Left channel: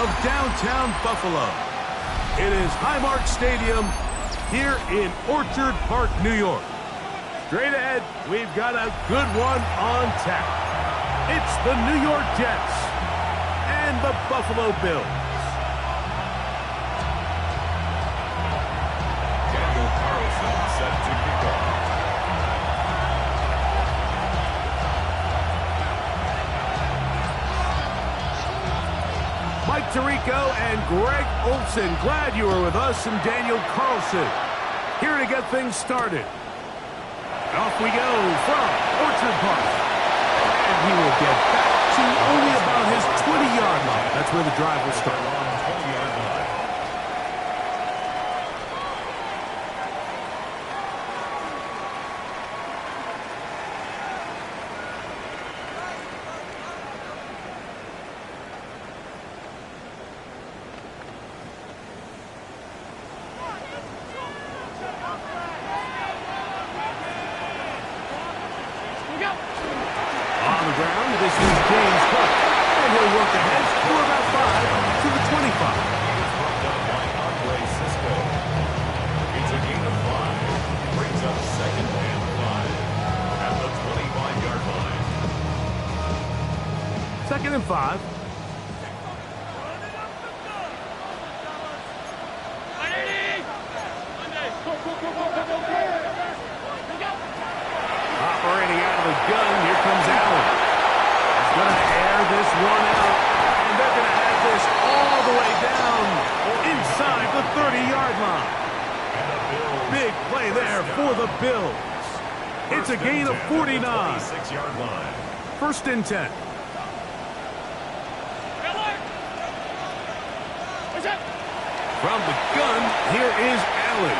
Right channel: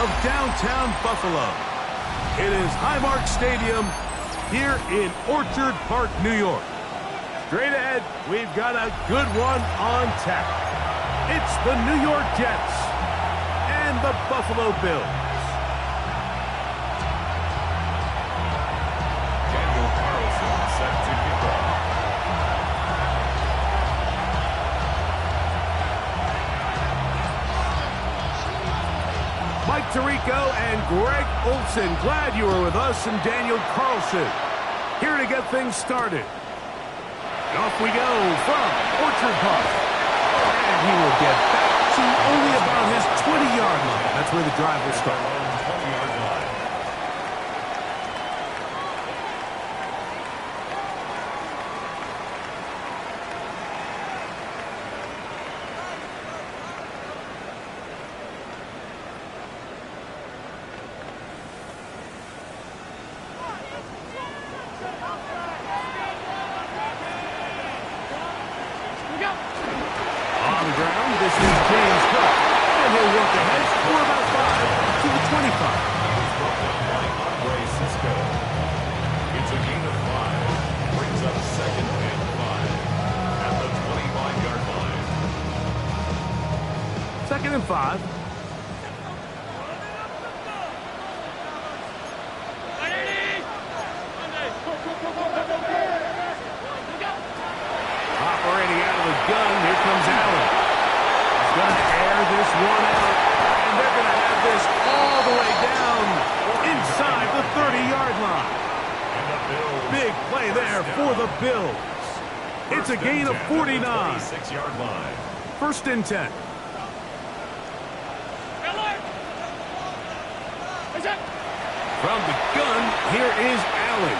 of downtown Buffalo. It is Highmark Stadium here in Orchard Park, New York. Straight ahead, we've got a good one on tap. It's the New York Jets and the Buffalo Bills. Set to kick off. Mike Tirico and Greg Olson, glad you were with us, and Daniel Carlson here to get things started. And off we go from Orchard Park. And he will get back to only about his 20-yard line. That's where the drive will start. On 20-yard line. On the ground, this is James Cook. And he'll work ahead for about 5 to the 25. He was brought down by Andre Cisco. It's a gain of 5. Brings up 2nd and 5 at the 25-yard line. 2nd and 5. Operating out of the gun, here comes Allen. He's going to air this one out, and they're going to have this all the way down inside the 30-yard line. And the Bills. Big play there for the Bills. It's a gain of 49. 26-yard line. 1st and 10. From the gun, here is Allen.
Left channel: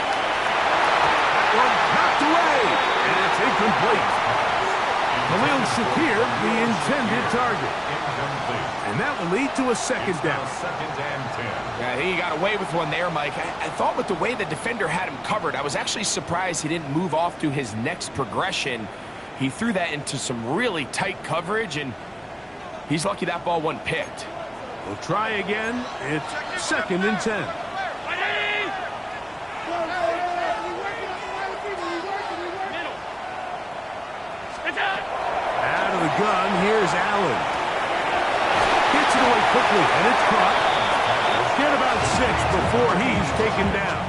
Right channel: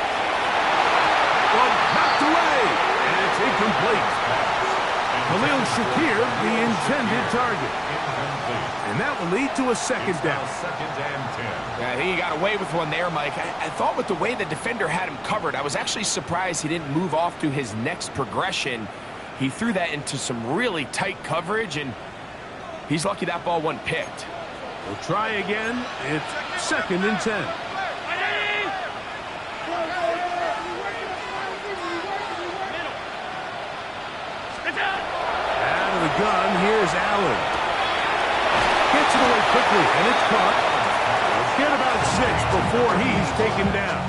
That one knocked away, and it's incomplete. Khalil Shakir, the intended target. Incomplete. And that will lead to a 2nd down. 2nd and 10. Yeah, I think he got away with one there, Mike. I thought with the way the defender had him covered, I was actually surprised he didn't move off to his next progression. He threw that into some really tight coverage, and he's lucky that ball wasn't picked. We'll try again. It's 2nd and 10. Out of the gun, here's Allen. Gets it away quickly, and it's caught. Get about 6 before he's taken down.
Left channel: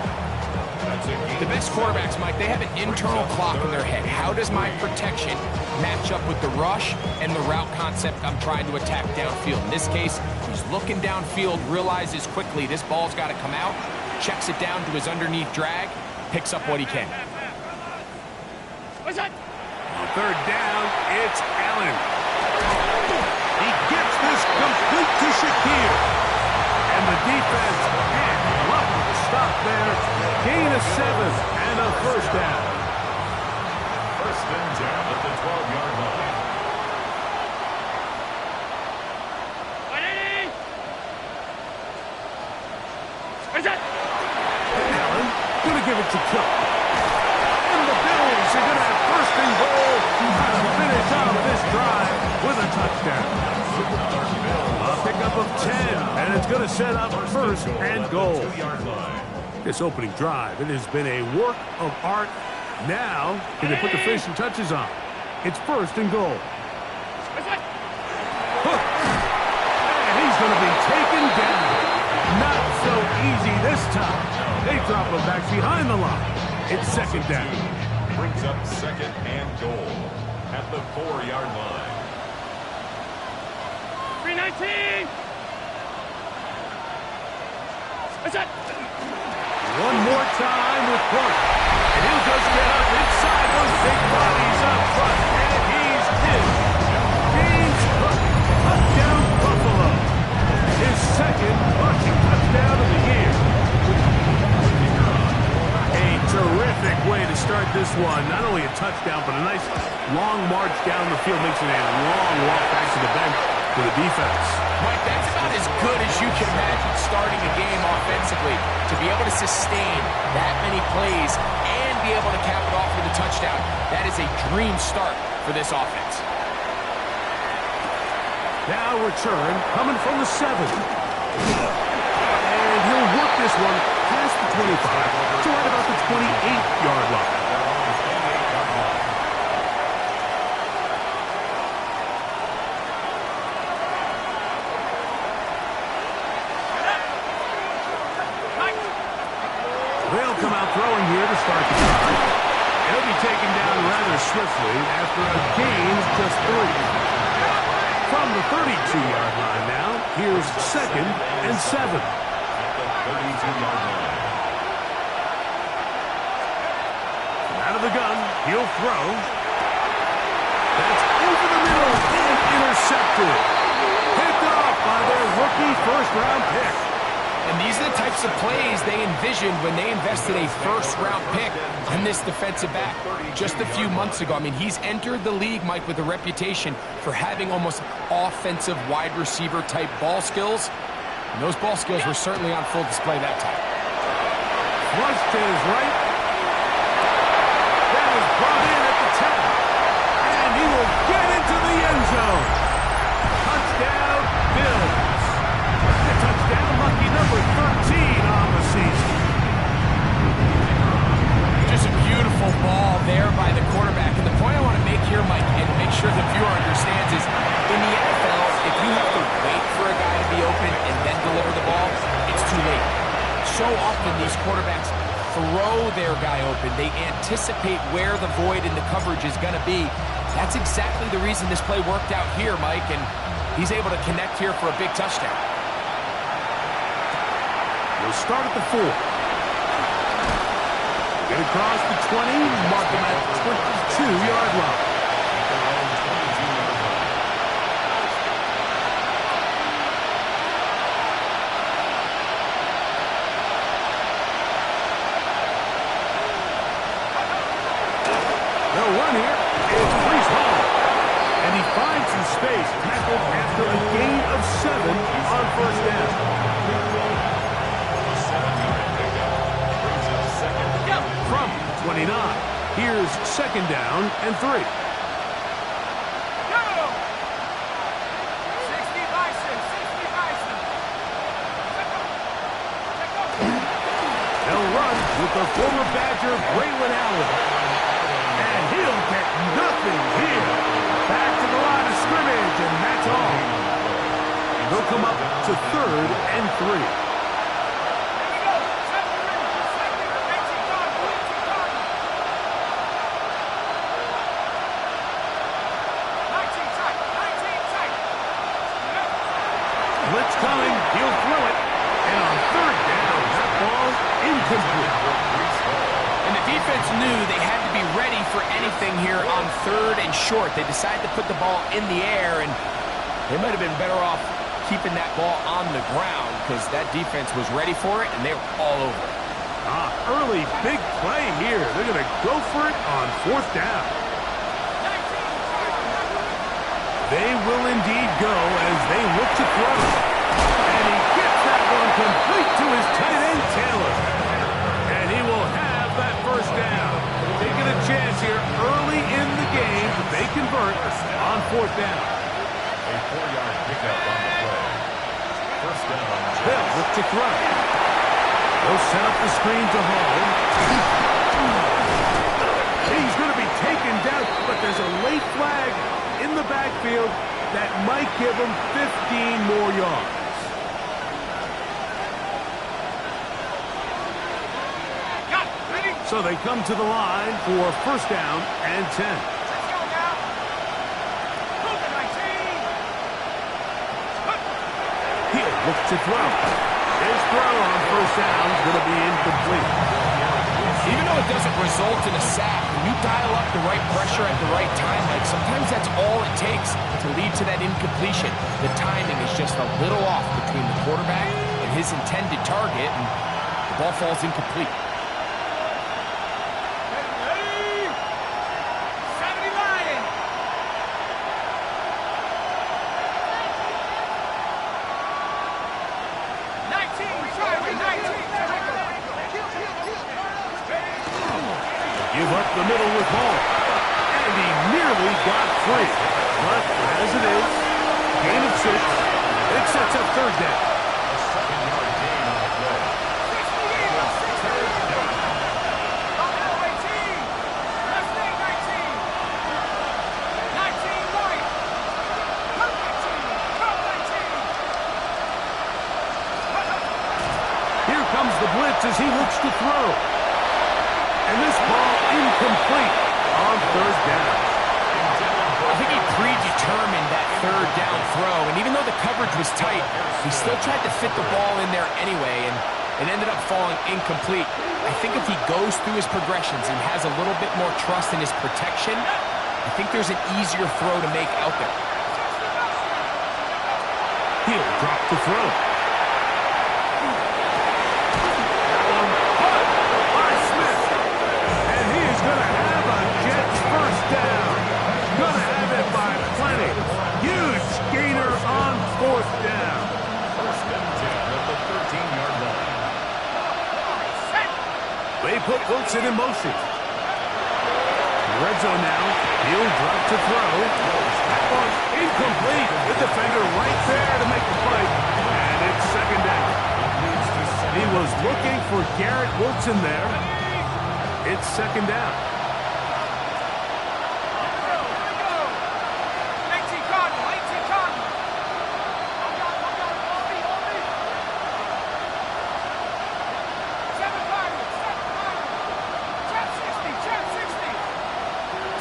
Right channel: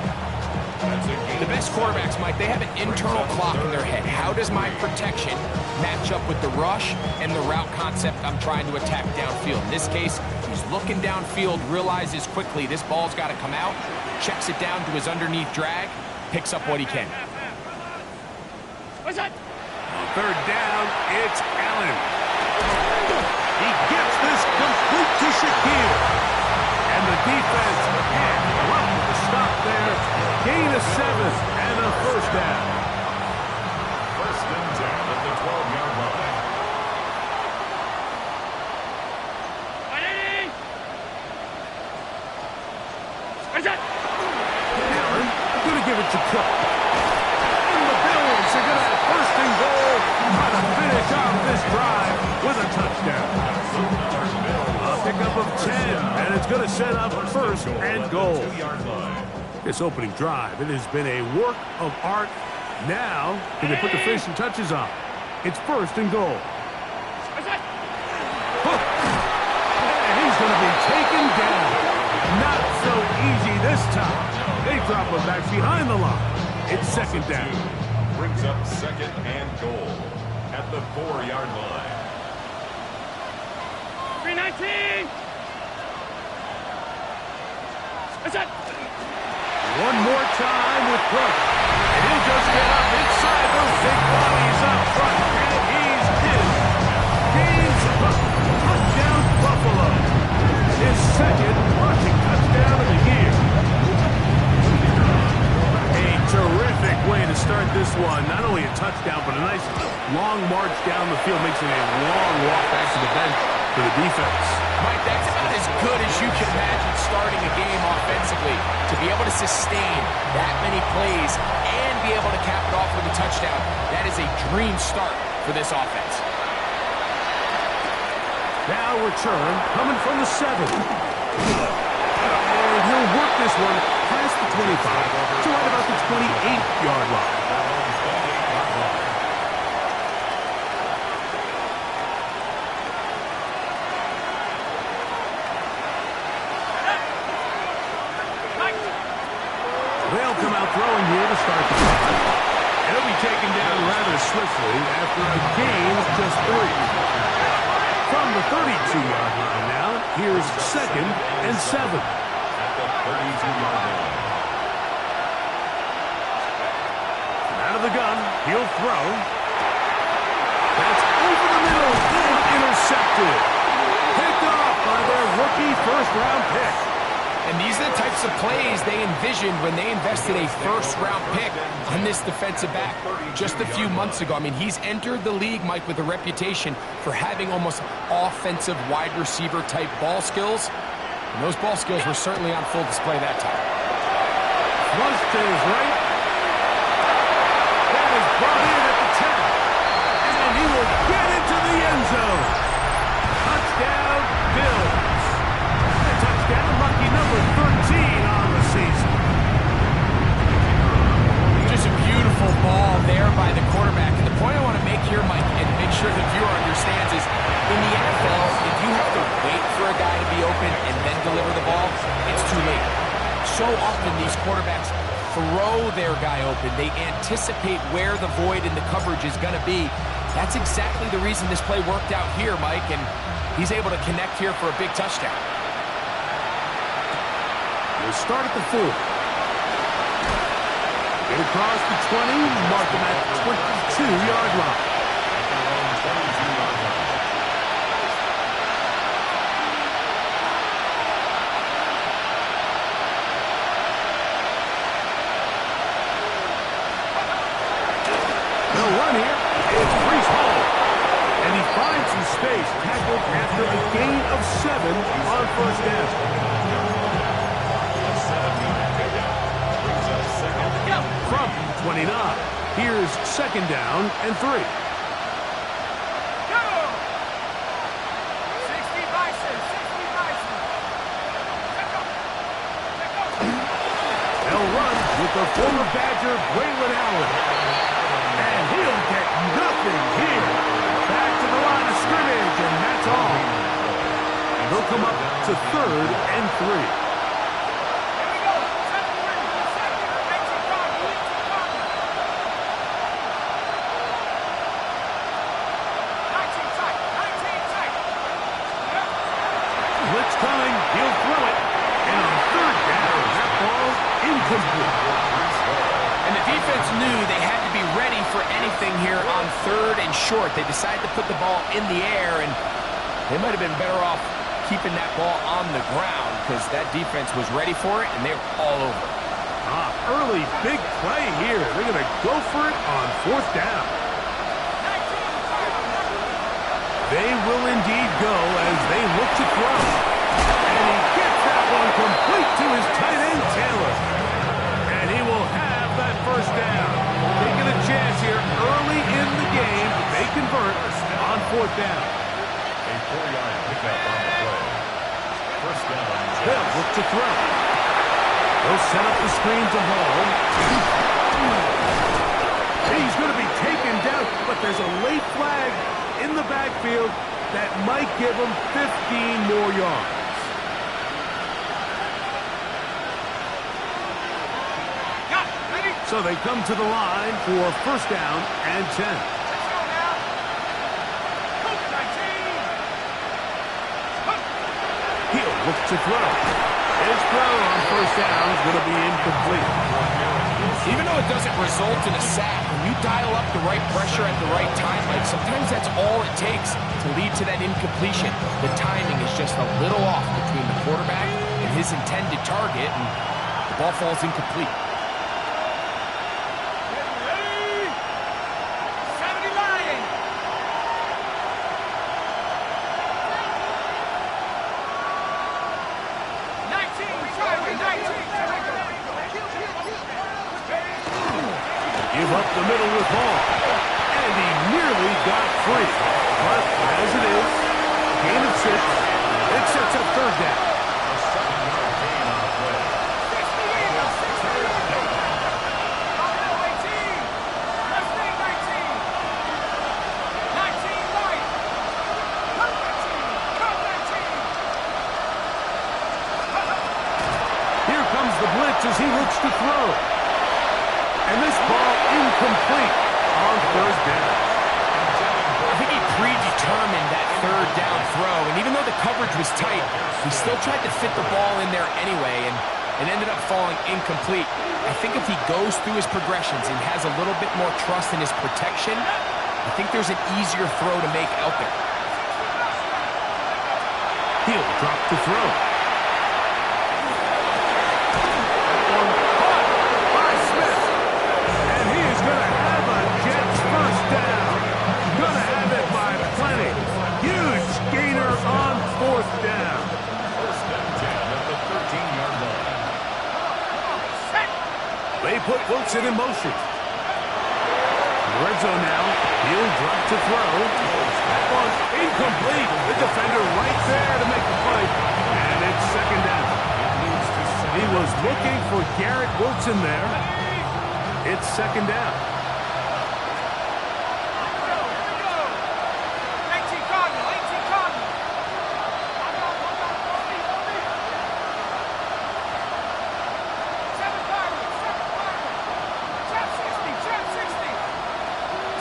The best quarterbacks, Mike, they have an internal clock in their head. How does my protection match up with the rush and the route concept I'm trying to attack downfield? In this case, he's looking downfield, realizes quickly this ball's got to come out, checks it down to his underneath drag, picks up what he can. On 3rd down, it's Allen. He gets this complete to Shakir. And the defense can't come up with a stop there. Gain of 7 and a 1st down. 1st and 10 at the 12-yard line. Allen going to give it to Cook. And the Bills are going to have 1st and goal. Trying to finish off this drive with a touchdown. A pickup of 10, and it's going to set up 1st and goal. 2-yard line. This opening drive, it has been a work of art. Now, can they put the finishing touches on? It's 1st and goal. Hook. And he's going to be taken down. Not so easy this time. They drop him back behind the line. It's 2nd down. Brings up 2nd and goal at the 4-yard line. 319. One more time with Cook. And he'll just get up inside those big bodies up front. And he's in. James Cook, touchdown Buffalo. His 2nd rushing touchdown of the year. A terrific way to start this one. Not only a touchdown, but a nice long march down the field. Makes it a long walk back to the bench for the defense. Mike, that's about as good as you can imagine starting a game offensively. To be able to sustain that many plays and be able to cap it off with a touchdown, that is a dream start for this offense. Now return coming from the 7. 25 to right about the 28-yard line. They'll come out throwing here to start the drive. He'll be taken down rather swiftly after a gain of just 3. From the 32-yard line now, here's 2nd and 7. At the 32-yard line. Out of the gun, he'll throw. That's over the middle and intercepted. Picked off by their rookie first-round pick. And these are the types of plays they envisioned when they invested a first-round pick on this defensive back just a few months ago. I mean, he's entered the league, Mike, with a reputation for having almost offensive wide receiver type ball skills. And those ball skills were certainly on full display that time. Flush to his right. That is brought in at the 10. And he will get into the end zone. Touchdown, Bills. The touchdown, lucky number 13 on the season. Just a beautiful ball there by the quarterback. And the point I want to make here, Mike, and make sure the viewer understands is, in the NFL, if you have to wait for a guy to be open and then deliver the ball, it's too late. So often these quarterbacks throw their guy open. They anticipate where the void in the coverage is going to be. That's exactly the reason this play worked out here, Mike, and he's able to connect here for a big touchdown. He'll start at the 4. Get across the 20, mark him at 22-yard line. At their own 22-yard line. They'll run here. It's Brees Hall. And he finds some space, tackled after a gain of 7 on first down. A 7-yard pickup brings up 2nd and 3. From 29, here's 2nd down and 3. Go! 60 Bison, 60 Bison. Check go. Check go. They'll run with the former Badger, Braylon Allen. And he'll get nothing here. Back to the line of scrimmage, and that's all. They'll come up to 3rd and 3. Here we go. Safety, 18 Cardinal, 18 Cardinal. 19 tight, 19 tight. Blitz coming, he'll throw it. And on 3rd down, that ball incomplete. And the defense knew they had to be ready for anything here on 3rd and short. They decided to put the ball in the air, and they might have been better off keeping that ball on the ground because that defense was ready for it, and they were all over it. Early big play here. They're going to go for it on 4th down. They will indeed go as they look to throw. And he gets that one complete to his tight end, Taylor. And he will have that first down. Taking a chance here early in the game, but they convert on 4th down. A 4-yard pickup on the play. First down. They'll look to throw. They'll set up the screen to Hall. He's going to be taken down, but there's a late flag in the backfield that might give him 15 more yards. So they come to the line for first down and 10. Let's go now. Cougar 19. He'll look to throw. His throw on first down is going to be incomplete. Even though it doesn't result in a sack, when you dial up the right pressure at the right time, like sometimes that's all it takes to lead to that incompletion. The timing is just a little off between the quarterback and his intended target, and the ball falls incomplete. Ready? 70 Lion. Give up the middle with Hall. And he nearly got free. But as it is, gain of 6. It sets up third down. A 7-yard gain on the play. the blitz as he looks to throw. And this ball incomplete on third down. I think he predetermined that third down throw, and even though the coverage was tight, he still tried to fit the ball in there anyway, and it ended up falling incomplete. I think if he goes through his progressions and has a little bit more trust in his protection, I think there's an easier throw to make out there. He'll drop the throw. That one caught by Smith. And he is going to have a Jets first down. Going to have it by plenty. Huge gainer on fourth down. First and 10 at the 13-yard line. They put Wilson in motion. Red zone now. He'll drop to throw. That one incomplete. The defender right there to make the play. And it's second down. He was looking for Garrett Wilson there. It's second down.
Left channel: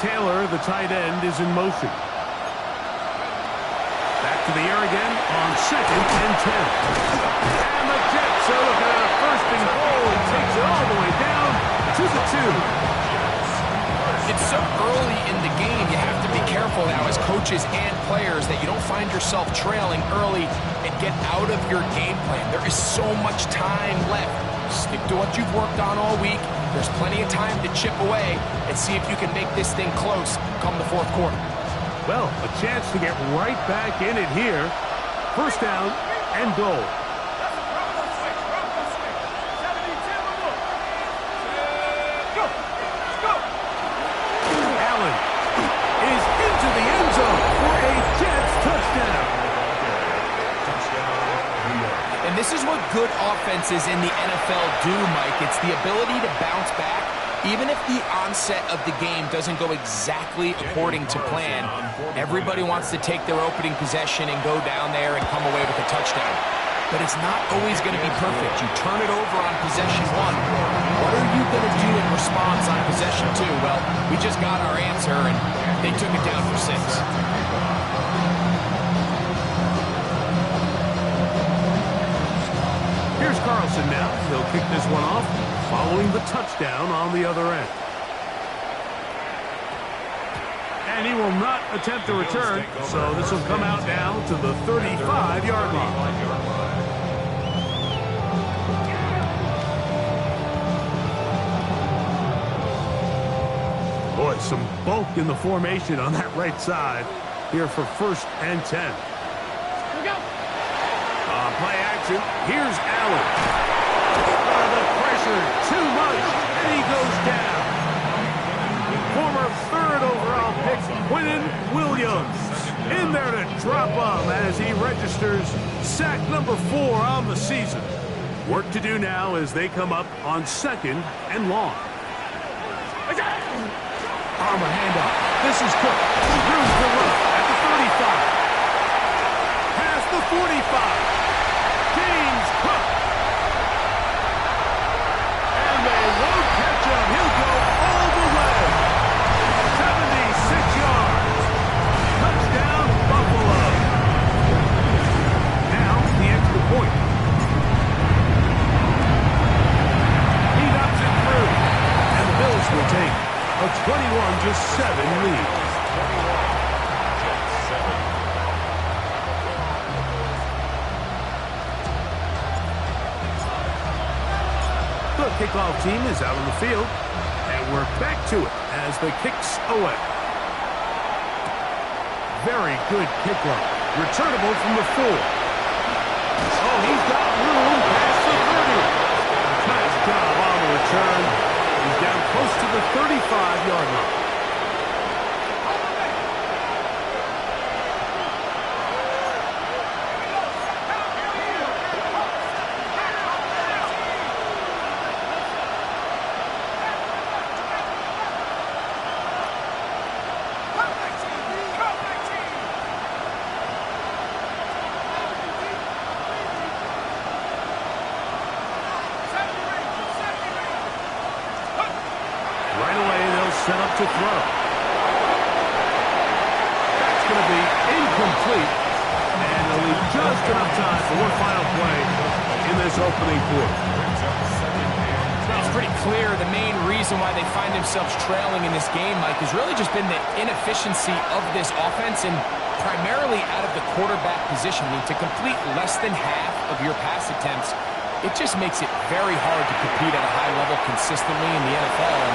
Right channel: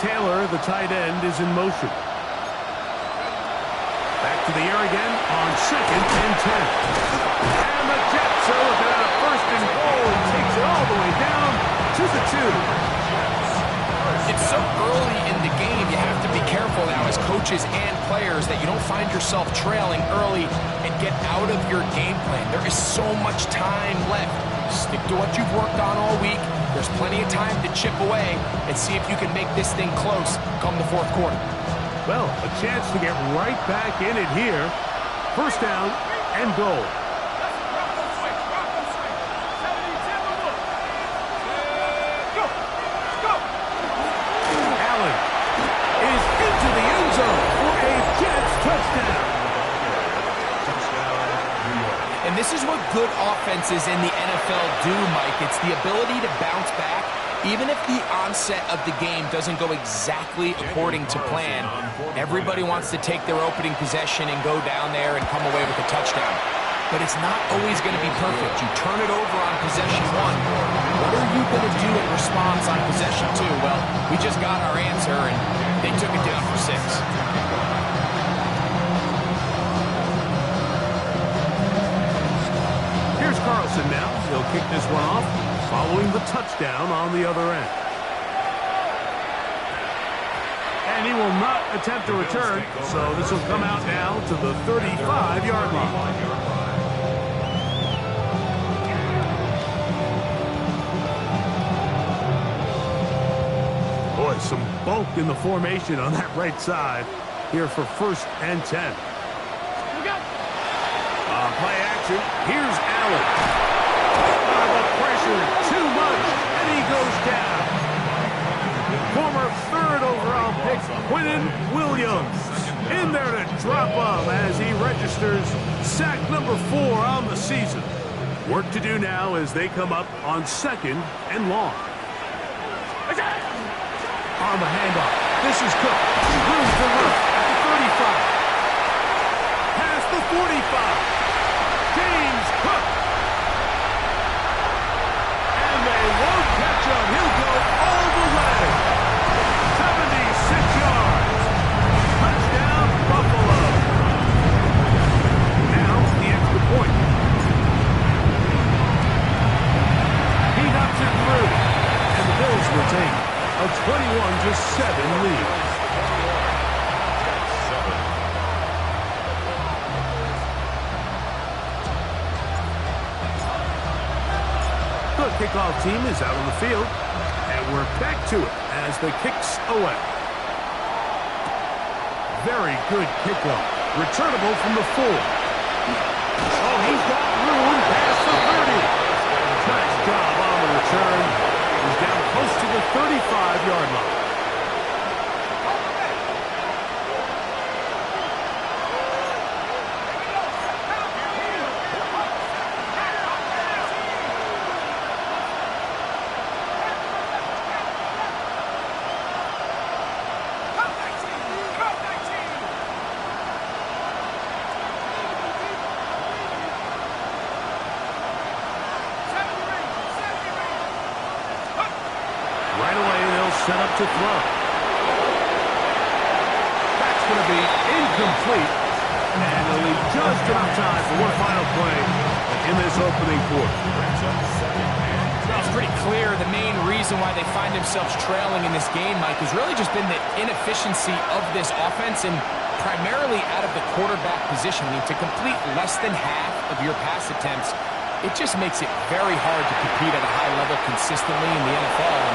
Taylor, the tight end, is in motion. Back to the air again on second and 10. And the Jets are looking at a first and goal and takes it all the way down to the 2. It's so early in the game, you have to be careful now as coaches and players that you don't find yourself trailing early and get out of your game plan. There is so much time left. Stick to what you've worked on all week. There's plenty of time to chip away and see if you can make this thing close come the fourth quarter. Well, a chance to get right back in it here. First down and goal. Allen is into the end zone for a Jets touchdown. And this is what good offenses in the NFL do, Mike. It's the ability to bounce back, even if the onset of the game doesn't go exactly according to plan. Everybody wants to take their opening possession and go down there and come away with a touchdown. But it's not always going to be perfect. You turn it over on possession 1. What are you going to do in response on possession 2? Well, we just got our answer, and they took it down for 6. Here's Carlson now. He'll kick this one off, following the touchdown on the other end. And he will not attempt to return, so this will come out now to the 35-yard line. Boy, some bulk in the formation on that right side here for first and 10. Play action. Here's Allen. The pressure, too much, and he goes down. Former third overall pick, Quinnen Williams, in there to drop him as he registers sack number 4 on the season. Work to do now as they come up on second and long. On the handoff, this is Cook. Room for run at the 35. Past the 45. James Cook. And they won't catch him. He'll go all the way. 76 yards. Touchdown, Buffalo. Now, the extra point. He knocks it through. And the Bills will take a 21-7 lead. Jets 7. The kickoff team is out on the field, and we're back to it as the kick's away. Very good kickoff. Returnable from the 4. Oh, he's got room past the 30. Nice job on the return. He's down close to the 35-yard line. set up to throw. That's going to be incomplete. And they'll leave just enough time for one final play in this opening quarter. It's pretty clear the main reason why they find themselves trailing in this game, Mike, has really just been the inefficiency of this offense and primarily out of the quarterback position. I mean, to complete less than half of your pass attempts, it just makes it very hard to compete at a high level consistently in the NFL. And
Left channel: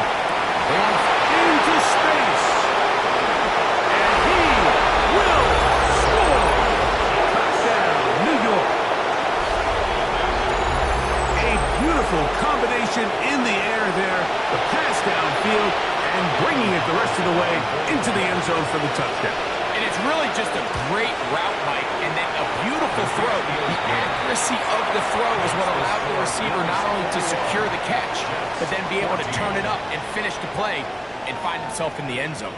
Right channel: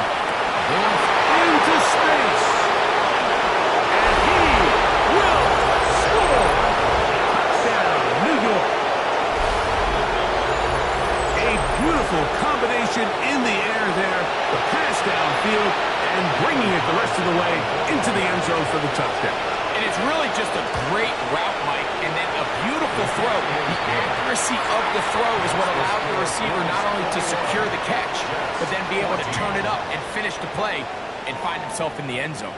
they want into space. And he will score. Touchdown, New York. A beautiful combination in the air there. The pass downfield and bringing it the rest of the way into the end zone for the touchdown. And it's really just a great route, Mike, and then a beautiful throw. The accuracy of the throw is what allowed the receiver not only to secure the catch, but then be able to turn it up and finish the play and find himself in the end zone.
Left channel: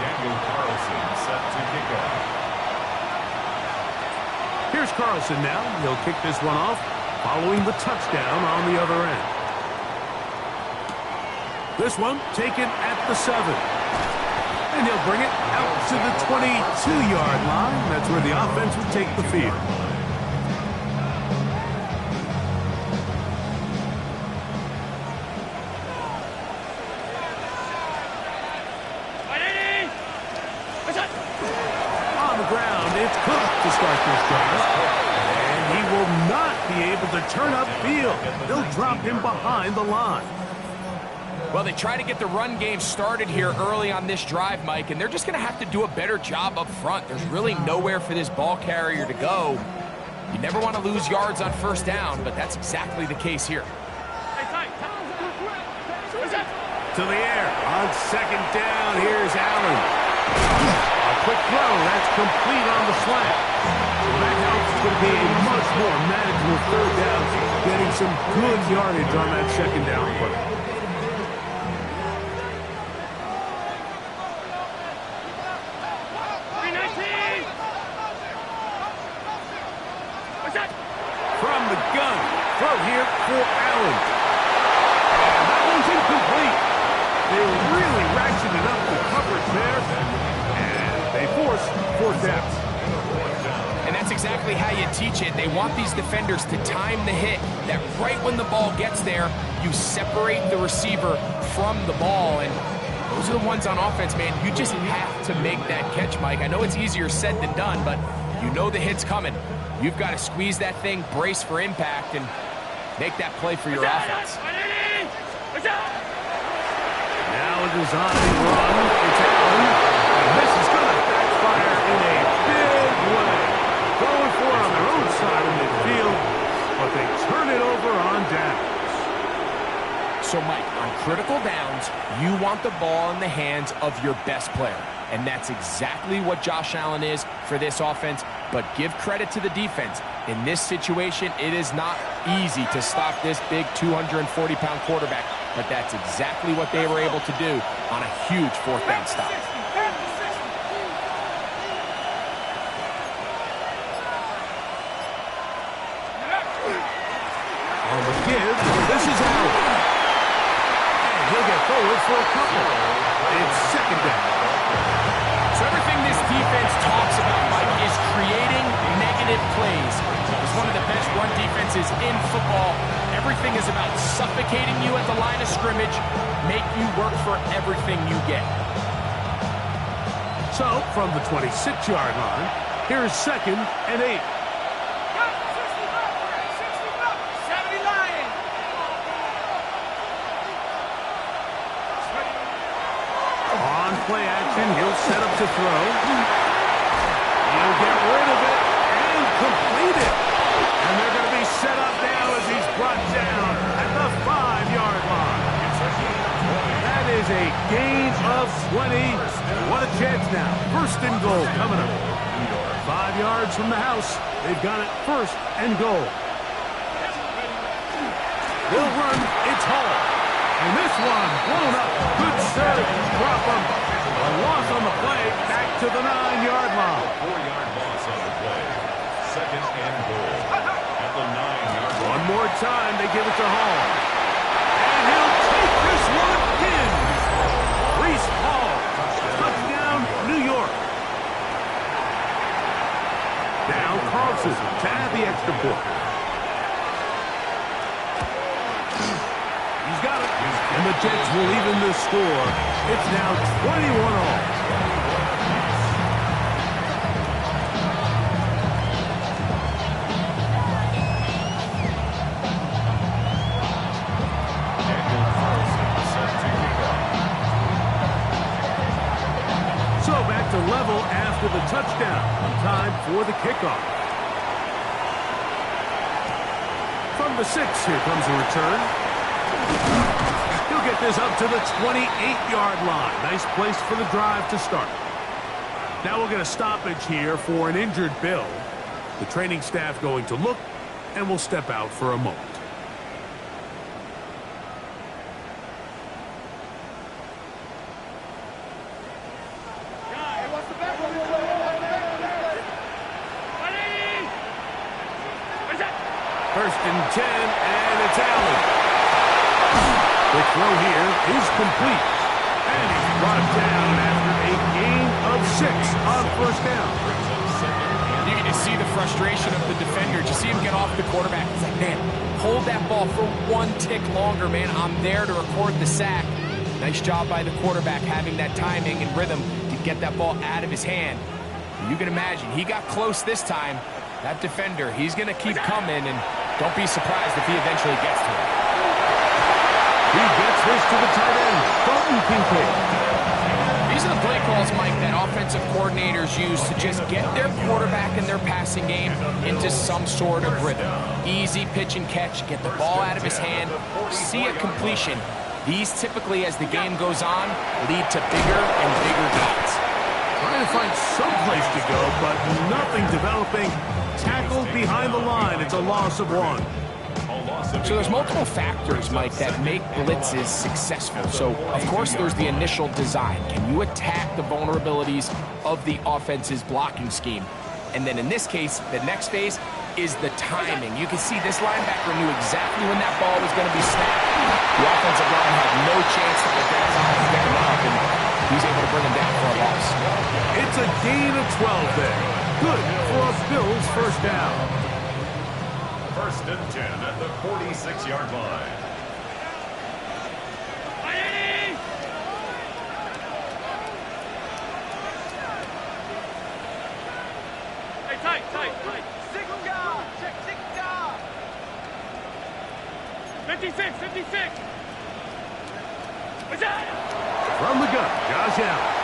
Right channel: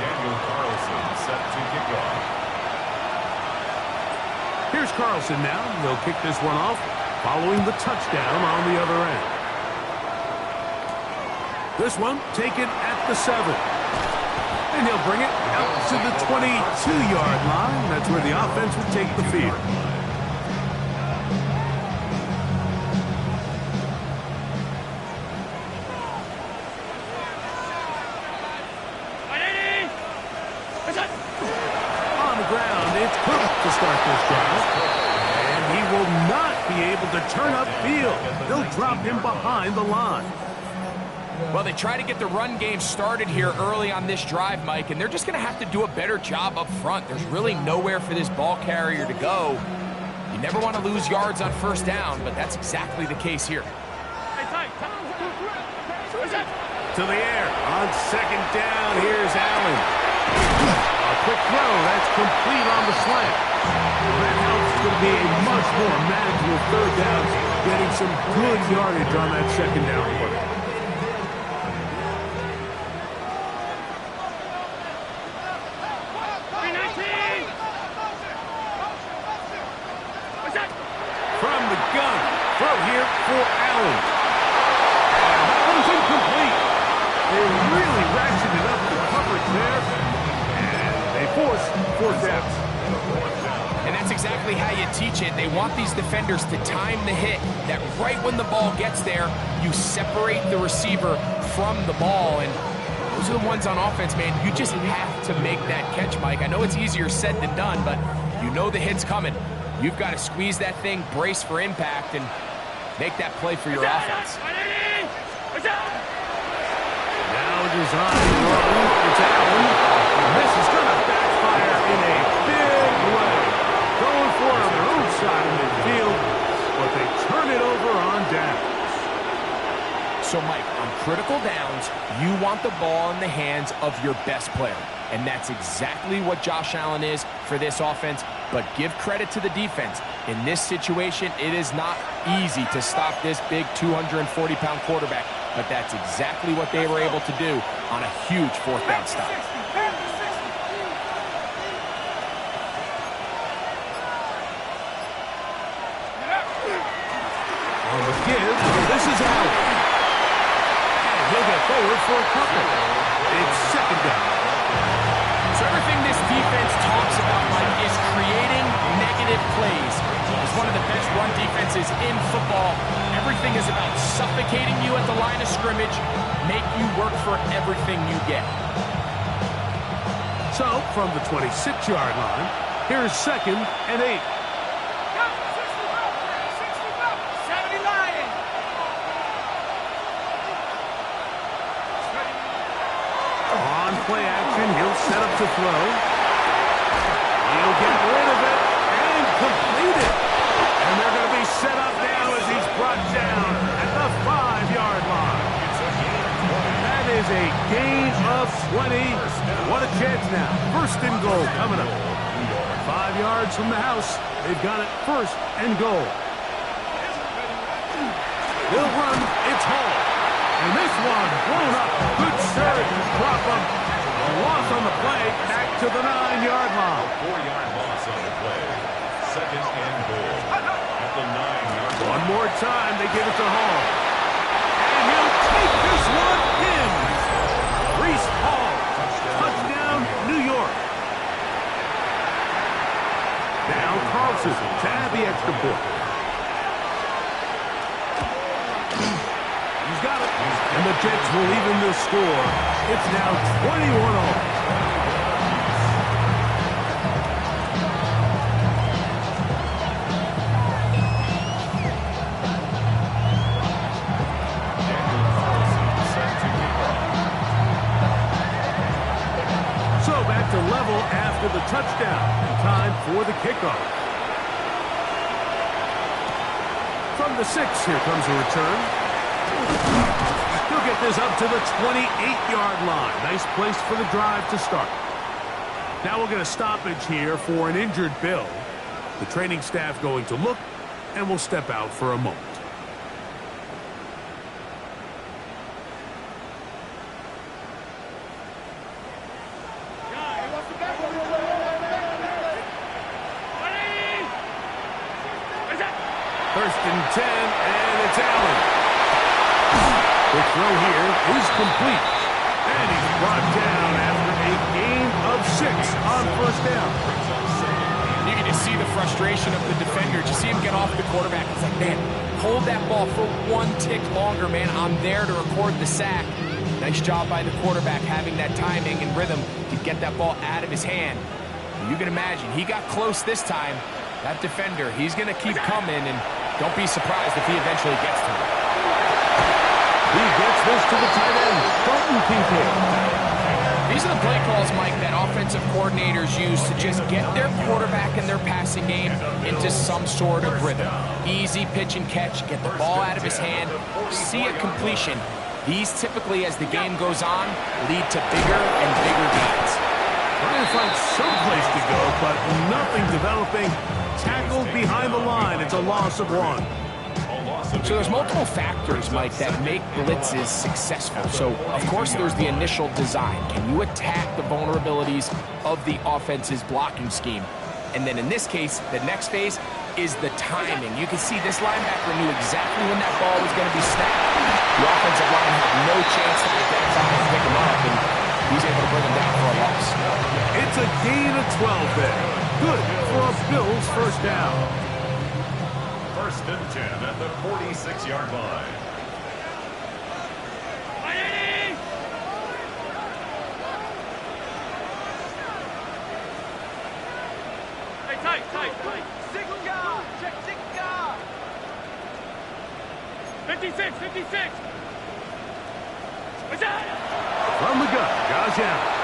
Daniel Carlson set to kick off. Here's Carlson now. He'll kick this one off following the touchdown on the other end. This one taken at the 7. And he'll bring it out to the 22-yard line. That's where the offense will take the field. On the ground, it's Cook to start this drive. And he will not be able to turn upfield. They'll drop him behind the line. Well, they try to get the run game started here early on this drive, Mike, and they're just going to have to do a better job up front. There's really nowhere for this ball carrier to go. You never want to lose yards on first down, but that's exactly the case here. To the air on second down. Here's Allen. A quick throw. That's complete on the slant. That helps. It's going to be a much more manageable third down, getting some good yardage on that second down play. From the gun, throw here for Allen. And that one's incomplete. They really ratcheted up the coverage there, and they force fourth down. And that's exactly how you teach it. They want these defenders to time the hit, that right when the ball gets there, you separate the receiver from the ball. And those are the ones on offense, man. You just have to make that catch, Mike. I know it's easier said than done, but you know the hit's coming. You've got to squeeze that thing, brace for impact, and make that play for your offense. Now a design run. It's Allen. And this is going to backfire in a big way. Going for it on their own side of midfield, but they turn it over on downs. So, Mike, on critical downs, you want the ball in the hands of your best player. And that's exactly what Josh Allen is for this offense. But give credit to the defense. In this situation, it is not easy to stop this big 240-pound quarterback. But that's exactly what they were able to do on a huge fourth down stop. On the give, this is Allen. And he'll get forward for a couple. It's second down. So everything this defense talks about, Mike, is creating negative plays. It's one of the best run defenses in football. Everything is about suffocating you at the line of scrimmage, make you work for everything you get. So, from the 26-yard line, here's second and 8. On play action, he'll set up to throw. He'll get rid of it and complete it. And they're going to be set up now as he's brought down at the 5-yard line. That is a gain of 20. What a chance now. First and goal coming up. 5 yards from the house. They've got it first and goal. They'll run. It's Hall. And this one blown up. Good surge. Drop him. A loss on the play, back to the 9-yard line. 4-yard loss on the play. Second and goal at the 9-yard line. One more time, they give it to Hall. And he'll take this one in. Reese Hall, touchdown, New York. Now Carlson to add the extra point. He's got it. And the Jets will even the score. It's now 21-all. So back to level after the touchdown. Time for the kickoff. From the 6, here comes a return. He'll get this up to the 28-yard line. Nice place for the drive to start. Now we'll get a stoppage here for an injured Bill. The training staff going to look, and we'll step out for a moment. First and 10, and it's Allen. The throw here is complete. And he's brought down after a gain of 6 on first down. You can just see the frustration of the defender. Just see him get off the quarterback. He's like, man, hold that ball for one tick longer, man. I'm there to record the sack. Nice job by the quarterback having that timing and rhythm to get that ball out of his hand. You can imagine, he got close this time. That defender, he's going to keep coming, and don't be surprised if he eventually gets to him. He gets this to the tight end, Dalton Kincaid. These are the play calls, Mike, that offensive coordinators use to just get their quarterback and their passing game into some sort of rhythm. Easy pitch and catch, get the ball out of his hand, see a completion. These typically, as the game goes on, lead to bigger and bigger gains. Trying to find some place to go, but nothing developing. Tackled behind the line. It's a loss of 1. So there's multiple factors, Mike, that make blitzes successful. So, of course, there's the initial design. Can you attack the vulnerabilities of the offense's blocking scheme? And then in this case, the next phase is the timing. You can see this linebacker knew exactly when that ball was going to be snapped. The offensive line had no chance to identify and pick him up, and he's able to bring him down for a loss. It's a gain of 12 there. Good for a Bills first down. First and 10 at the 46-yard line. Hey, tight. 6 guard. Check 6 guard. 56. From the gun, Josh Allen.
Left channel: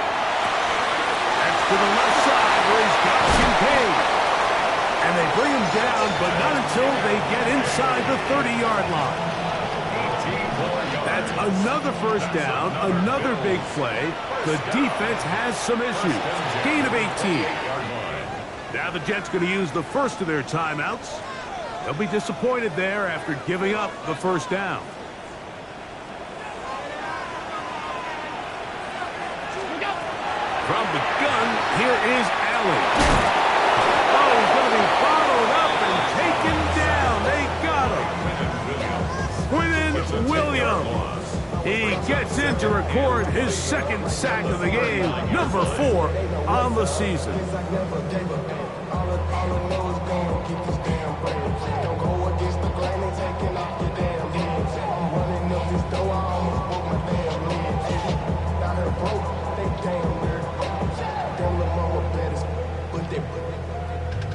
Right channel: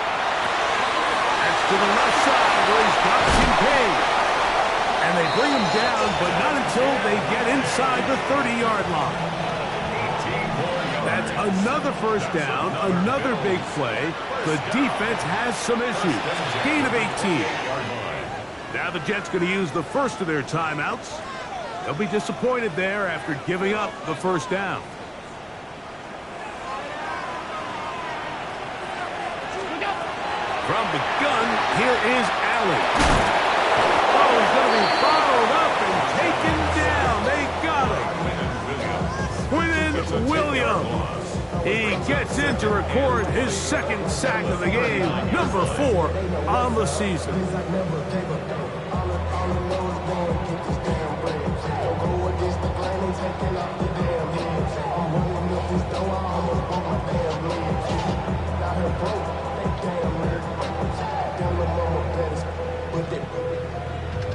That's to the left side where he's got Kincaid. And they bring him down, but not until they get inside the 30-yard line. That's another first down, another big play. The defense has some issues. Gain of 18. Now the Jets going to use the first of their timeouts. They'll be disappointed there after giving up the first down. From the gun, here is Allen. Oh, he's going to be bottled up and taken down. They got him. Quinnen Williams. He gets in to record his second sack of the game, number 4 on the season.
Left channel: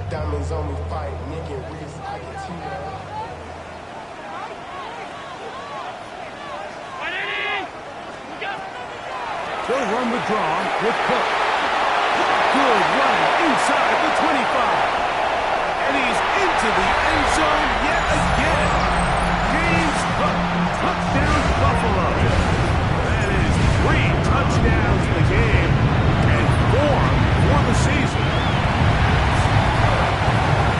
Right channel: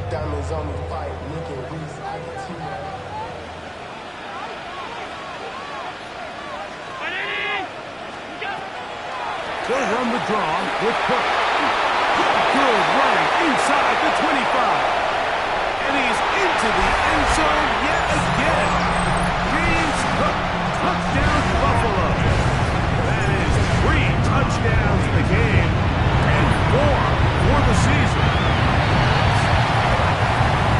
Diamonds on me fight, Nick and Reese, I can see that. They'll run the draw with Cook. Good running inside the 25. And he's into the end zone yet again. James Cook, touchdown Buffalo. That is 3 touchdowns in the game and 4 for the season.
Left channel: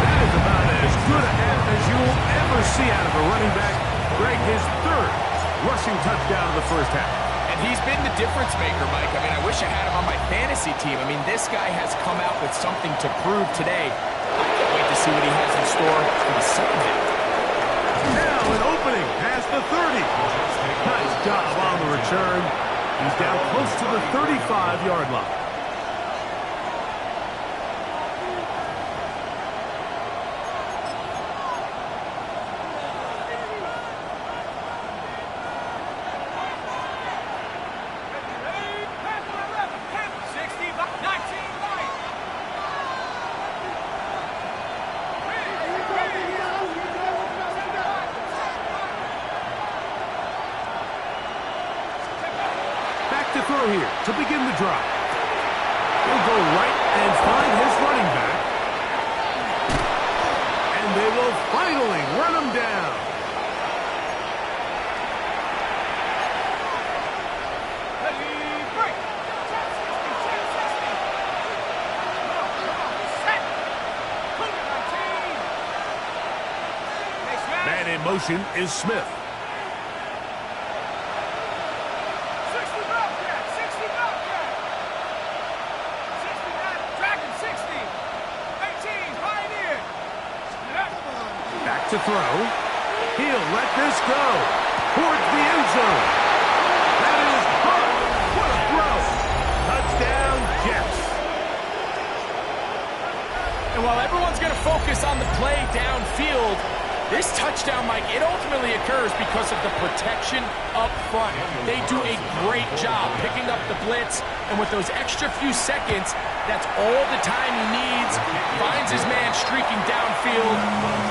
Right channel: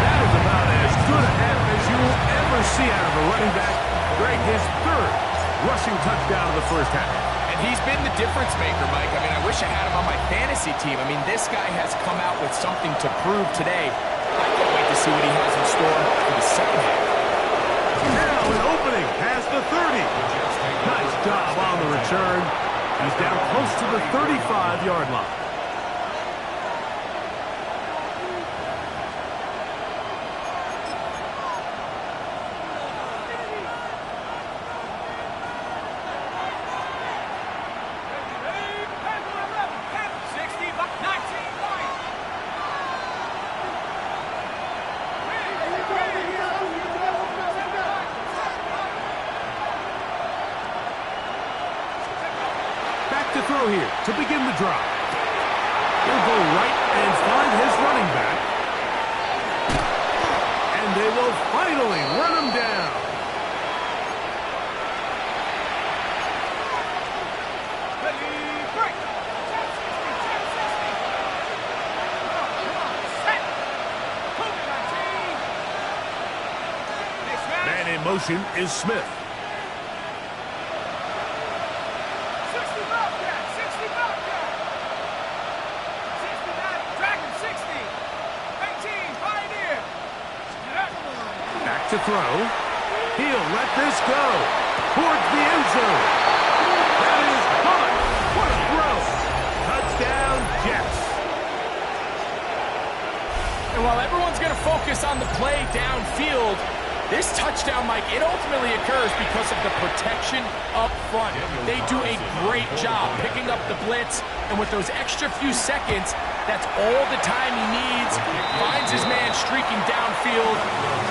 That is about as good a half as you will ever see out of a running back. Greg, his 3rd rushing touchdown of the first half. And he's been the difference maker, Mike. I mean, I wish I had him on my fantasy team. I mean, this guy has come out with something to prove today. I can't wait to see what he has in store for the second half. Now an opening past the 30. Nice job on the return. He's down close to the 35-yard line. To throw here to begin the drop. He'll go right and find his running back. And they will finally run him down. Ready, break. 10-60, 10-60. Come on, set. Move it, 19. Man in motion is Smith. 60 Bobcat, 60 Bobcat. 69, Dragon 60. 18, Pioneer. Back to throw. He'll let this go towards the end zone. That is caught. What a throw. Touchdown, Jets. And while everyone's going to focus on the play downfield, this touchdown, Mike, it ultimately occurs because of the protection up front. They do a great job picking up the blitz, and with those extra few seconds, that's all the time he needs. Finds his man streaking downfield,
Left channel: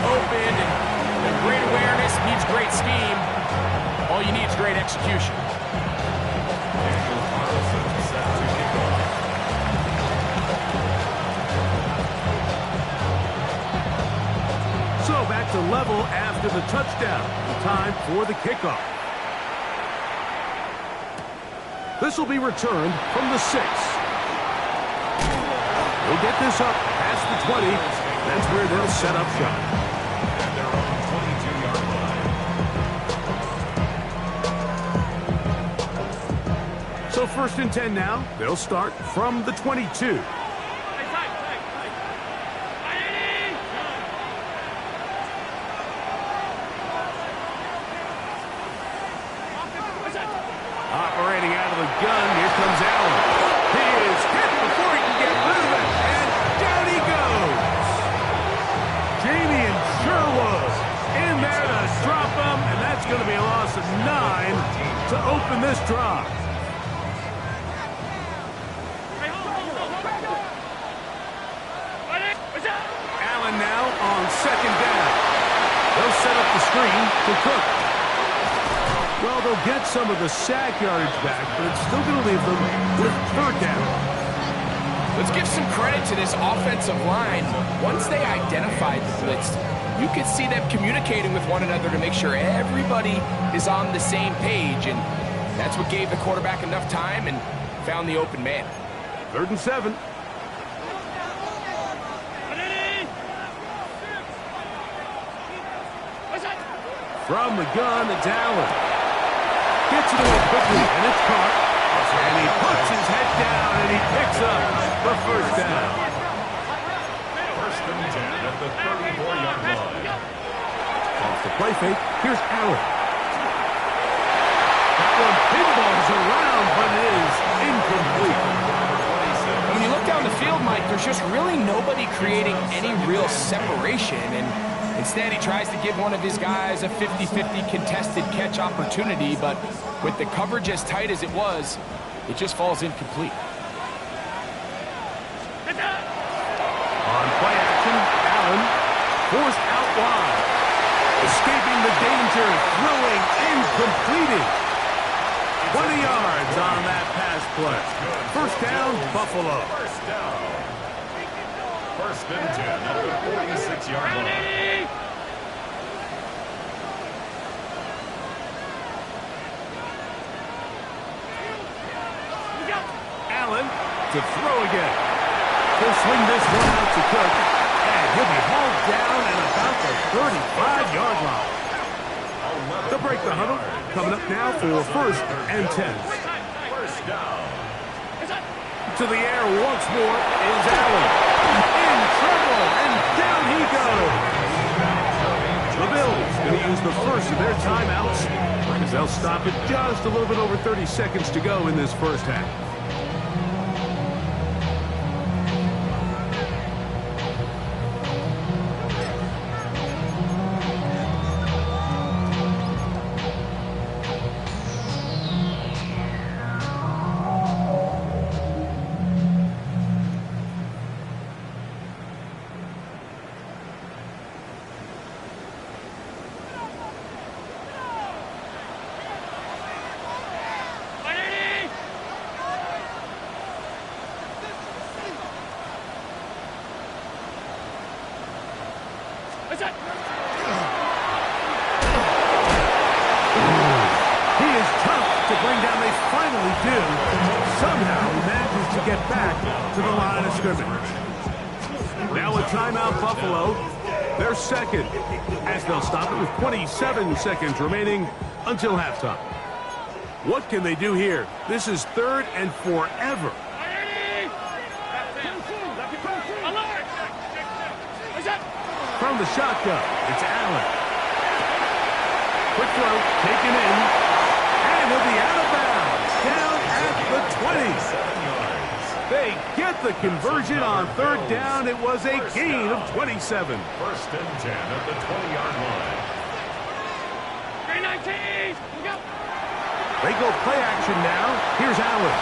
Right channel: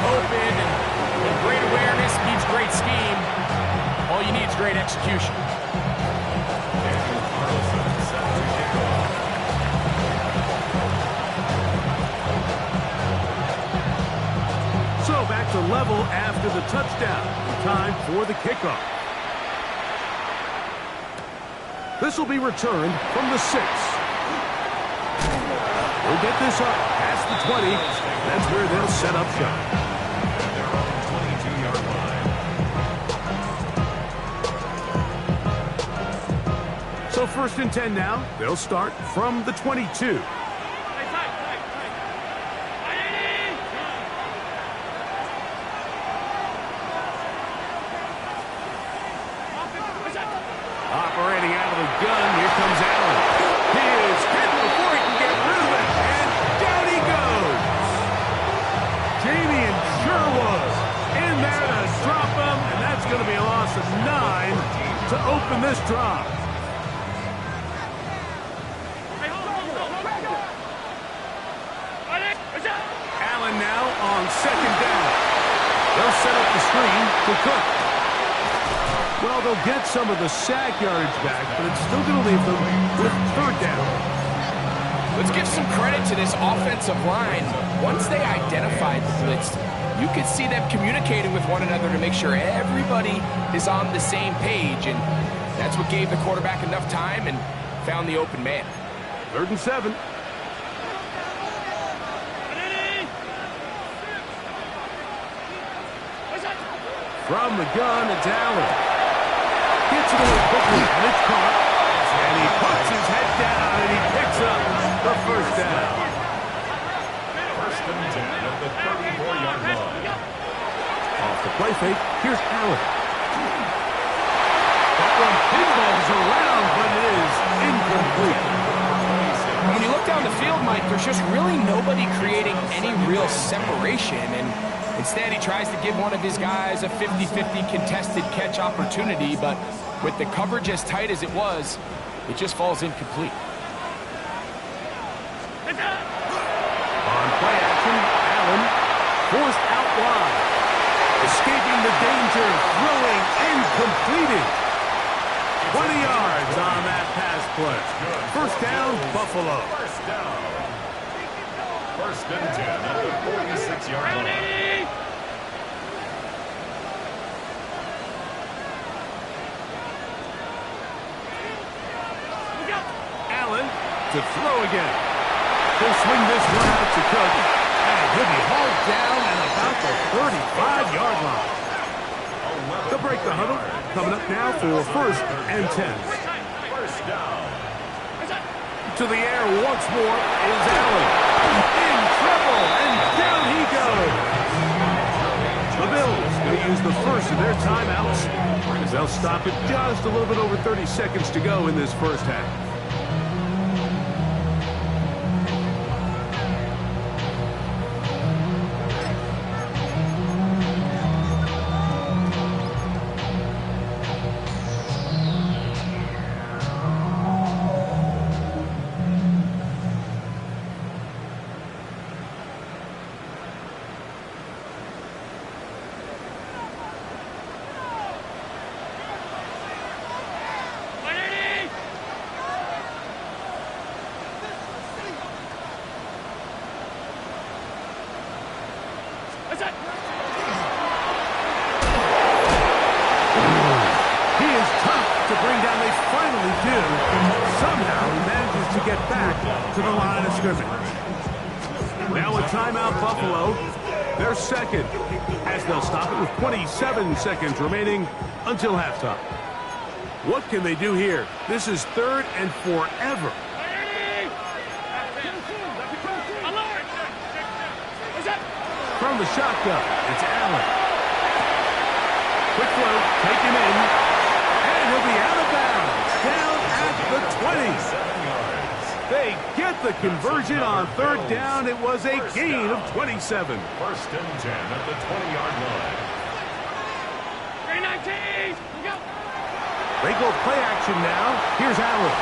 open, and great awareness means great scheme. All you need is great execution. Daniel Carlson set to kick off. So back to level after the touchdown. Time for the kickoff. This will be returned from the 6. He'll get this up past the 20. That's where they'll set up shop. At their own 22-yard line. So 1st and 10 now. They'll start from the 22. Operating out of the gun, here comes Allen. He is hit before he can get rid of it, and down he goes. Jamie and Sherwood in there to drop him, and that's going to be a loss of 9 to open this drive. Allen now on 2nd down. They'll set up the screen to Cook. Well, they'll get some of the sack yardage back, but it's still going to leave them with 3rd down. Let's give some credit to this offensive line. Once they identified the blitz, you could see them communicating with one another to make sure everybody is on the same page, and that's what gave the quarterback enough time and found the open man. 3rd and 7. From the gun, it's Allen. Gets it away quickly, and it's caught. And he puts his head down, and he picks up the 1st down. 1st and 10 at the 34-yard line. Off the play fake, here's Allen. That one pinballs around, but it is incomplete. When you look down the field, Mike, there's just really nobody creating any real separation, and instead he tries to give one of his guys a 50-50 contested catch opportunity, but with the coverage as tight as it was, it just falls incomplete. On play action, Allen forced out wide. Escaping the danger, throwing and completing. 20 yards on that pass play. 1st down, Buffalo. 1st down. 1st and 10 at the 46-yard line. Allen to throw again. He'll swing this one out to Cook, and he'll be hauled down at about the 35-yard line. They'll break the huddle. Coming up now for 1st and 10. down. To the air once more is Allen. In trouble, and down he goes. The Bills going to use the first of their timeouts, as they'll stop it just a little bit over 30 seconds to go in this first half. Somehow he manages to get back to the line of scrimmage. Now a timeout, Buffalo. They're second, as they'll stop it with 27 seconds remaining until halftime. What can they do here? This is third and forever. From the shotgun, it's Allen. Quick throw, taken in, and he'll be out of bounds, down at the 20. 7 yards. They get the conversion on third down. It was a gain of 27. First and 10 at the 20-yard line. 319, go. They go play action now. Here's Allen.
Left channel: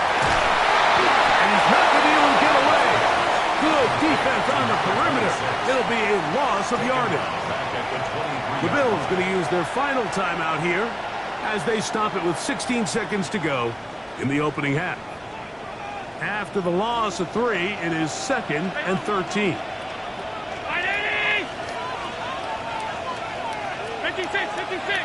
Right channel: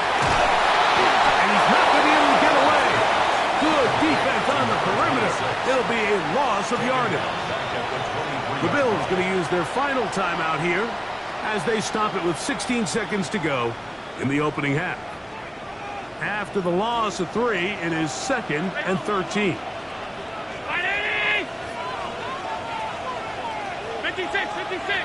And he's not going to be able to get away. Good defense on the perimeter. It'll be a loss of yardage. Back at the 23. The Bills going to use their final timeout here as they stop it with 16 seconds to go in the opening half. After the loss of 3, it is 2nd and 13. 56, 56.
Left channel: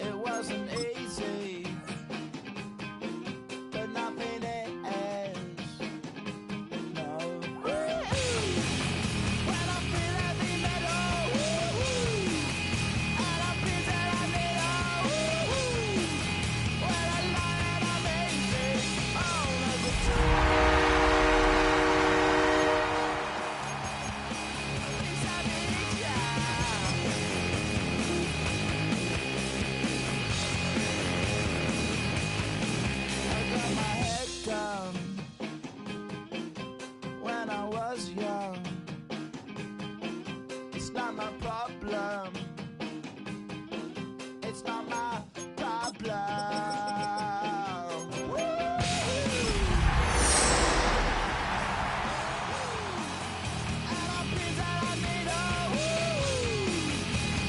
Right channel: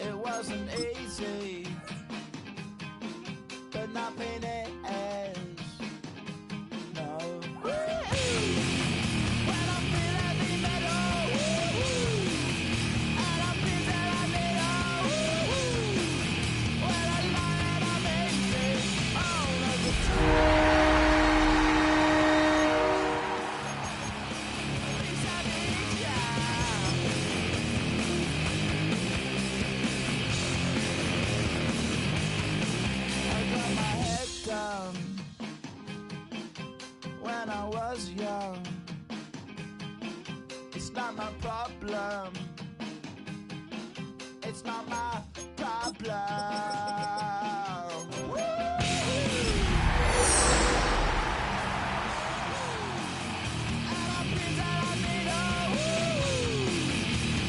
It wasn't easy, but nothing is. No. When I feel heavy metal, and I feel that I need when I lie and I'm easy all of the time. When I was young, it's not my problem. It's not my problem. And I feel that I need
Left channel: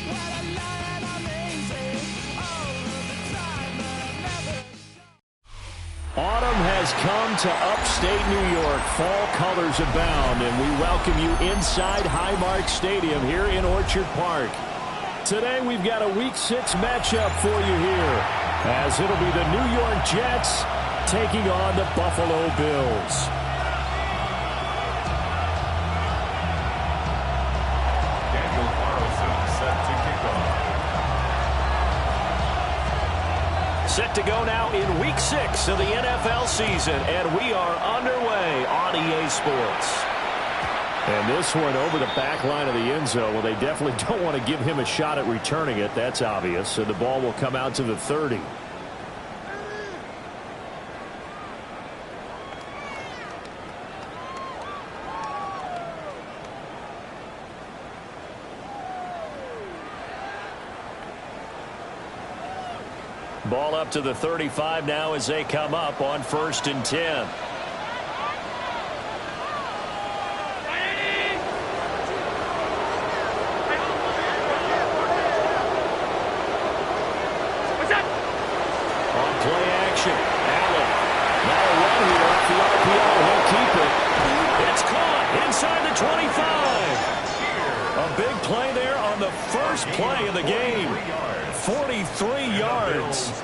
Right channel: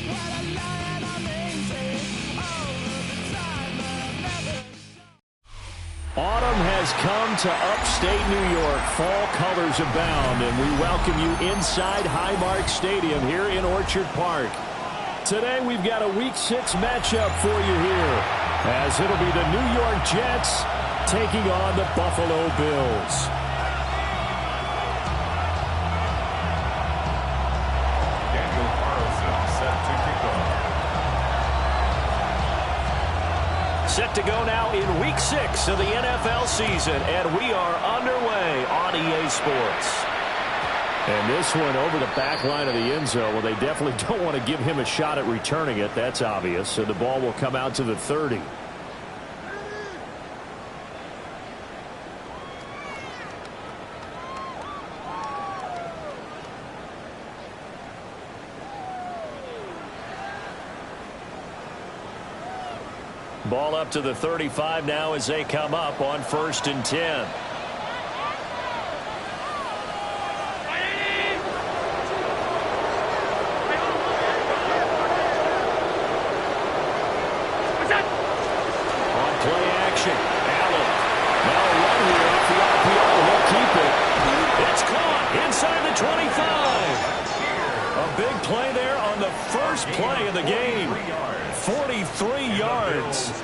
when I lie and I'm easy all of the time, but I'm never. Autumn has come to upstate New York. Fall colors abound, and we welcome you inside Highmark Stadium here in Orchard Park. Today we've got a Week 6 matchup for you here, as it'll be the New York Jets taking on the Buffalo Bills. Daniel Carlson set to kick off. Set to go now in Week 6 of the NFL season, and we are underway on EA Sports. And this one over the back line of the end zone. Well, they definitely don't want to give him a shot at returning it. That's obvious. So the ball will come out to the 30. up to the 35 now as they come up on 1st and 10. On play action, Allen. Now a run here off the RPO. He'll keep it. It's caught inside the 25. A big play there on the first play of the game. 43 yards.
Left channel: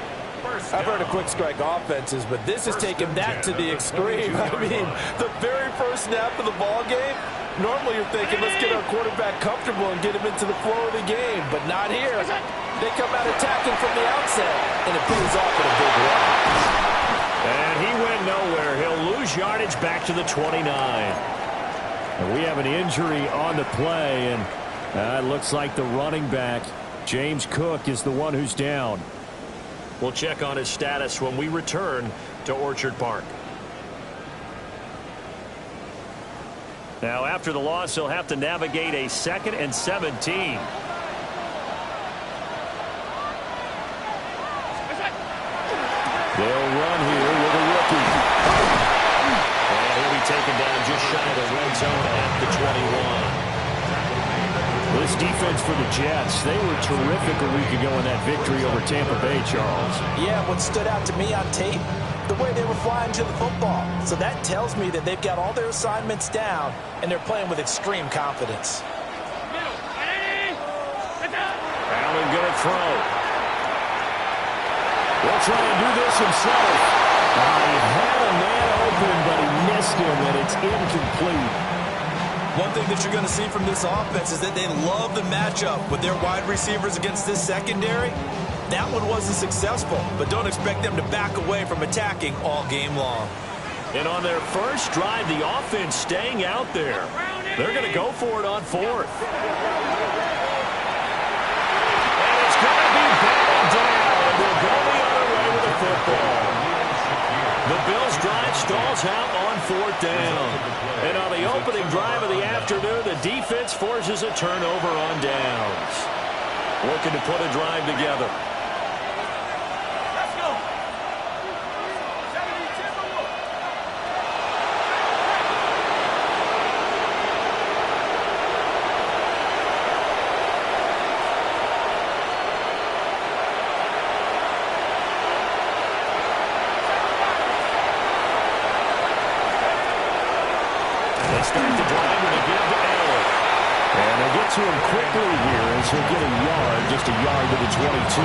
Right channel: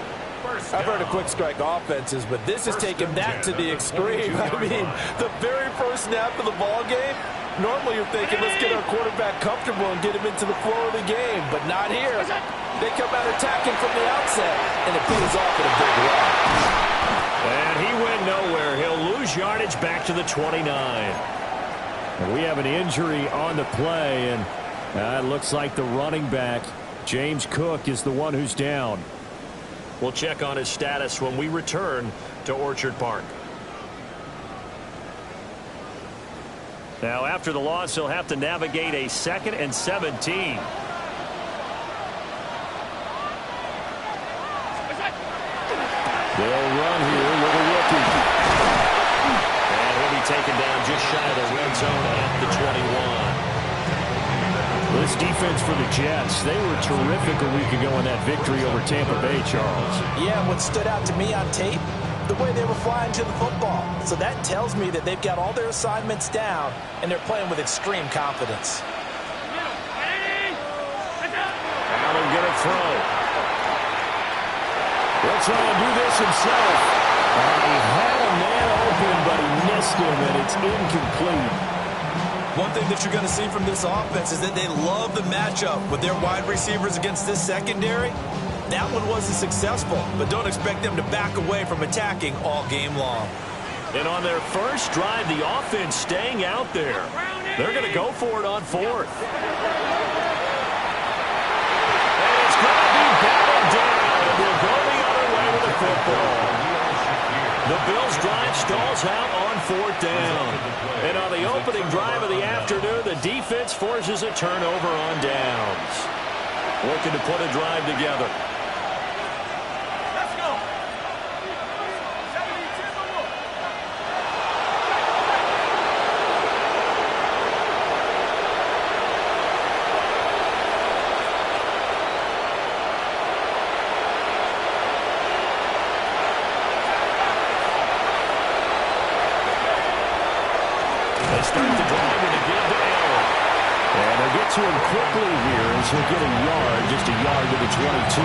I've heard of quick strike offenses, but this has taken that to the extreme. I mean, the very first snap of the ball game, normally you're thinking, let's get our quarterback comfortable and get him into the flow of the game, but not here. They come out attacking from the outset, and it pays off in a big way. And he went nowhere. He'll lose yardage back to the 29. And we have an injury on the play, and it looks like the running back, James Cook, is the one who's down. We'll check on his status when we return to Orchard Park. Now, after the loss, he'll have to navigate a 2nd and 17. They'll run here with a rookie. And he'll be taken down just shy of the red zone at the 21. This defense for the Jets, they were terrific a week ago in that victory over Tampa Bay, Charles. Yeah, what stood out to me on tape, the way they were flying to the football. So that tells me that they've got all their assignments down, and they're playing with extreme confidence. Allen going to throw. He'll try and do this himself. He had a man open, but he missed him, and it's incomplete. One thing that you're going to see from this offense is that they love the matchup with their wide receivers against this secondary. That one wasn't successful, but don't expect them to back away from attacking all game long. And on their first drive, the offense staying out there. They're going to go for it on 4th. And it's going to be batted down, and we'll go the other way with the football. The Bills' drive stalls out on 4th down. And on the opening drive of the afternoon, the defense forces a turnover on downs. Looking to put a drive together. Let's go. 7-7. They start the drive with a give to Allen. And they'll get to him quickly here as he'll get a yard, just a yard to the 22.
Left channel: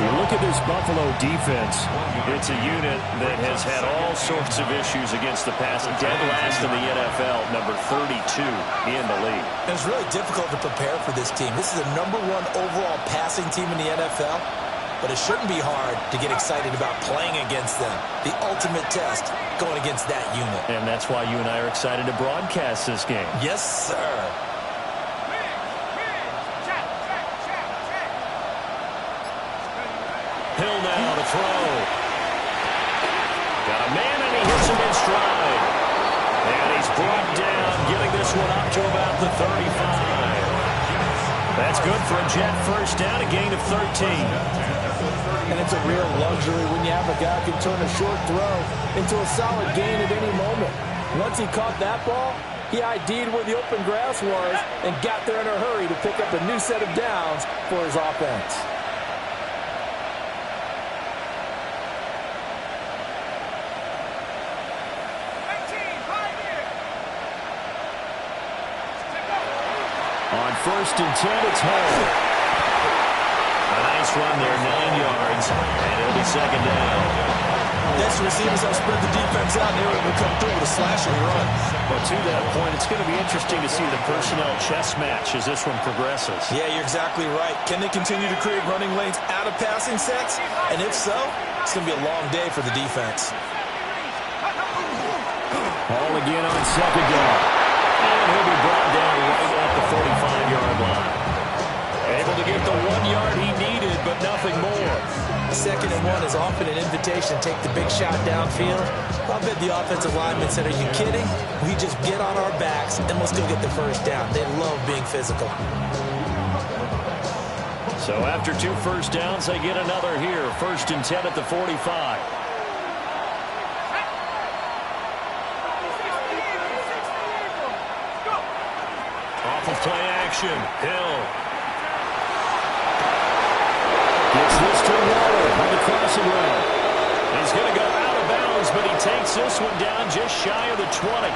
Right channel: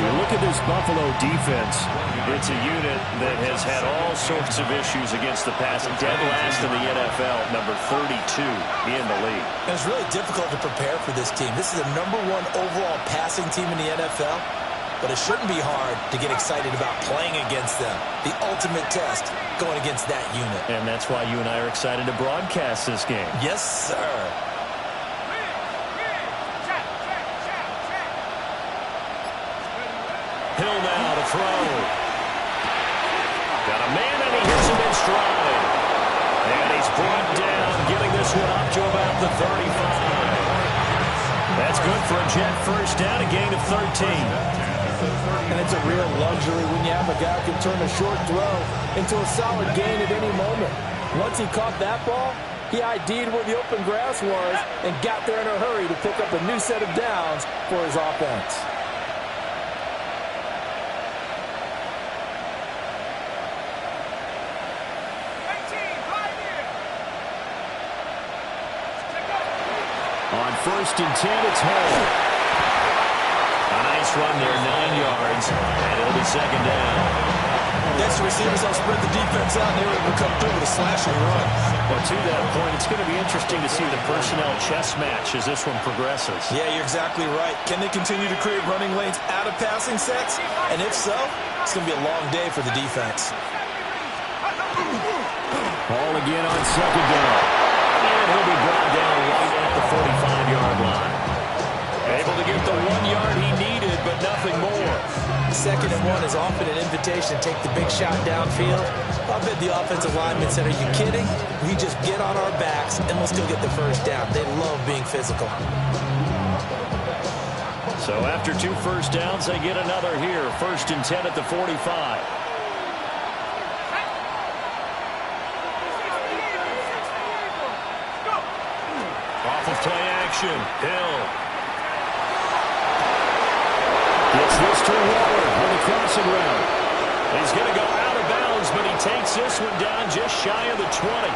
You look at this Buffalo defense, it's a unit that has had all sorts of issues against the pass. Dead last in the NFL, number 32 in the league. And it's really difficult to prepare for this team. This is the #1 overall passing team in the NFL, but it shouldn't be hard to get excited about playing against them. The ultimate test going against that unit. And that's why you and I are excited to broadcast this game. Yes, sir. Hill now to throw. Got a man, and he hits him in stride. And he's brought down, getting this one up to about the 35. That's good for a Jet first down, a gain of 13. And it's a real luxury when you have a guy who can turn a short throw into a solid gain at any moment. Once he caught that ball, he ID'd where the open grass was and got there in a hurry to pick up a new set of downs for his offense. On 1st and 10, it's Hall. A nice run there, 9 yards, and it'll be 2nd down. Next receivers help spread the defense out, and they were able to come through with a slashing run. But to that point, it's going to be interesting to see the personnel chess match as this one progresses. Yeah, you're exactly right. Can they continue to create running lanes out of passing sets? And if so, it's going to be a long day for the defense. Hall again on 2nd down. And he'll be brought down right at the 45-yard line. Able to get the 1 yard he needed, but nothing more. 2nd and 1 is often an invitation to take the big shot downfield. I bet the offensive lineman said, are you kidding? We just get on our backs and we'll still get the first down. They love being physical. So after 2 first downs, they get another here. 1st and 10 at the 45. Off of play action. Hill gets this to Waller on the crossing route. He's going to go out of bounds, but he takes this one down just shy of the 20.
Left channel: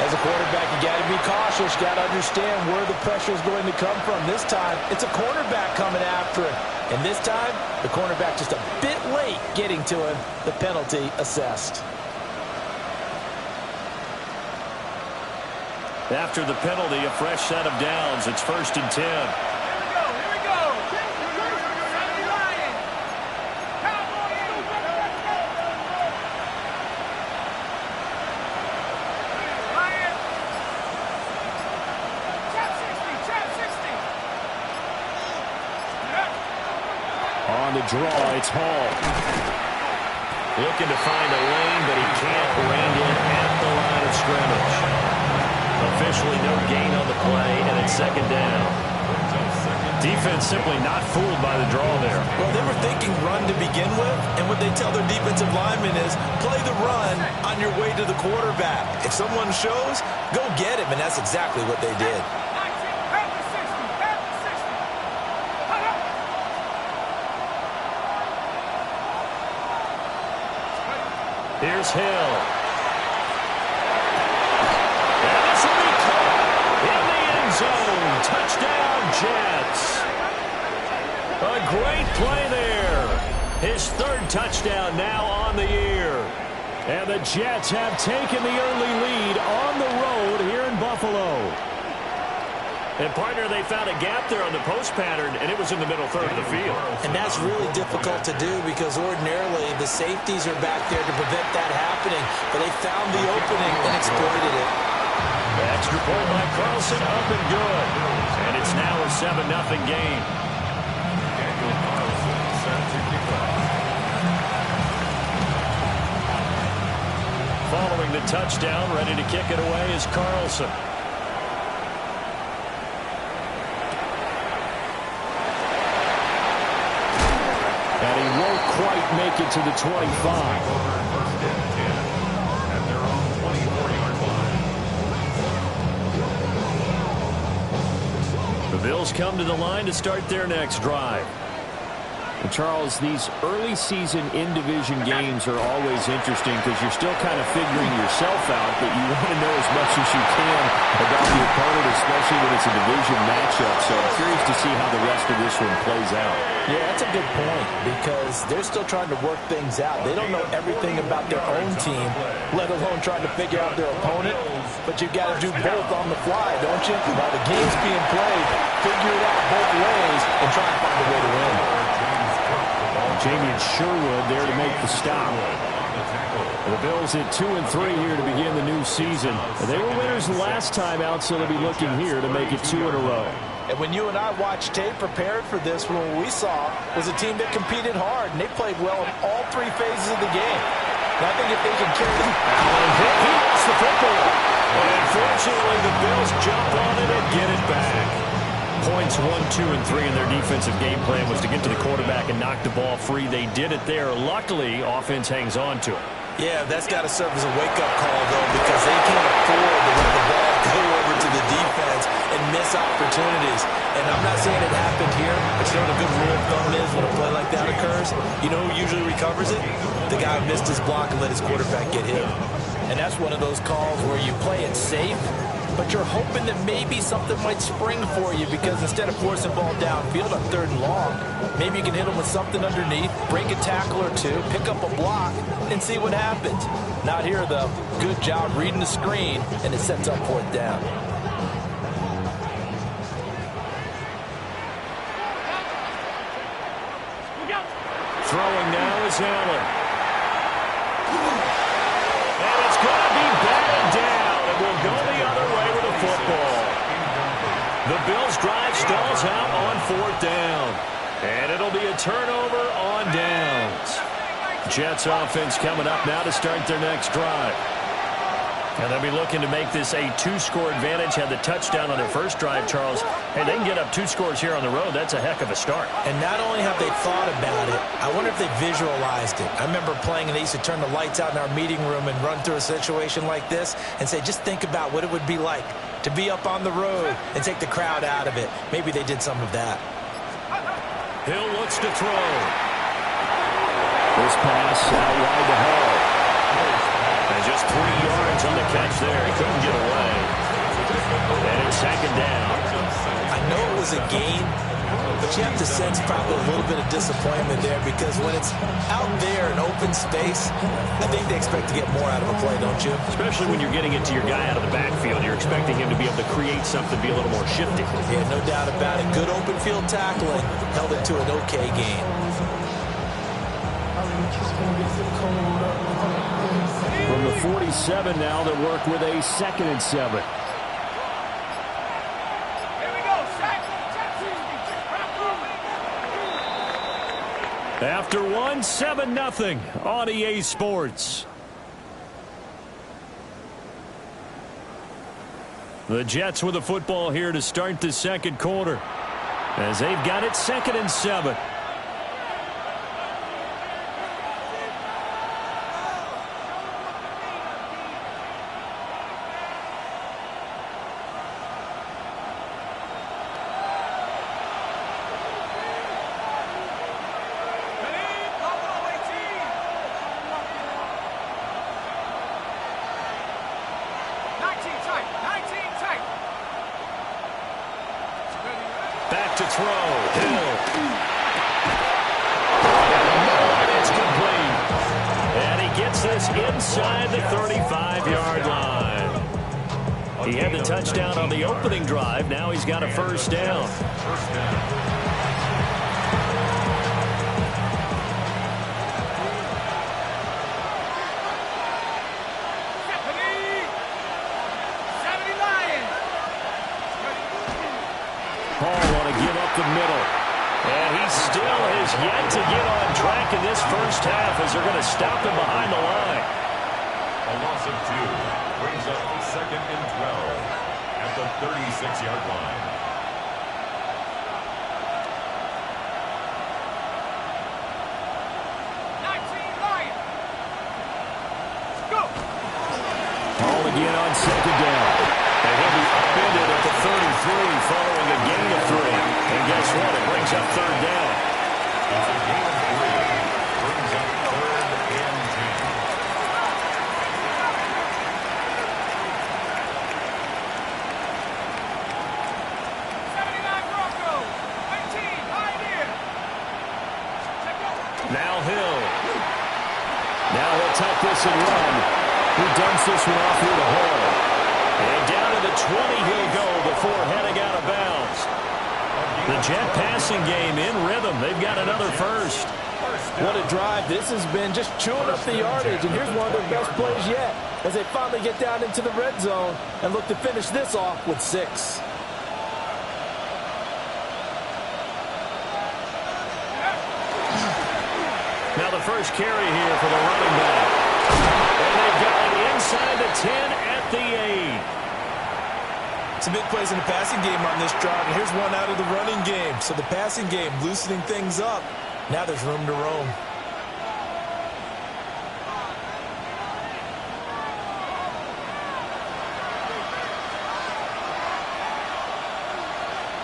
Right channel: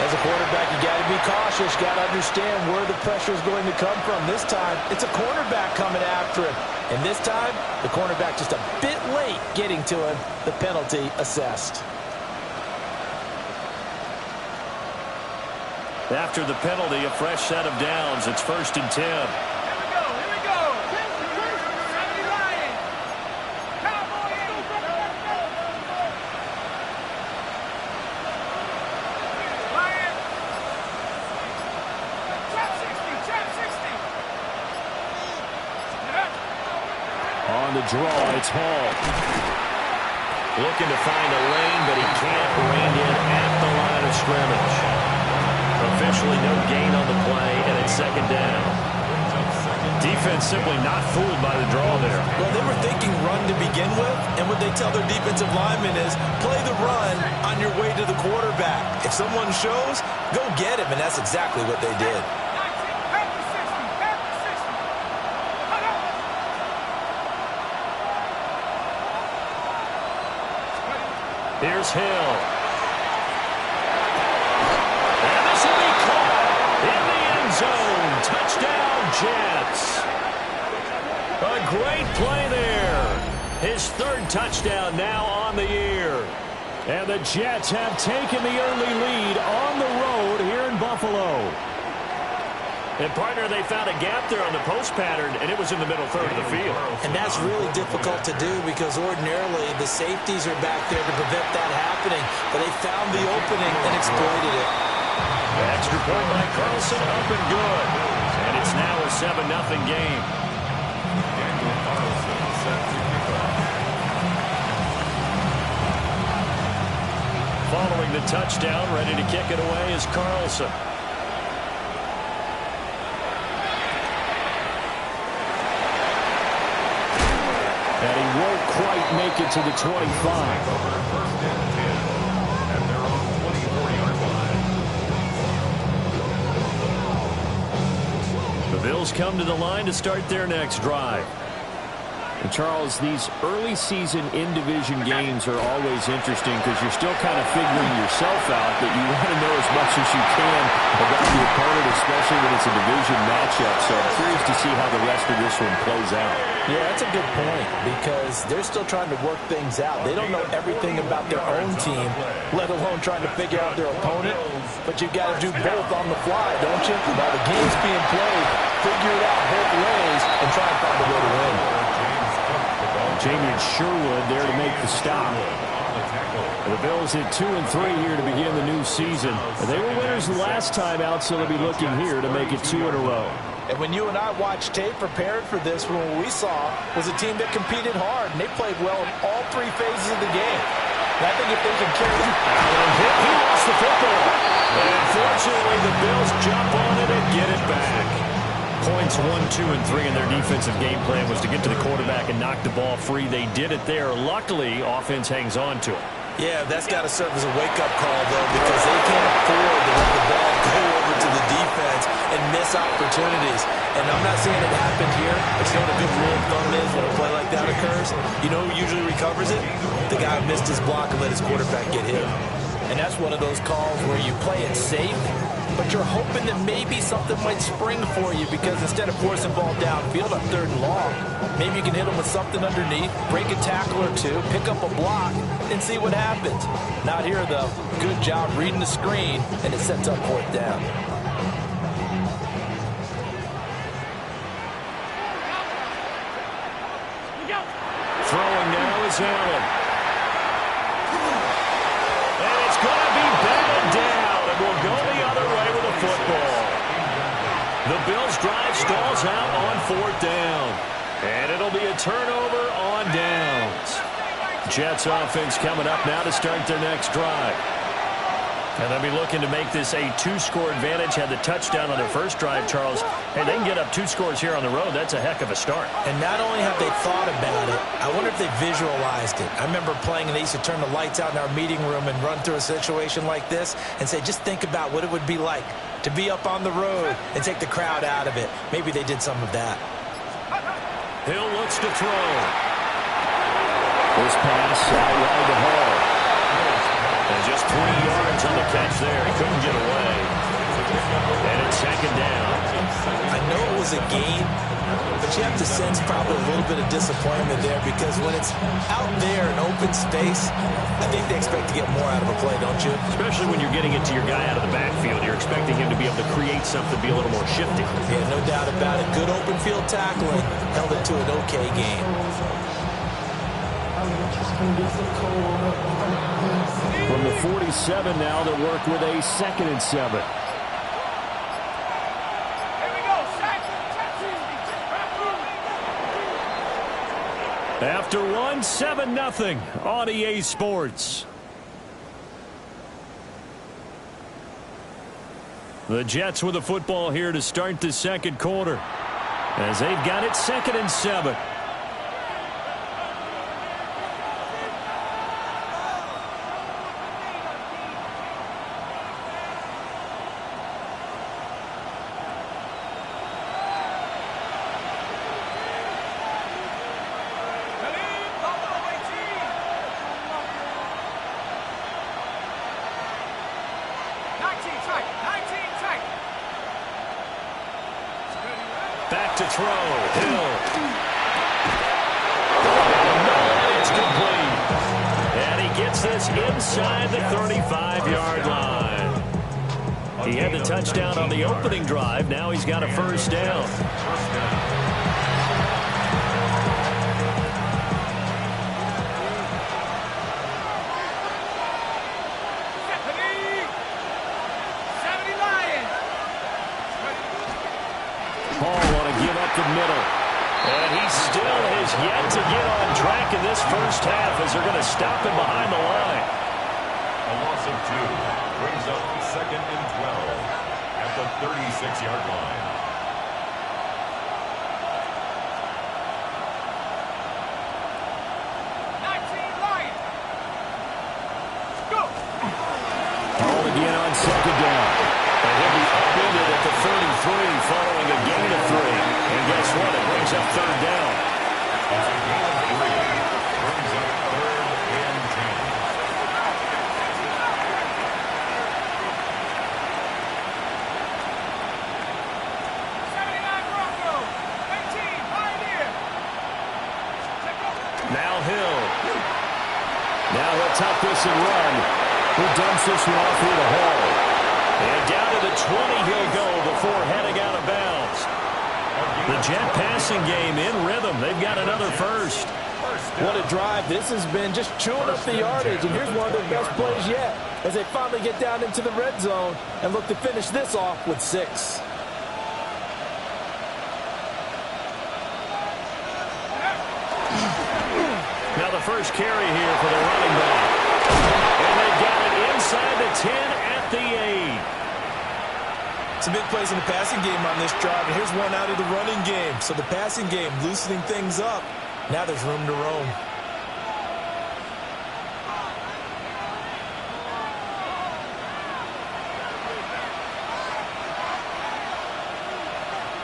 As a quarterback, you got to be cautious. You got to understand where the pressure is going to come from. This time, it's a cornerback coming after him. And this time, the cornerback just a bit late getting to him. The penalty assessed. After the penalty, a fresh set of downs. It's 1st and 10. Here we go. Lion. Cowboy. Lion. Trap 60. On the draw, it's Hall. Looking to find a lane, but he can't. Reined in at the line of scrimmage. Officially no gain on the play, and it's 2nd down. Defense simply not fooled by the draw there. Well, they were thinking run to begin with, and what they tell their defensive linemen is play the run on your way to the quarterback. If someone shows, go get him, and that's exactly what they did. Here's Hill. And this will be caught in the end zone. Touchdown, Jets. A great play there. His 3rd touchdown now on the year. And the Jets have taken the early lead on the road here in Buffalo. And, partner, they found a gap there on the post pattern, and it was in the middle third of the field. And that's really difficult to do because ordinarily the safeties are back there to prevent that happening. But they found the opening and exploited it. Extra point by Carlson, up and good. And it's now a 7-0 game. Daniel Carlson set to kick off. Following the touchdown, ready to kick it away is Carlson. And he won't quite make it to the 25. Over 1st and 10 at their own 24-yard line. The Bills come to the line to start their next drive. And Charles, these early season in-division games are always interesting because you're still kind of figuring yourself out, but you want to know as much as you can about the opponent, especially when it's a division matchup. So I'm curious to see how the rest of this one plays out. Yeah, that's a good point because they're still trying to work things out. They don't know everything about their own team, let alone trying to figure out their opponent. But you've got to do both on the fly, don't you? While the game's being played, figure it out both ways and try and find a way to win. Jamie Sherwood there to make the stop. The Bills hit 2-3 here to begin the new season. They were winners the last time out, so they'll be looking here to make it 2 in a row. And when you and I watched tape prepared for this, what we saw was a team that competed hard, and they played well in all 3 phases of the game. And I think if they can carry that... Allen hit, he lost the football. And fortunately, the Bills jump on it and get it back. Points 1, 2, and 3 in their defensive game plan was to get to the quarterback and knock the ball free. They did it there. Luckily, offense hangs on to it. Yeah, that's got to serve as a wake-up call, though, because they can't afford to let the ball go over to the defense and miss opportunities. And I'm not saying it happened here, but you know what a good rule of thumb is when a play like that occurs? You know who usually recovers it? The guy who missed his block and let his quarterback get hit. And that's one of those calls where you play it safe, but you're hoping that maybe something might spring for you because instead of forcing ball downfield on 3rd and long, maybe you can hit them with something underneath, break a tackle or 2, pick up a block, and see what happens. Not here, though. Good job reading the screen, and it sets up 4th down. Throwing now is Allen. And it's going to be batted down, and we'll go the other way with the football. The Bills' drive stalls out on 4th down. And it'll be a turnover on downs. Jets offense coming up now to start their next drive. And they'll be looking to make this a 2-score advantage. Had the touchdown on their first drive, Charles. Hey, they can get up 2 scores here on the road. That's a heck of a start. And not only have they thought about it, I wonder if they visualized it. I remember playing, and they used to turn the lights out in our meeting room and run through a situation like this and say, just think about what it would be like to be up on the road and take the crowd out of it. Maybe they did some of that. Hill looks to throw. This pass out wide to Hall. And just 3 yards on the catch there. He couldn't get away. And it's second down. I know it was a gain, but you have to sense probably a little bit of disappointment there because when it's out there in open space, I think they expect to get more out of a play, don't you? Especially when you're getting it to your guy out of the backfield. You're expecting him to be able to create something, be a little more shifty. Yeah, no doubt about it. Good open field tackling held it to an okay gain. From the 47 now, they'll work with a 2nd and 7. Here we go. Sack. After 1, 7-0 on EA Sports. The Jets with the football here to start the second quarter, as they've got it 2nd and 7. Back to throw. Hill. Down the middle, and it's complete. And he gets this inside the 35-yard line. He had the touchdown on the opening drive. Now he's got a first down. First down. The middle. And he still has yet to get on track in this first half as they're going to stop him behind the line. A loss of 2 brings up 2nd and 12 at the 36-yard line. Go! Ball again on 2nd down. And he'll be upended at the 33 following a gain of 3. And guess what? It brings up 3rd down. It's a gain of 3. Brings up 3rd and 79 Broncos. 18 Pioneer. Now Hill. Now he'll tuck this and run. Who dumps this one off here to Hall. And down to the 20 he'll go before heading out of bounds. The Jet passing game in rhythm. They've got another first. What a drive. This has been just chewing up the yardage. And here's one of their best plays yet as they finally get down into the red zone and look to finish this off with 6. Now the first carry here for the running back. And they've got it inside the 10 at the 8. Some big plays in the passing game on this drive, and here's one out of the running game. So the passing game loosening things up. Now there's room to roam.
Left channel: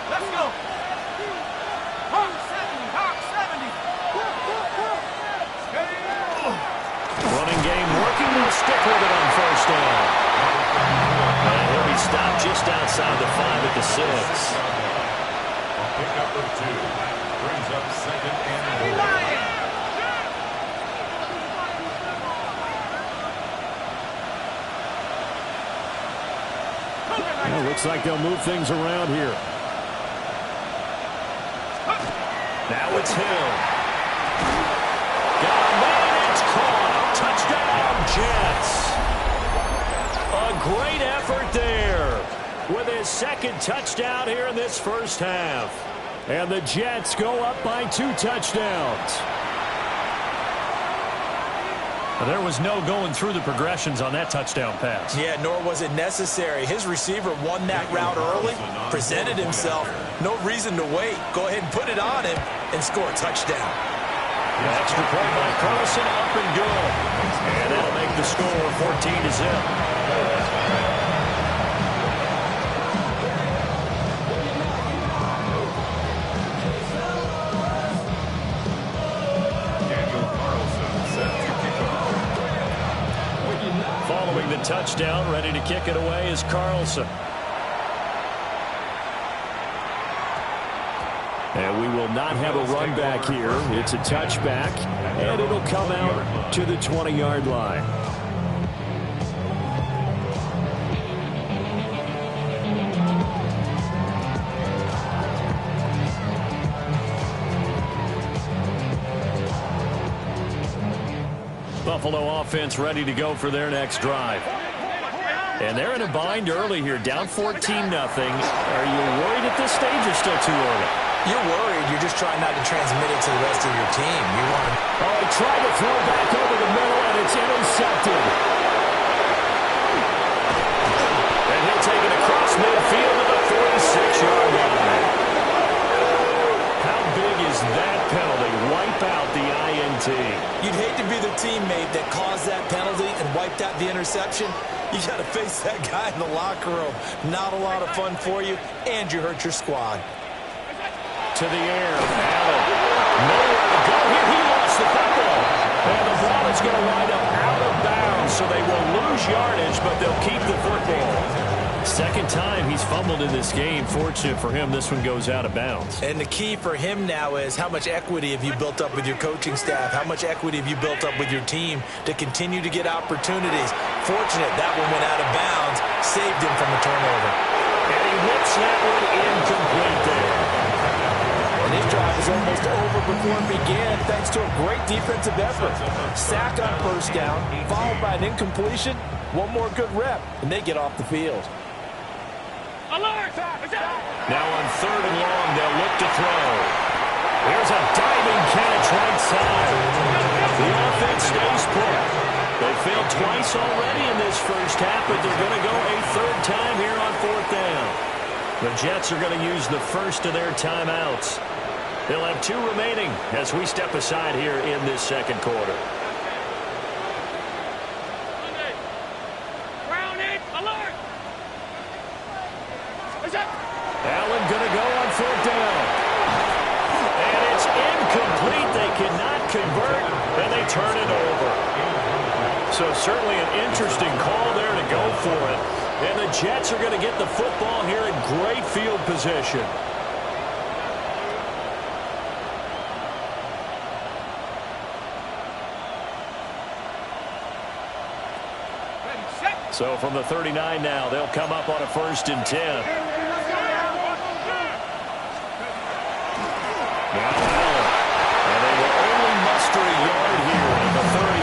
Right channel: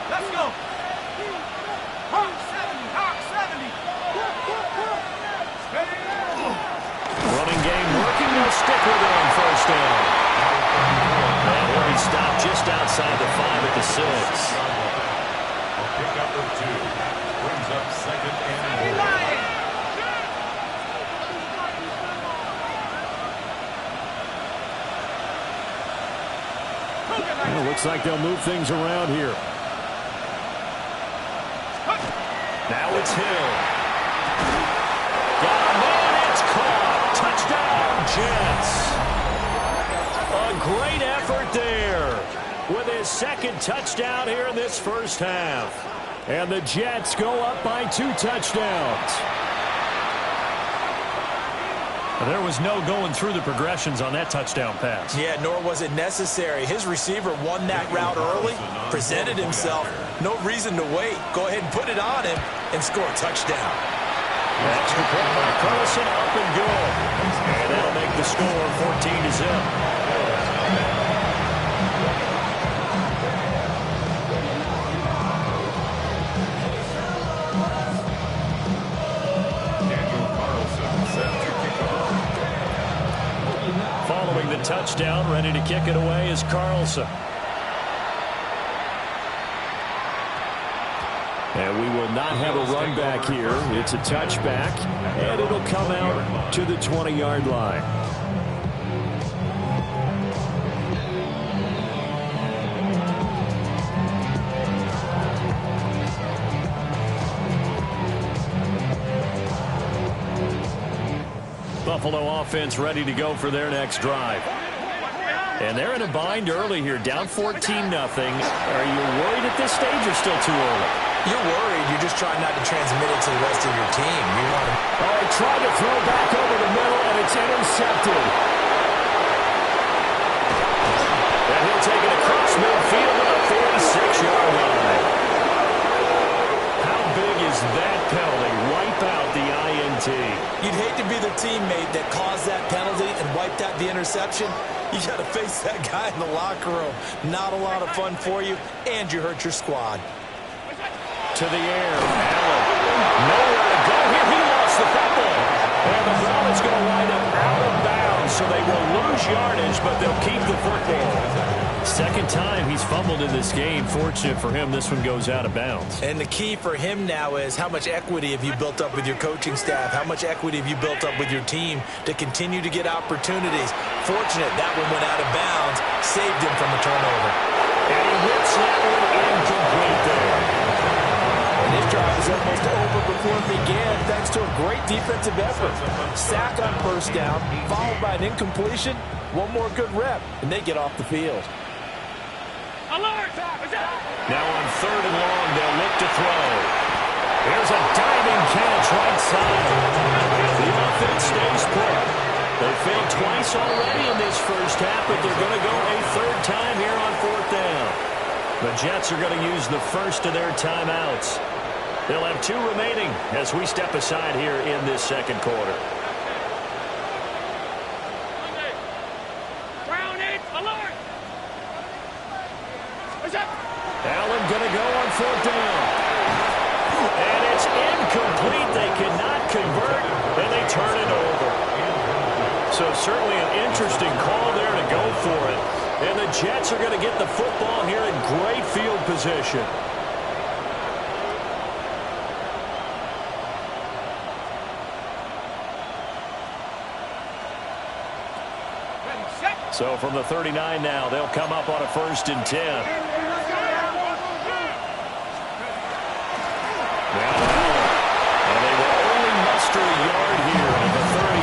Let's go. Hawk 70. Hawk 70. Running game working. They'll stick with it on first down. And he'll be stopped just outside the 5 at the 6. A pickup of 2 brings up 2nd and 4. Well, looks like they'll move things around here. Now it's Hill. Got a man, it's caught. Touchdown, Jets. A great effort there with his 2nd touchdown here in this first half. And the Jets go up by 2 touchdowns. There was no going through the progressions on that touchdown pass. Yeah, nor was it necessary. His receiver won that route early, presented himself. No reason to wait. Go ahead and put it on him and score a touchdown. The extra point by Carlson, up and good. And that'll make the score 14-0. Following the touchdown, ready to kick it away is Carlson. And we will not have a run back here. It's a touchback, and it'll come out to the 20-yard line. Buffalo offense ready to go for their next drive. And they're in a bind early here, down 14-0. Are you worried at this stage or still too early? You're worried. You're just trying not to transmit it to the rest of your team. You want to... Oh, he tried to throw back over the middle, and it's intercepted. And he'll take it across midfield to the 46-yard line. How big is that penalty? Wipe out the INT. You'd hate to be the teammate that caused that penalty and wiped out the interception. You got to face that guy in the locker room. Not a lot of fun for you, and you hurt your squad. To the air, Allen. Nowhere to go here. He lost the football. And the ball is going to wind up out of bounds, so they will lose yardage, but they'll keep the football. Second time he's fumbled in this game. Fortunate for him, this one goes out of bounds. And the key for him now is how much equity have you built up with your coaching staff? How much equity have you built up with your team to continue to get opportunities? Fortunate that one went out of bounds, saved him from a turnover. And he whips that one incomplete there. And his drive was almost over before it began thanks to a great defensive effort. Sack on first down, followed by an incompletion. One more good rep, and they get off the field. Alert! Now on 3rd and long, they'll look to throw. Here's a diving catch right side. The offense stays put. They failed twice already in this first half, but they're going to go a third time here on 4th down. The Jets are going to use the first of their timeouts. They'll have 2 remaining as we step aside here in this second quarter. Alert! Allen going to go on 4th down. And it's incomplete. They cannot convert, and they turn it over. So certainly an interesting call there to go for it. And the Jets are going to get the football here in great field position. So from the 39 now, they'll come up on a 1st and 10. Now Allen. And they will only muster a yard here at the 38.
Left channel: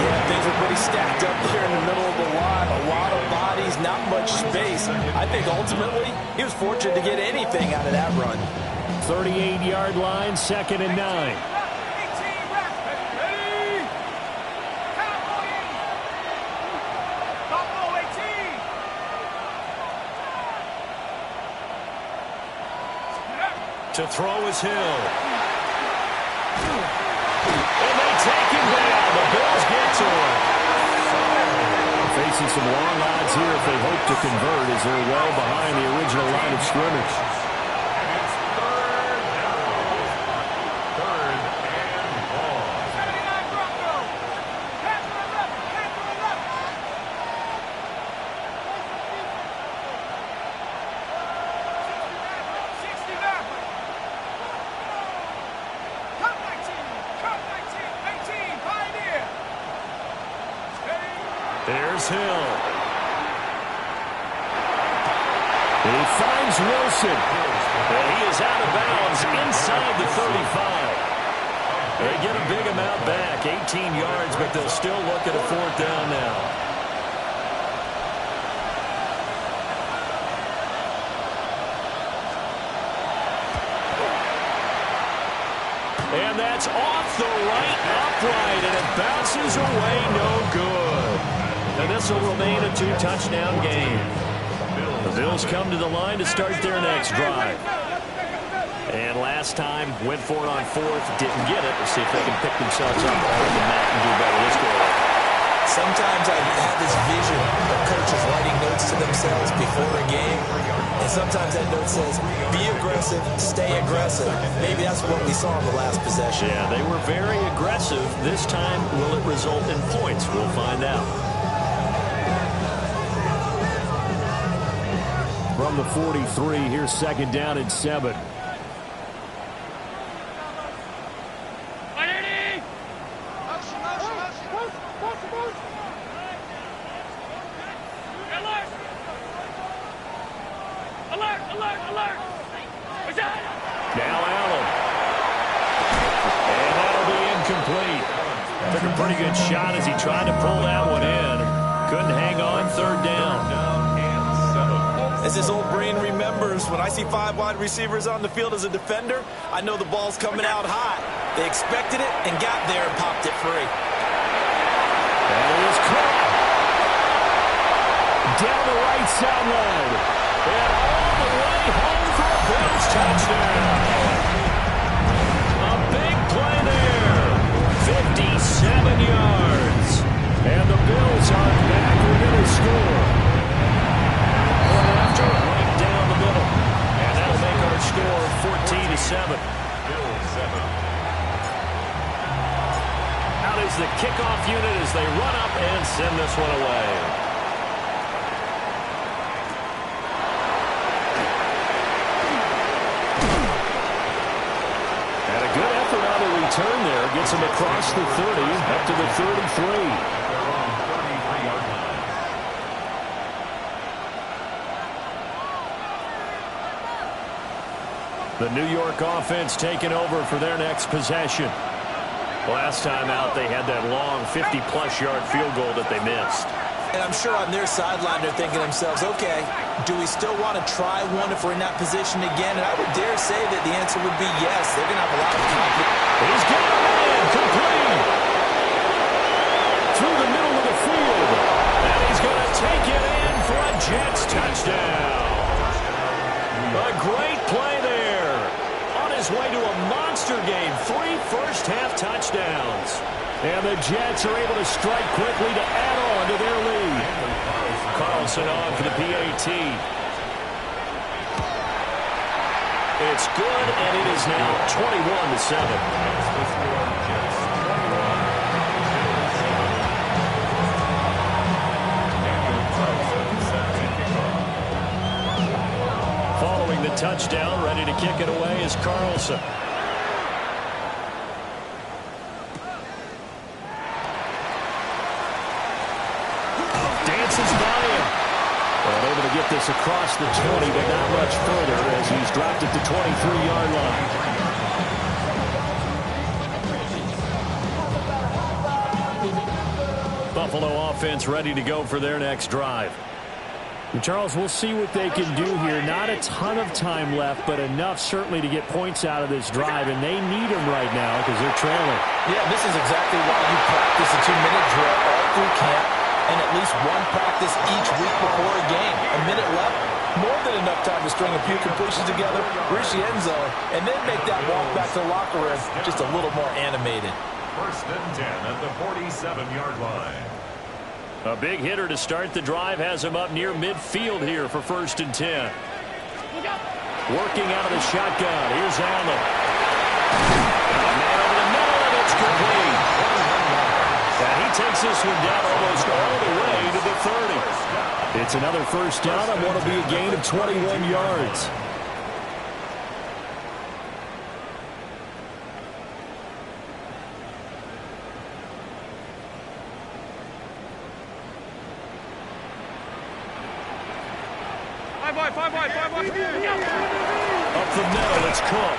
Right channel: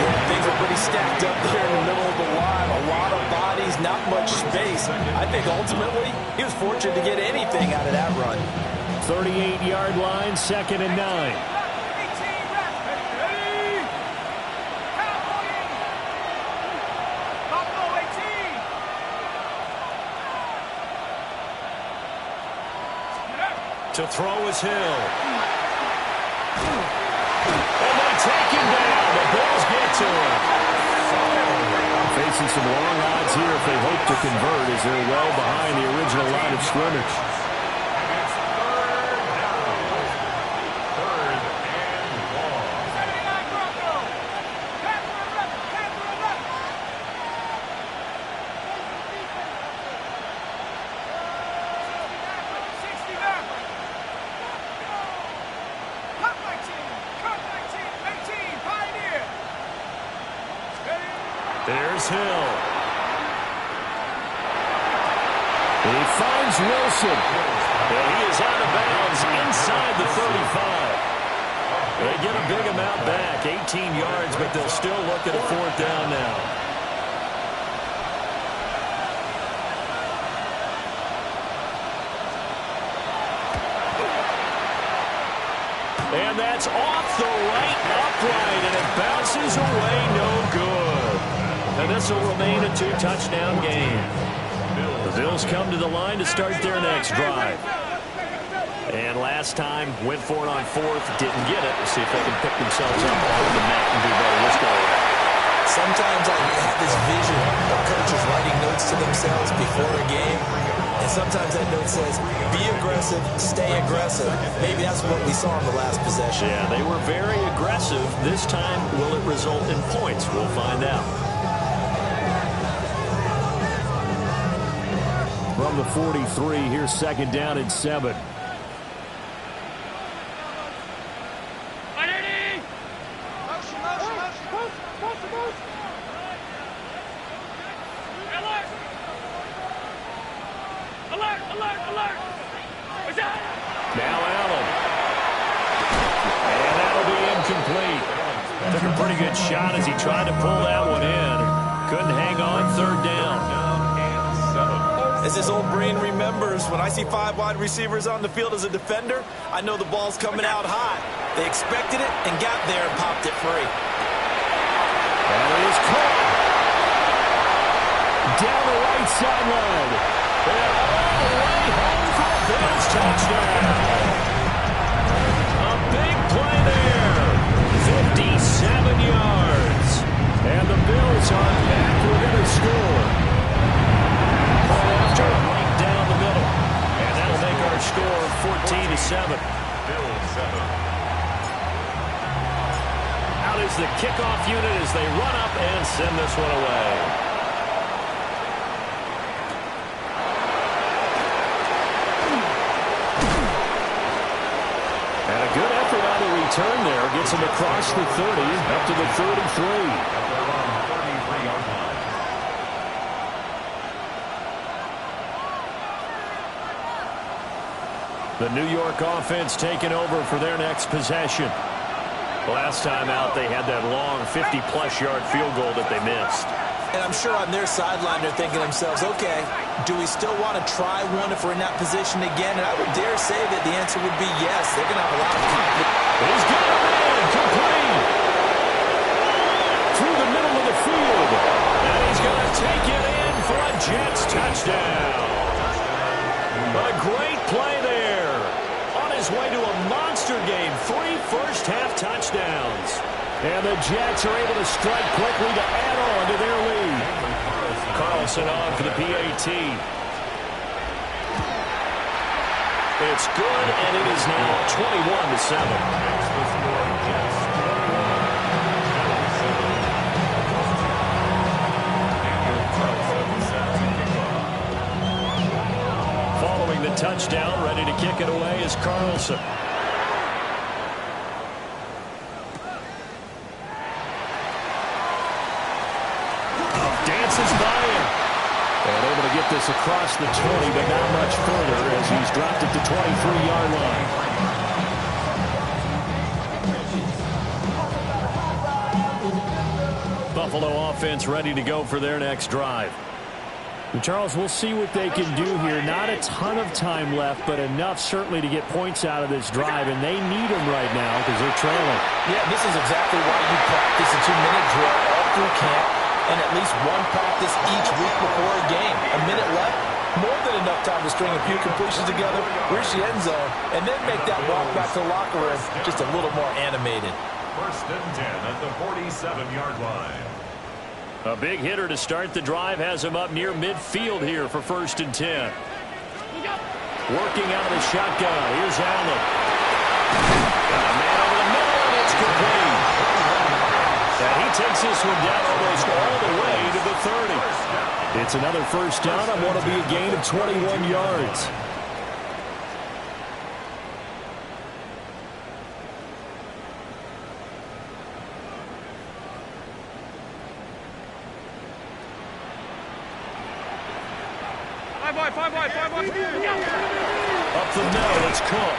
Yeah, things are pretty stacked up there in the middle of the line. A lot of bodies, not much space. I think ultimately he was fortunate to get anything out of that run. 38-yard line, 2nd and 9. To throw is Hill. And they take him down. The Bills get to him. Facing some long odds here if they hope to convert as they're well behind the original line of scrimmage. And it's 3rd down. 3rd and long. 79 Bronco. Panther 11. Panther 11. There's Hill. He finds Wilson. And he is out of bounds inside the 35. They get a big amount back, 18 yards, but they'll still look at a 4th down now. And that's off the right upright, and it bounces away, no good. And this will remain a 2-touchdown game. The Bills come to the line to start their next drive. And last time, went for it on fourth, didn't get it. We'll see if they can pick themselves up off the mat and do better this go around. Sometimes I have this vision of coaches writing notes to themselves before a game, and sometimes that note says, be aggressive, stay aggressive. Maybe that's what we saw in the last possession. Yeah, they were very aggressive. This time, will it result in points? We'll find out. From the 43, here's 2nd down and 7. Now Allen. And that'll be incomplete. Took a pretty good shot as he tried to pull that one in. Couldn't hang on. 3rd down. As his old brain remembers, when I see 5 wide receivers on the field as a defender, I know the ball's coming out hot. They expected it and got there and popped it free. That is caught. Down the right sideline. And all the way home for a Bills touchdown. A big play there. 57 yards. And the Bills are back within a score. Point after, right down the middle. And that'll make our score 14-7. Bills 7. Out is the kickoff unit as they run up and send this one away. And a good effort on the return there. Gets him across the 30, up to the 33. At their own 33-yard line. The New York offense taking over for their next possession. Last time out, they had that long 50-plus yard field goal that they missed. And I'm sure on their sideline they're thinking to themselves, okay, do we still want to try one if we're in that position again? And I would dare say that the answer would be yes. They're going to have a lot of confidence. He's got a man complete through the middle of the field. And he's going to take it in for a Jets touchdown. A great play there. On his way to a monster game. 3 first-half touchdowns. And the Jets are able to strike quickly to add on to their lead. Carlson on for the PAT. It's good, and it is now 21-7. It's the score, Jets 21, Bills 7. Daniel Carlson set to kick off. Following the touchdown, ready to kick it away is Carlson. Dances by him. And able to get this across the 20, but not much further as he's dropped at the 23-yard line. Buffalo offense ready to go for their next drive. And Charles, we'll see what they can do here. Not a ton of time left, but enough certainly to get points out of this drive, and they need them right now because they're trailing. Yeah, this is exactly why you practice a 2-minute drill all through camp and at least one practice each week before a game. A minute left, more than enough time to string a few completions together, reach the end zone, and then make that walk back to the locker room just a little more animated. 1st and 10 at the 47-yard line. A big hitter to start the drive has him up near midfield here for 1st and 10. Working out of the shotgun. Here's Allen. Got a man over the middle, and it's complete. And he takes this one down almost all the way to the 30. It's another 1st down on what will be a gain of 21 yards. Five wide. Up the middle, it's Cook.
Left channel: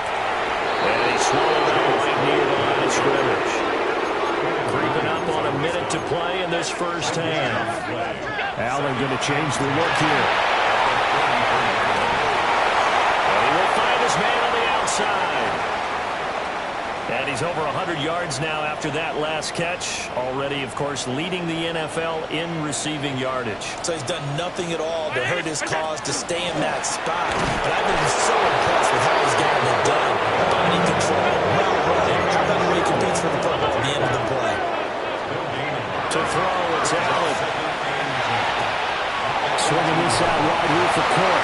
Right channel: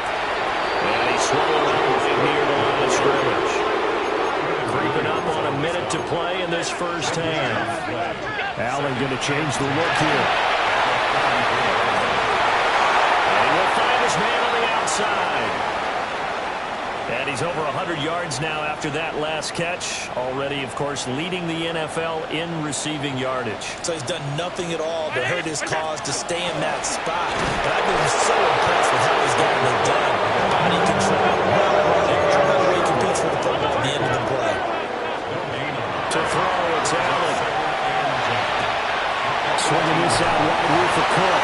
And he swallowed up right near the line of scrimmage. Creeping up on a minute to play in this 1st half. Allen going to change the look here. And he will find his man on the outside. And he's over 100 yards now after that last catch. Already, of course, leading the NFL in receiving yardage. So he's done nothing at all to hurt his cause to stay in that spot. But I've been so impressed with how he's gotten it done. Body control, route running. How about the way he competes for the football at the end of the play? To throw, it's Allen. Swinging this out wide here for Cook.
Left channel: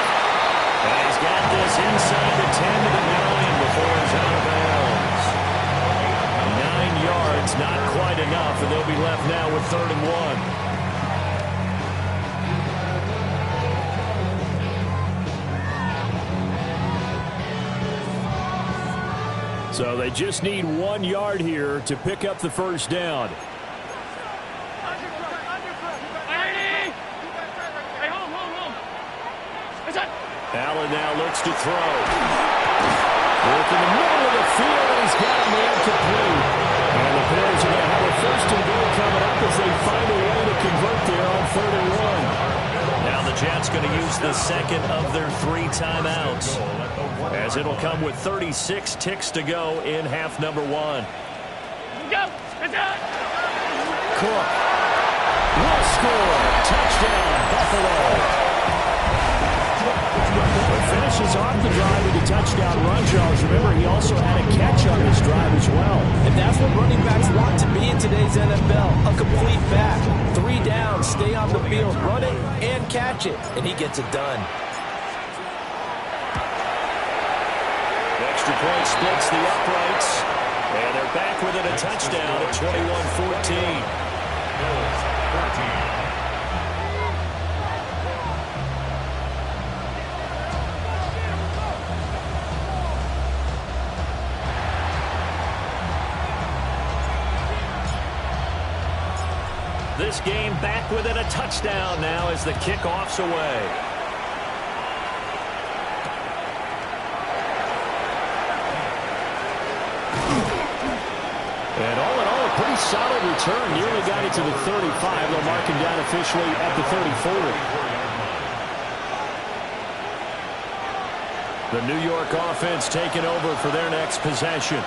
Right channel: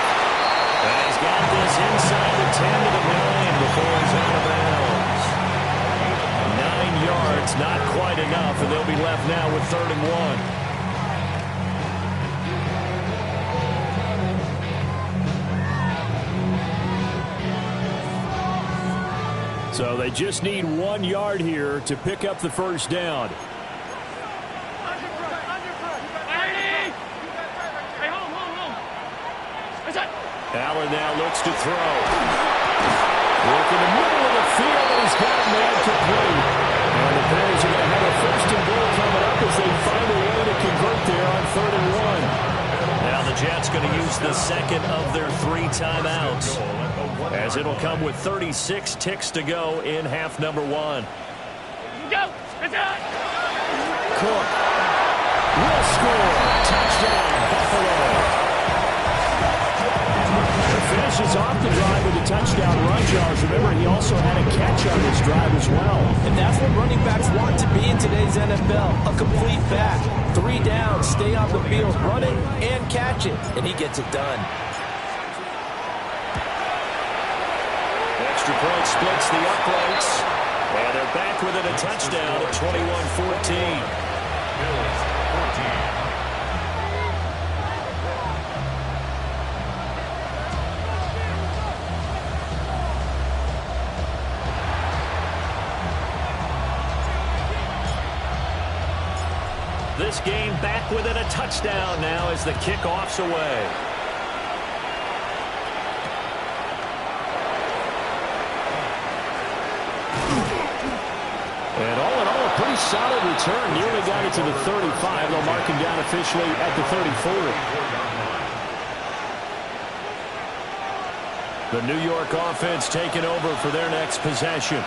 And he's got this inside the 10 to the 9 before he's out of bounds. 9 yards, not quite enough, and they'll be left now with 3rd and 1. So they just need 1 yard here to pick up the first down. Allen now looks to throw. Work in the middle of the field, and he's got a man complete. And the Bears are going to have a 1st and goal coming up as they find a way to convert there on 3rd and 1. Now the Jets going to use the second of their 3 timeouts, as it'll come with 36 ticks to go in half number 1. Go! Cook will score. Touchdown, Buffalo. Finishes off the drive with a touchdown run, Charles. Remember, he also had a catch on this drive as well. And that's what running backs want to be in today's NFL, a complete back. 3 down, stay on the field, run it, and catch it. And he gets it done. Extra point splits the uprights. And they're back with it, a touchdown at 21-14. Bills 14. This game back with it, a touchdown now as the kickoff's away. And all in all, a pretty solid return. Nearly got it to the 35. They'll mark him down officially at the 34. The New York offense taking over for their next possession.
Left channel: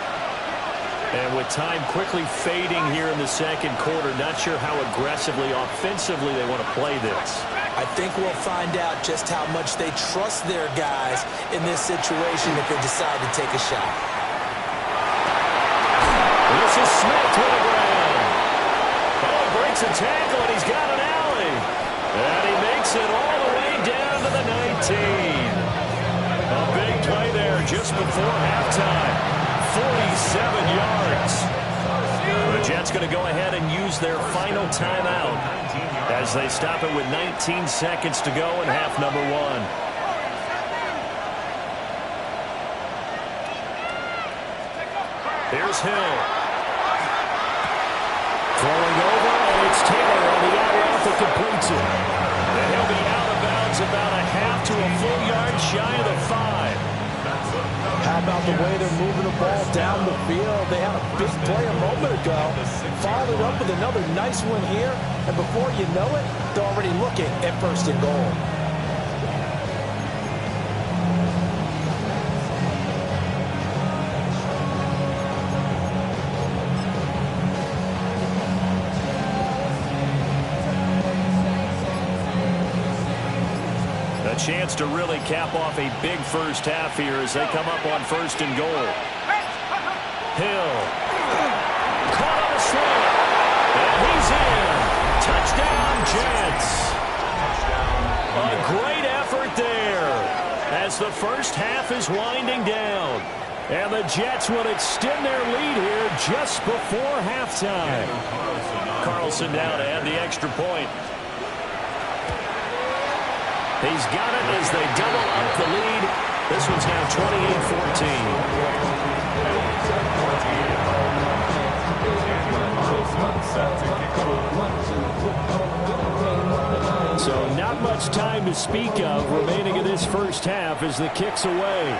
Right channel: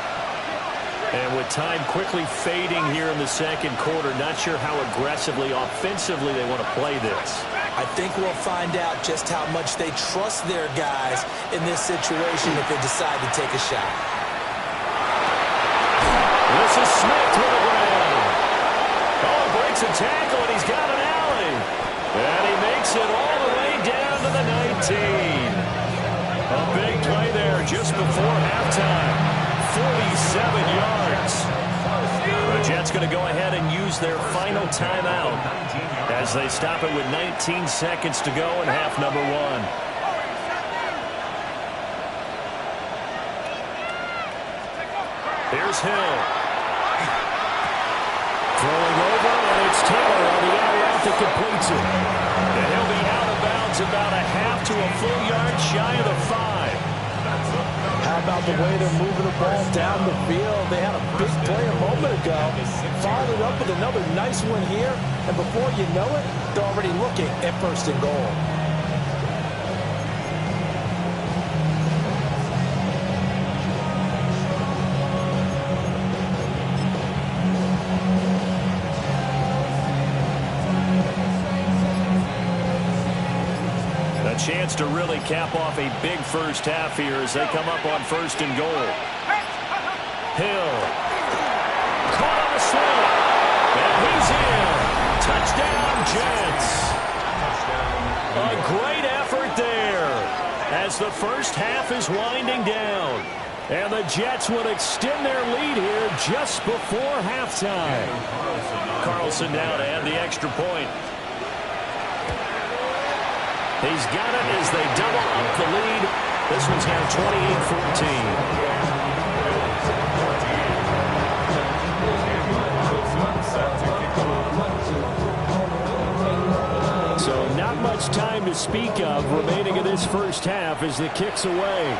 And with time quickly fading here in the second quarter, not sure how aggressively, offensively they want to play this. I think we'll find out just how much they trust their guys in this situation if they decide to take a shot. This is Smith with a ground. Oh, he breaks a tackle, and he's got an alley. And he makes it all the way down to the 19. A big play there just before halftime. 47 yards. The Jets going to go ahead and use their final timeout as they stop it with 19 seconds to go in half number 1. Here's Hill. Throwing over, and it's Taylor on the out route that completes it. And he'll be out of bounds about a half to a full yard shy of the 5. How about the way they're moving the ball down the field? They had a big play a moment ago. Followed it up with another nice one here. And before you know it, they're already looking at 1st and goal. A chance to really cap off a big first half here as they come up on 1st and goal. Hill. Caught on the slant. And he's in. Touchdown, Jets. A great effort there as the first half is winding down. And the Jets will extend their lead here just before halftime. Carlson now to add the extra point. He's got it as they double up the lead. This one's now 28-14. So not much time to speak of remaining in this first half as the kick's away.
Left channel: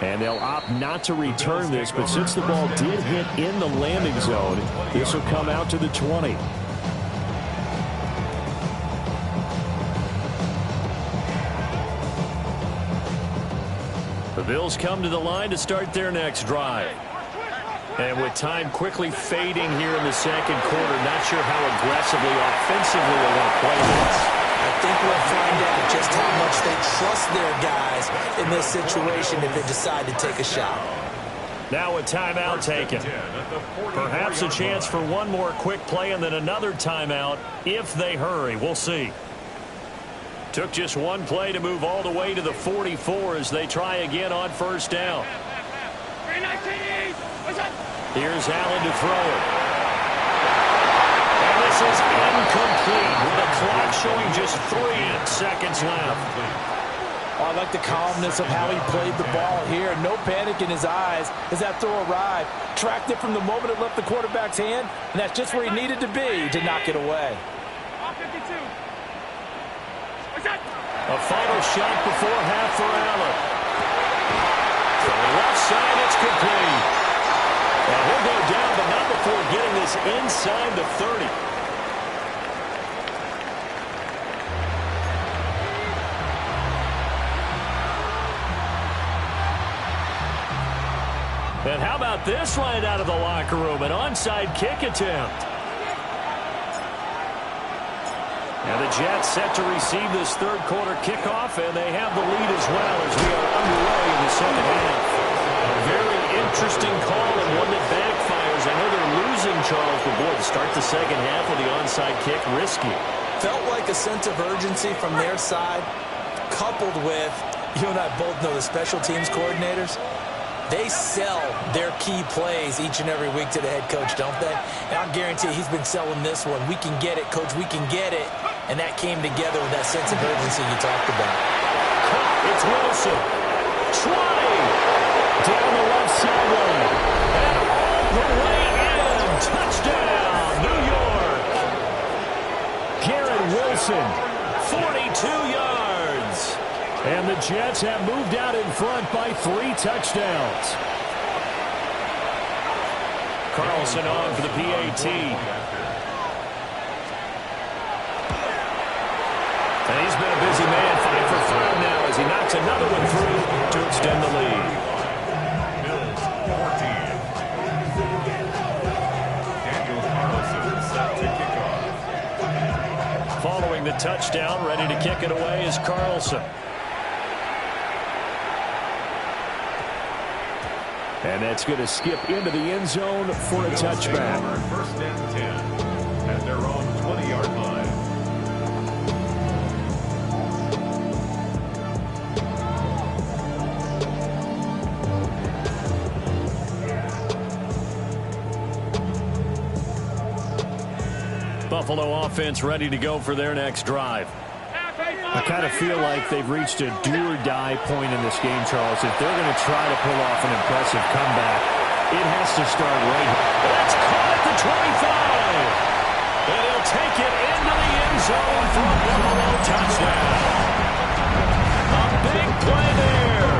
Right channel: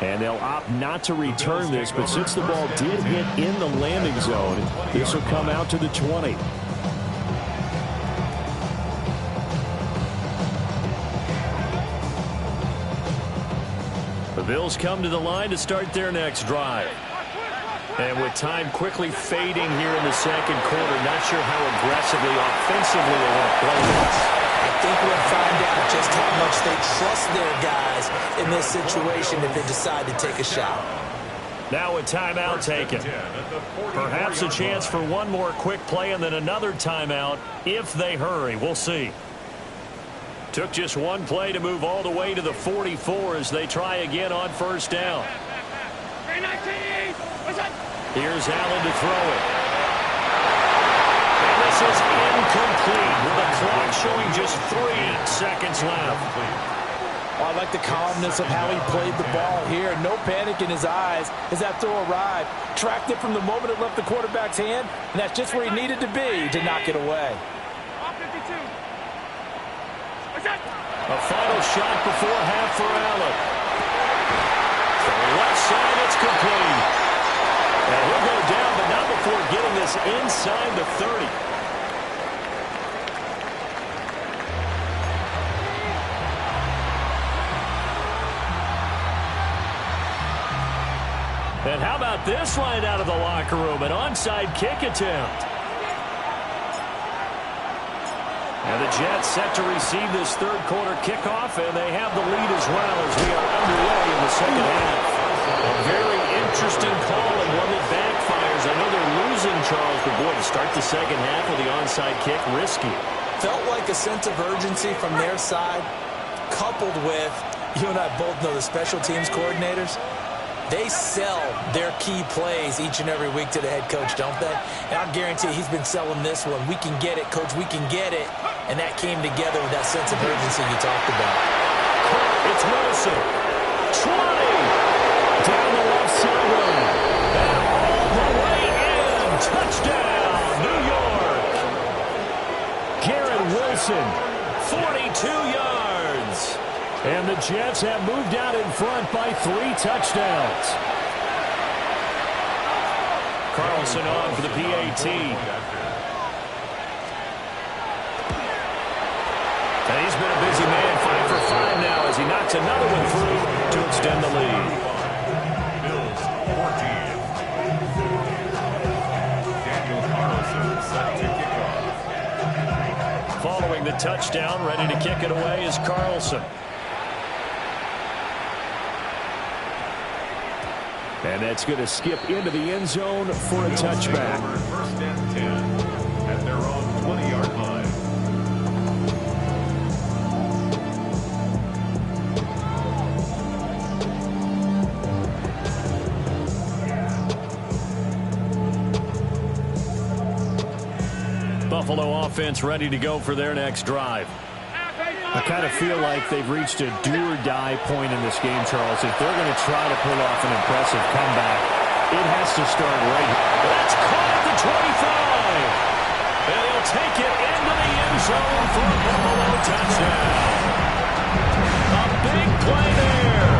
And they'll opt not to return this, but since the ball did hit in the landing zone, this will come out to the 20. The Bills come to the line to start their next drive. And with time quickly fading here in the second quarter, not sure how aggressively, offensively they want to play this. I think we'll find out just how much they trust their guys in this situation if they decide to take a shot. Now a timeout taken. Perhaps a chance for one more quick play and then another timeout if they hurry. We'll see. Took just one play to move all the way to the 44 as they try again on first down. Here's Allen to throw it. And this is incomplete with the clock showing just 3 seconds left. Oh, I like the calmness of how he played the ball here. No panic in his eyes as that throw arrived. Tracked it from the moment it left the quarterback's hand, and that's just where he needed to be to knock it away. A final shot before half for Allen. Throwing left side, it's complete. And he'll go down, but not before getting this inside the 30. And how about this right out of the locker room? An onside kick attempt. And the Jets set to receive this third quarter kickoff, and they have the lead as well as we are underway in the second half. A very interesting call and one that backfires. I know they're losing, Charles, but boy, to start the second half with the onside kick, risky. Felt like a sense of urgency from their side, coupled with, you and I both know the special teams coordinators. They sell their key plays each and every week to the head coach, don't they? And I guarantee he's been selling this one. We can get it, coach, we can get it. And that came together with that sense of urgency you talked about. It's Wilson. 20. Down the left sideline. And all the way in. Touchdown, New York. Garrett Wilson, 42 yards. And the Jets have moved out in front by 3 touchdowns. Carlson on for the PAT. And he's been a busy man, 5 for 5 now as he knocks another one through to extend the lead. Bills 14. Daniel Carlson set to kick off. Following the touchdown, ready to kick it away is Carlson. And that's going to skip into the end zone for a touchback. First and 10 at their own 20-yard line. Buffalo offense ready to go for their next drive. I kind of feel like they've reached a do-or-die point in this game, Charles. If they're going to try to pull off an impressive comeback, it has to start right here. That's caught at the 25. And he'll take it into the end zone for a Buffalo touchdown. A big play there.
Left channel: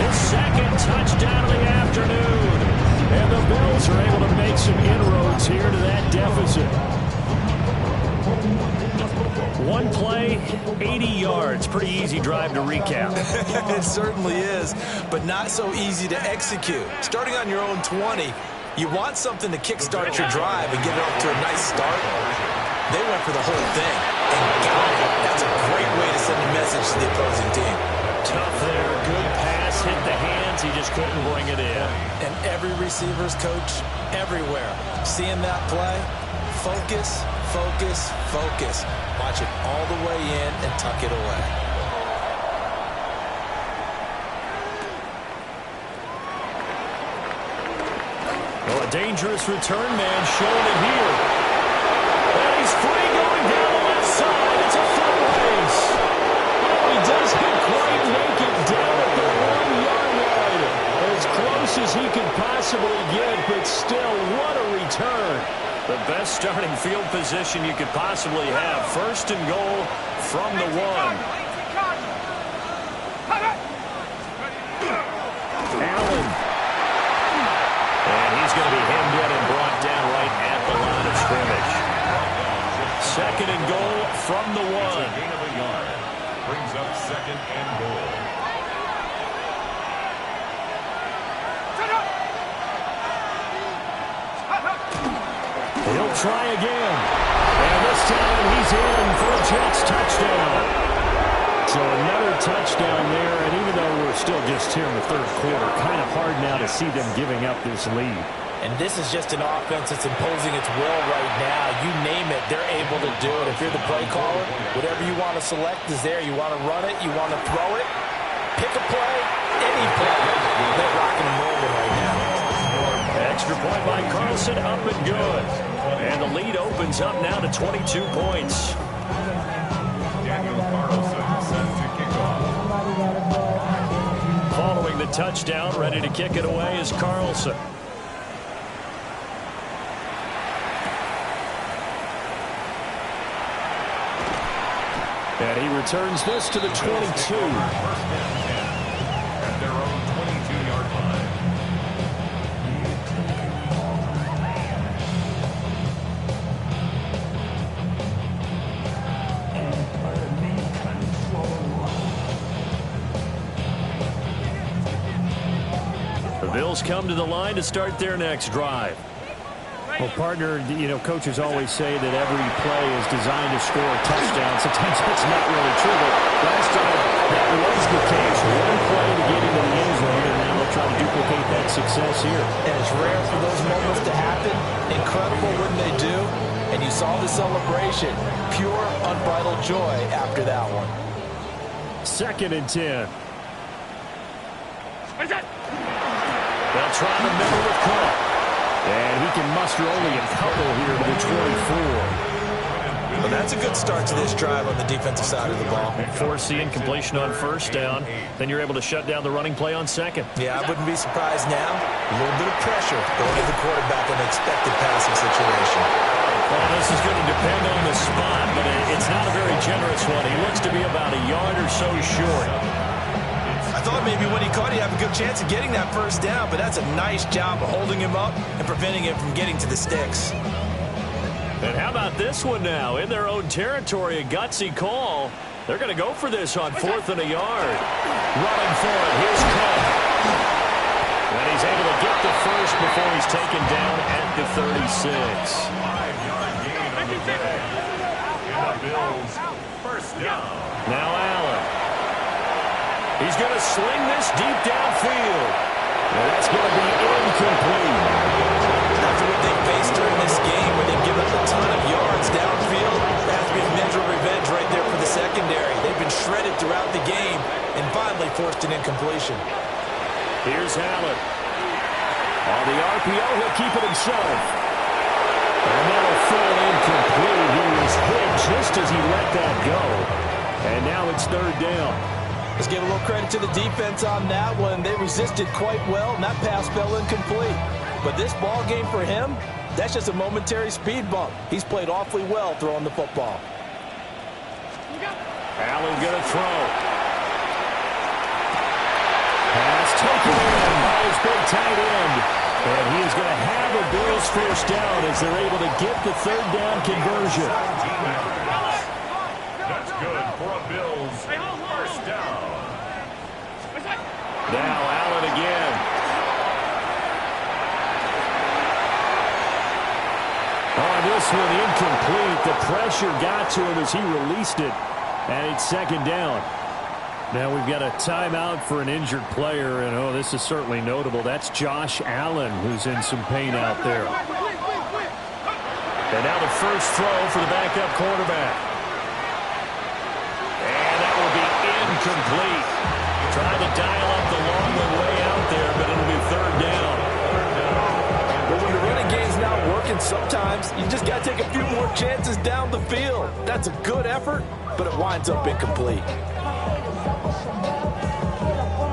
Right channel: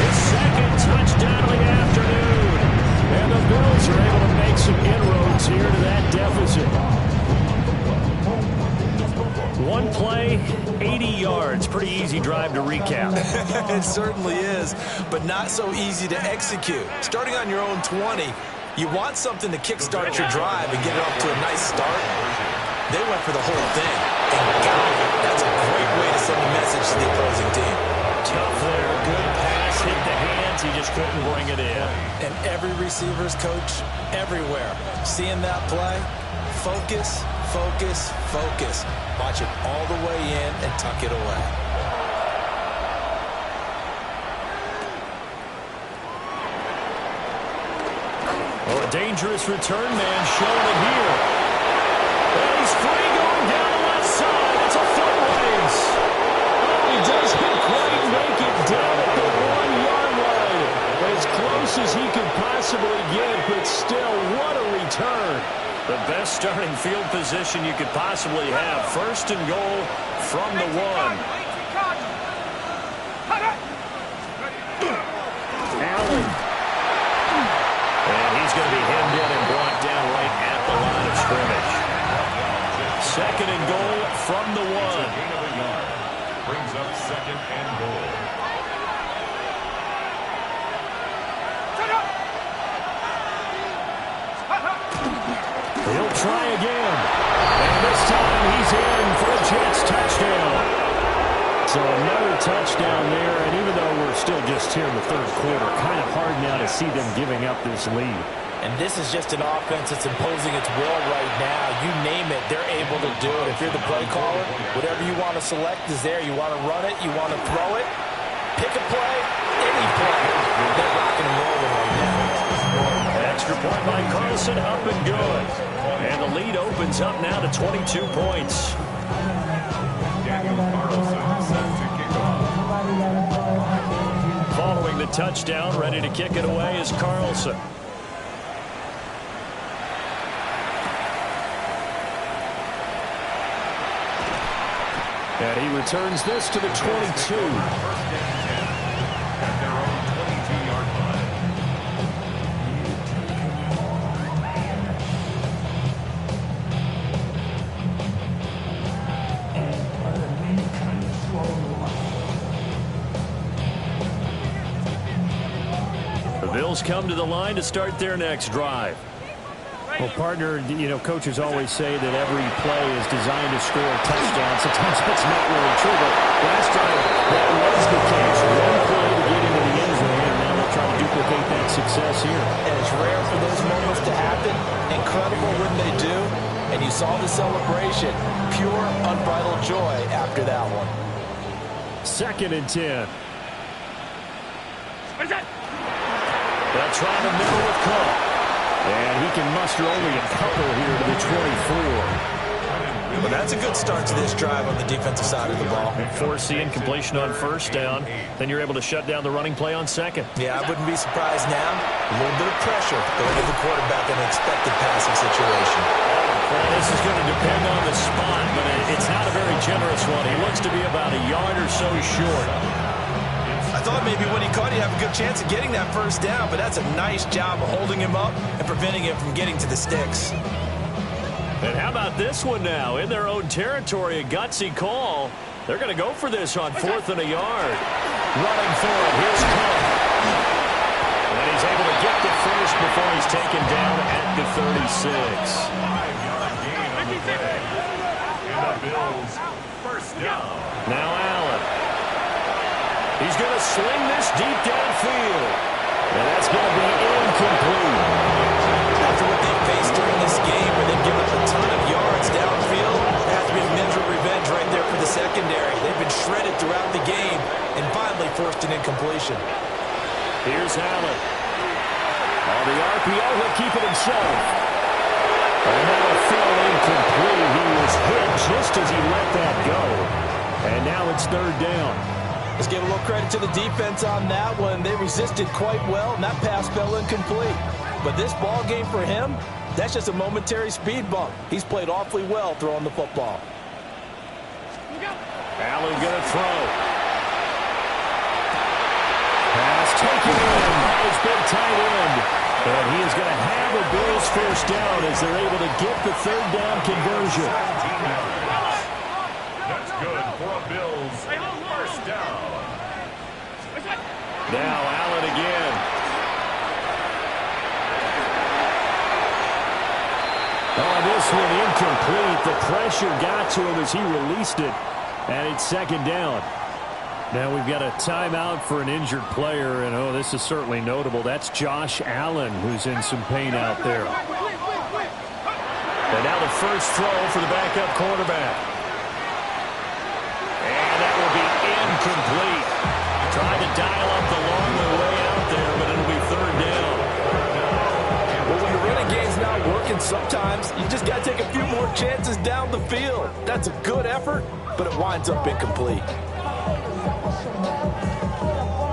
His second touchdown of the afternoon. And the Bills are able to make some inroads here to that deficit. One play, 80 yards. Pretty easy drive to recap. It certainly is, but not so easy to execute. Starting on your own 20, you want something to kickstart your drive and get it off to a nice start. They went for the whole thing and got it. That's a great way to send a message to the opposing team. Tough there, good pass, hit the hands. He just couldn't bring it in. And every receiver's coach everywhere, seeing that play, focus, focus, focus. Watch it all the way in and tuck it away. Well, a dangerous return man showing it here. And he's free going down the left side. It's a foot race. Oh, he doesn't quite make it down at the 1-yard line. As close as he could possibly get, but still, what a return. The best starting field position you could possibly have. First and goal from the 1. Allen. And he's going to be hemmed in and brought down right at the line of scrimmage. Second and goal from the 1. Gain of a yard. Brings up second and goal. He'll try again. And this time he's in for a Jets touchdown. So another touchdown there, and even though we're still just here in the third quarter, kind of hard now to see them giving up this lead. And this is just an offense that's imposing its will right now. You name it, they're able to do it. If you're the play caller, whatever you want to select is there. You want to run it, you want to throw it, pick a play, any play. They're rocking and rolling right now. Extra point by Carlson, up and good. And the lead opens up now to 22 points. Daniel Carlson set to kick off. Following the touchdown, ready to kick it away is Carlson. And he returns this to the 22. First and 10 at their own 22-yard line. The Bills come to the line to start their next drive. Well, partner, you know, coaches always say that every play is designed to score a touchdown. Sometimes that's not really true, but last time that was the case. One play to get into the end zone, and now they'll try to duplicate that success here. And it's rare for those moments to happen. Incredible when they do. And you saw the celebration. Pure, unbridled joy after that one. 2nd and 10. They'll try the middle with Cook. And he can muster only a couple here to the 24. Well, that's a good start to this drive on the defensive side of the ball. Force the incompletion on first down. Then you're able to shut down the running play on second. Yeah, I wouldn't be surprised now. A little bit of pressure going to the quarterback in an expected passing situation. Well, this is going to depend on the spot, but it's not a very generous one. He looks to be about a yard or so short. I thought maybe when he caught, he'd have a good chance of getting that first down, but that's a nice job of holding him up and preventing him from getting to the sticks. And how about this one now? In their own territory, a gutsy call. They're going to go for this on 4th and a yard. Running for it, here's Cook. And he's able to get the first before he's taken down at the 36. 5-yard gain on the play. And the Bills first down. Now Allen. He's going to sling this deep downfield. And that's going to be incomplete. After what they faced during this game where they've given up a ton of yards downfield, that has to be a measure of revenge right there for the secondary. They've been shredded throughout the game and finally forced an incompletion. Here's Allen. On the RPO, he'll keep it himself. And that'll fall incomplete. He was hit just as he let that go. And now it's 3rd down. Let's give a little credit to the defense on that one. They resisted quite well, and that pass fell incomplete. But this ball game for him, that's just a momentary speed bump. He's played awfully well throwing the football. Allen going to throw. Pass taken in by his big tight end. And he is going to have a Bills first down as they're able to get the 3rd down conversion. That's good for a Bills first down. Now Allen again. Oh, this one incomplete. The pressure got to him as he released it. And it's 2nd down. Now we've got a timeout for an injured player. And, oh, this is certainly notable. That's Josh Allen, who's in some pain out there. And now the first throw for the backup quarterback. And that will be incomplete. Tried to dial up the long way out there, but it'll be 3rd down. But when the running game's not working, sometimes you just got to take a few more chances down the field. That's a good effort, but it winds up incomplete.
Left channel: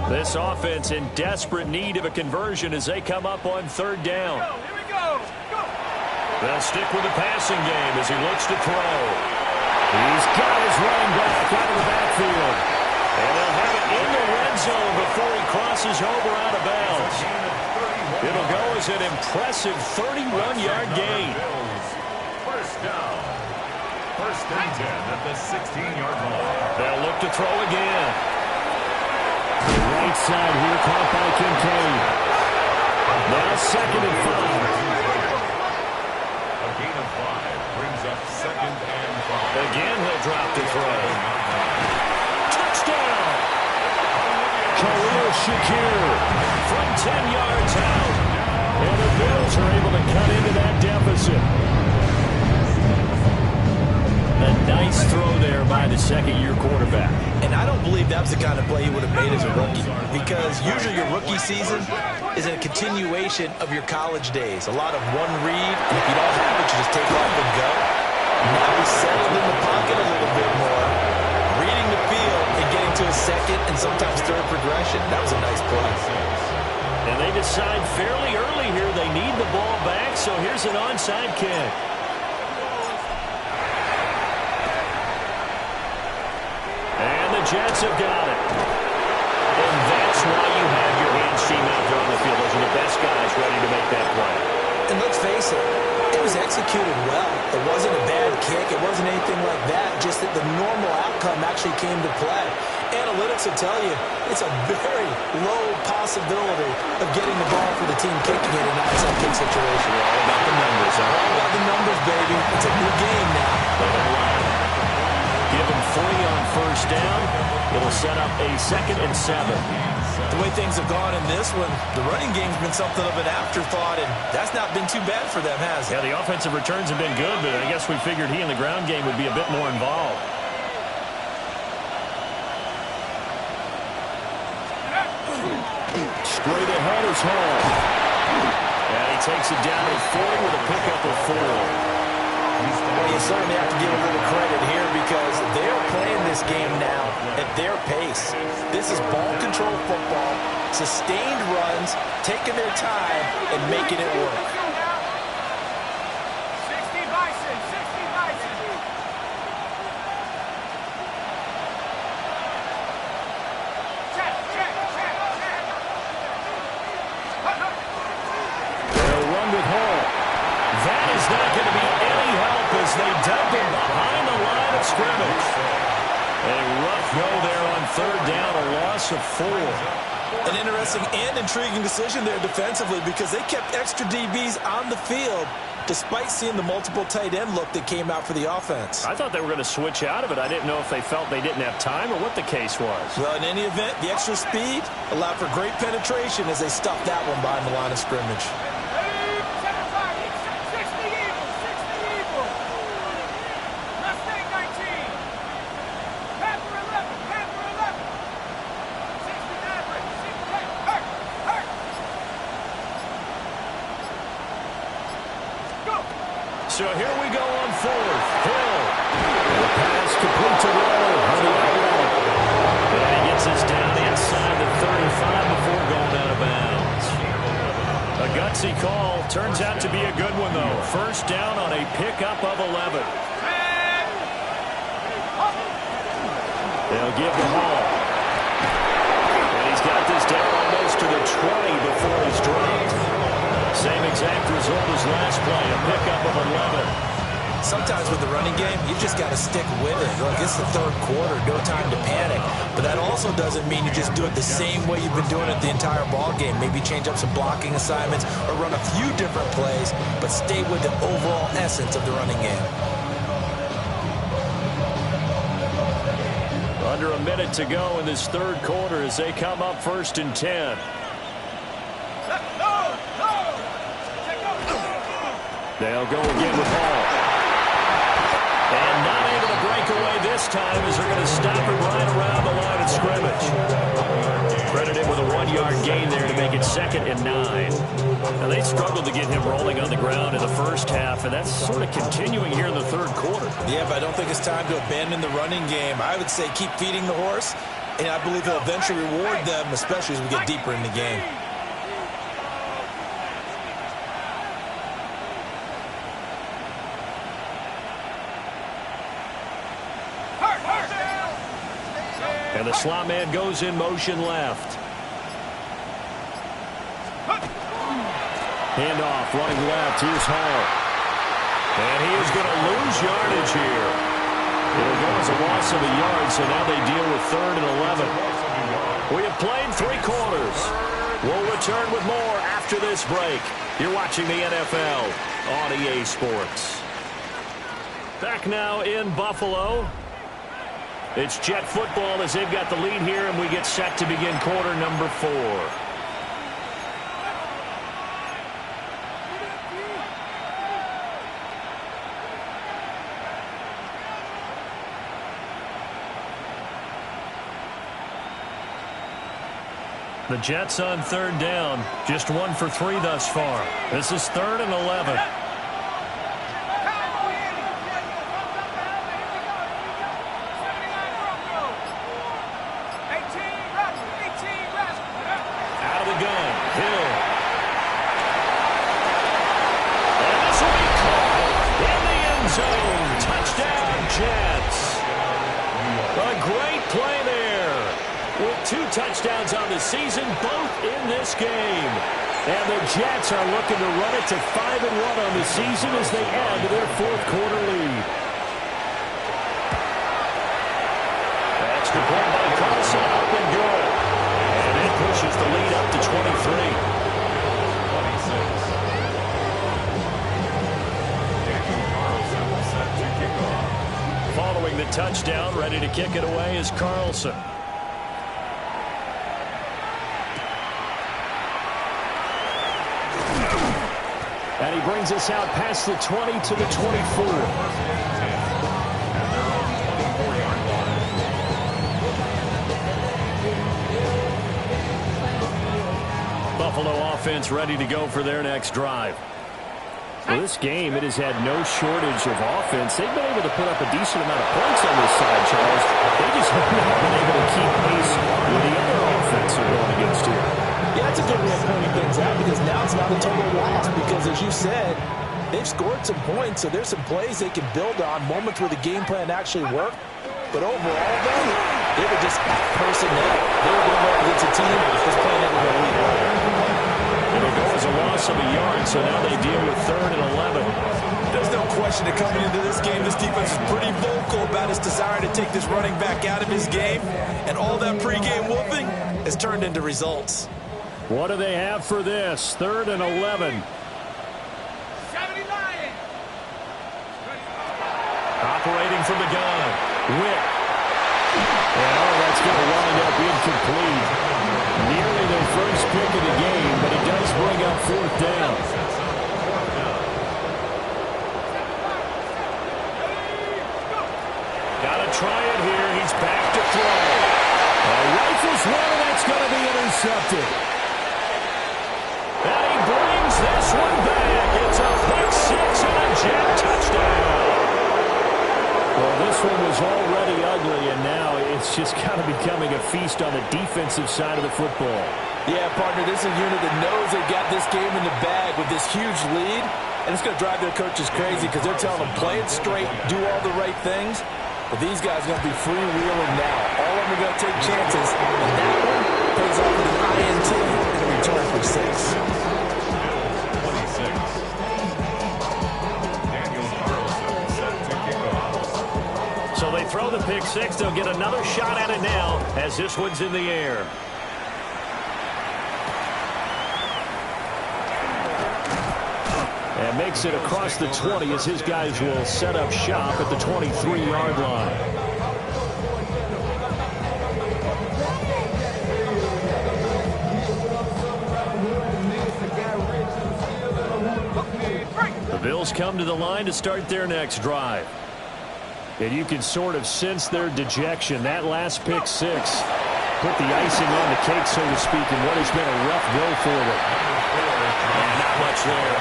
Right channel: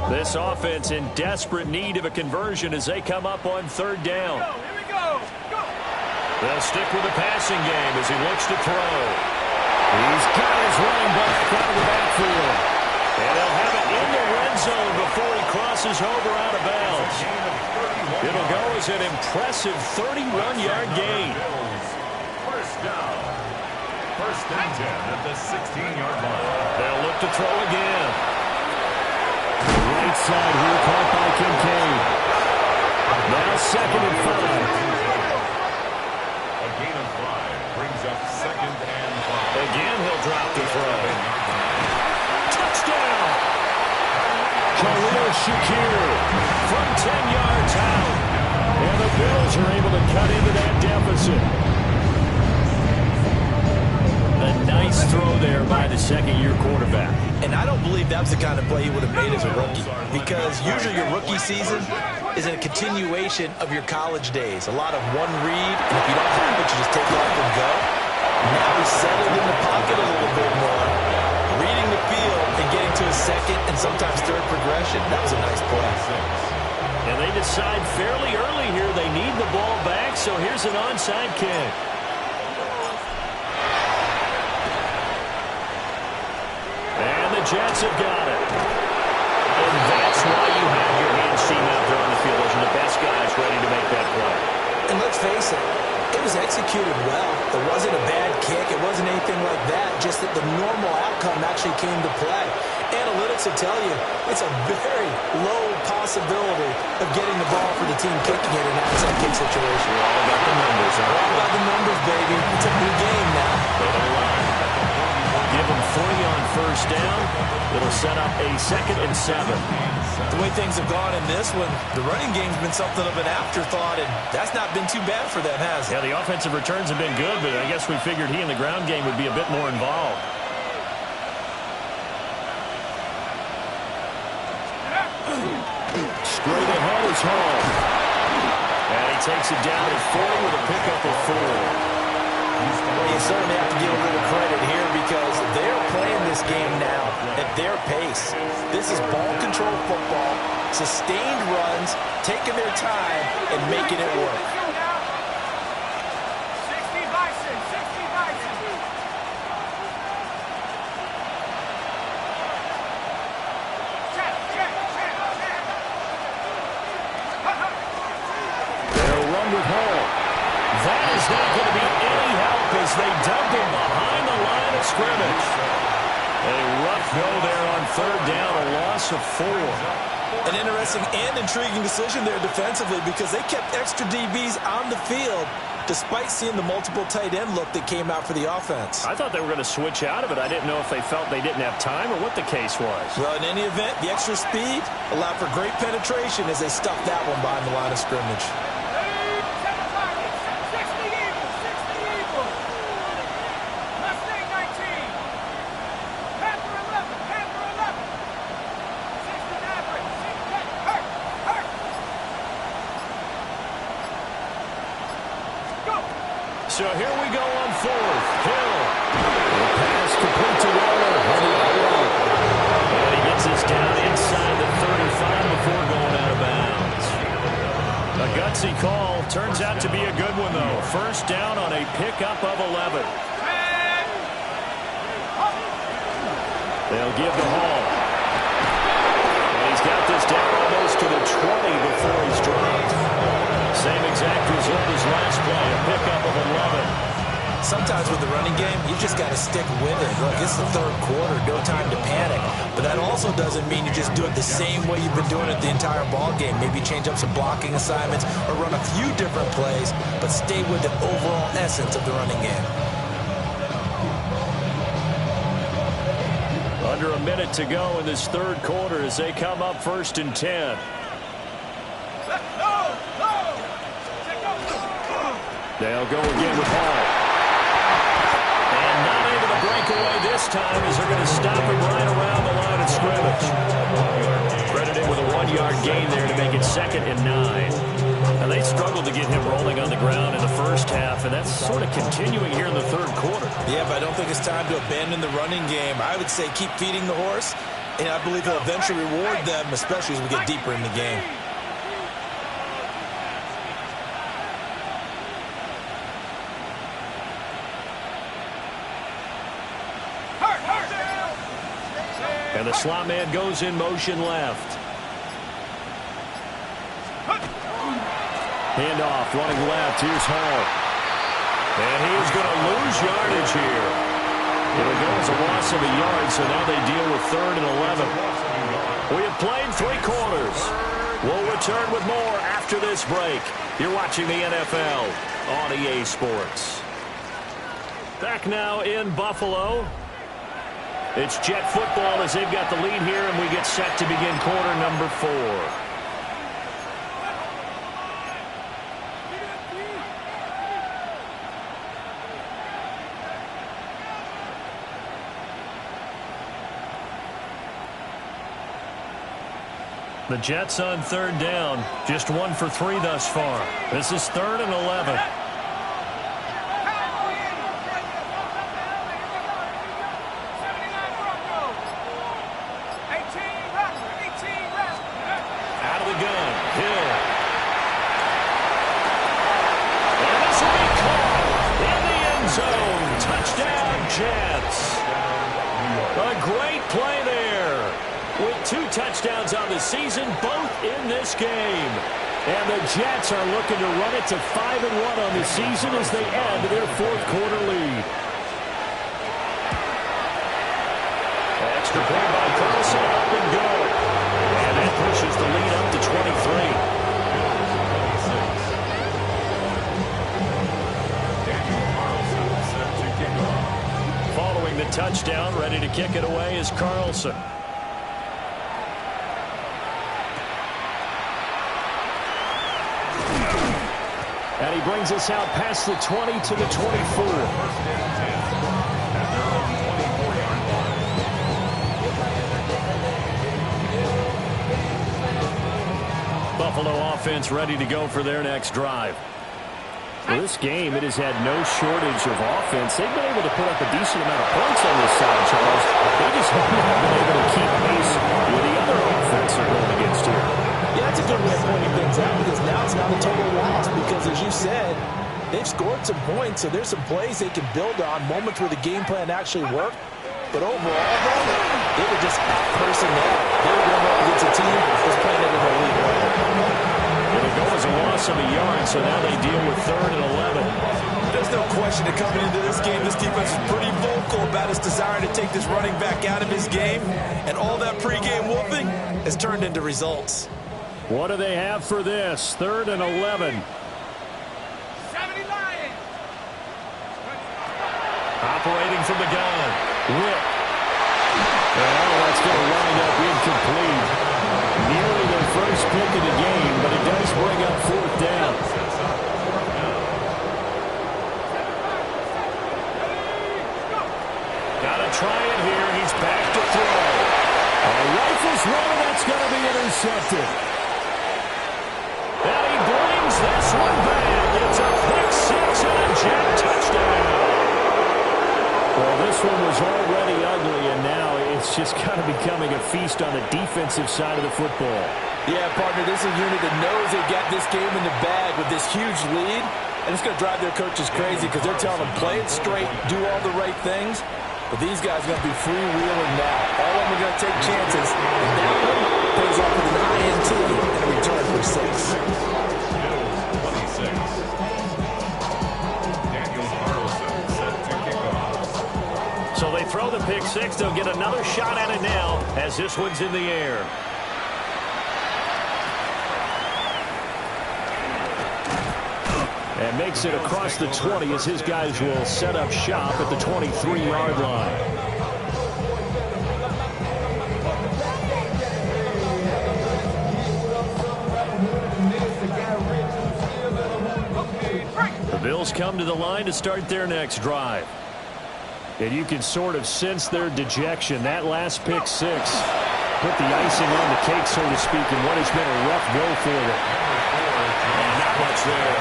This offense in desperate need of a conversion as they come up on 3rd down. Here we go. Go. They'll stick with the passing game as he looks to throw. He's got his running back out of the backfield. And they'll have it in the red zone before he crosses over out of bounds. It'll go as an impressive 31-yard gain. First down. 1st and 10 at the 16-yard line. They'll look to throw again. Right side here, caught by Kincaid. Now 2nd and 5. A gain up second and 5. Again, he'll drop the throw. Touchdown! Khalil Shakir from 10 yards out. And the Bills are able to cut into that deficit. A nice throw there by the second-year quarterback. And I don't believe that's the kind of play he would have made as a rookie, because usually your rookie season is a continuation of your college days. A lot of one read, and if you don't have it, you just take off and go. Now he's settled in the pocket a little bit more, reading the field and getting to a second and sometimes third progression. That was a nice play. And they decide fairly early here they need the ball back, so here's an onside kick. And the Jets have got it. And that's why you have your hands team out there on the field. Those are the best guys ready to make that play. And let's face it, it was executed well. It wasn't a bad kick. It wasn't anything like that. Just that the normal outcome actually came to play. Analytics will tell you it's a very low possibility of getting the ball for the team kicking it in an outside kick situation. We're all about the numbers, huh? All about the numbers, baby. It's a new game now. They don't lie. Give them 3 on first down. It'll set up a 2nd and 7. The way things have gone in this one, the running game's been something of an afterthought, and that's not been too bad for them, has it? Yeah, the offensive returns have been good, but I guess we figured he in the ground game would be a bit more involved. Straight ahead is Hall. And he takes it down at 40 with a pickup of 4. Well, you certainly have to give a little credit here because they're playing this game now at their pace. This is ball control football, sustained runs, taking their time, and making it work. 60 Bison, 60 Bison. Check, check, check, check. They'll run with Hall. That is not going to be any help as they dump him behind the line of scrimmage. A rough go there on 3rd down, a loss of 4. An interesting and intriguing decision there defensively because they kept extra DBs on the field despite seeing the multiple tight end look that came out for the offense. I thought they were going to switch out of it. I didn't know if they felt they didn't have time or what the case was. Well, in any event, the extra speed allowed for great penetration as they stuffed that one behind the line of scrimmage. So here we go on 4th. Hill. The pass complete to Waller on the outrun. And he gets us down inside the 35 before going out of bounds. A gutsy call. Turns out to be a good one, though. 1st down on a pickup of 11. They'll give the Hall. And he's got this down almost to the 20 before he's dropped. Same exact result as last play, a pickup of 11. Sometimes with the running game, you just got to stick with it. Look, it's the 3rd quarter, no time to panic. But that also doesn't mean you just do it the same way you've been doing it the entire ball game. Maybe change up some blocking assignments or run a few different plays, but stay with the overall essence of the running game. Under a minute to go in this 3rd quarter as they come up 1st and 10. They'll go again with Hall. And not able to break away this time as they're going to stop him right around the line of scrimmage. Credited with a 1-yard gain there to make it 2nd and 9. Now, they struggled to get him rolling on the ground in the first half, and that's sort of continuing here in the 3rd quarter. Yeah, but I don't think it's time to abandon the running game. I would say keep feeding the horse, and I believe he'll eventually reward them, especially as we get deeper in the game. And the slot man goes in motion left. Handoff running left. Here's Hall. And he is going to lose yardage here. It'll go as a loss of a yard, so now they deal with 3rd and 11. We have played 3 quarters. We'll return with more after this break. You're watching the NFL on EA Sports. Back now in Buffalo. It's Jet football as they've got the lead here, and we get set to begin quarter number 4. The Jets on 3rd down. Just 1 for 3 thus far. This is 3rd and 11. Out of the gun, Hill. And this will be caught in the end zone. Touchdown, Jets. A great play there. With 2 touchdowns on the season, both in this game. And the Jets are looking to run it to 5-1 on the season as they add to their 4th quarter lead. Extra point by Carlson, up and good. And that pushes the lead up to 23. Daniel Carlson set to kick off. Following the touchdown, ready to kick it away is Carlson. And he brings us out past the 20 to the 24. First and 10 at their own 24-yard line. Buffalo offense ready to go for their next drive. Well, this game, it has had no shortage of offense. They've been able to put up a decent amount of points on this side, Charles. They just have not been able to keep pace with the other offense they're going against here. Yeah, that's a good way of pointing things out because now it's not a total loss because, as you said, they've scored some points, so there's some plays they can build on, moments where the game plan actually worked. But overall, though, they were just out personnel. They were going up against a team that's playing it in the league way. It'll go as a loss of a yard, so now they deal with 3rd and 11. There's no question that coming into this game, this defense is pretty vocal about its desire to take this running back out of his game, and all that pregame whooping has turned into results. What do they have for this? 3rd and 11. 70 Lions. Operating from the gun. Whip. And that's going to wind up incomplete. Nearly their first pick of the game, but it does bring up 4th down. Got to try it here. He's back to throw. Rifles one, and that's going to be intercepted. And he brings this one back. It's a pick 6 and a Jet touchdown. Well, this one was already ugly, and now it's just kind of becoming a feast on the defensive side of the football. Yeah, partner, this is a unit that knows they've got this game in the bag with this huge lead, and it's going to drive their coaches crazy because they're telling them play it straight, do all the right things. But these guys are going to be freewheeling now. All of them are going to take chances, and that one pays off with an INT and a return for 6. Bills 26. Daniel Carlson set to kick off. So they throw the pick 6. They'll get another shot at it now as this one's in the air. And makes it across the 20 as his guys will set up shop at the 23-yard line. The Bills come to the line to start their next drive. And you can sort of sense their dejection. That last pick 6 put the icing on the cake, so to speak, in what has been a rough go for them. And not much there.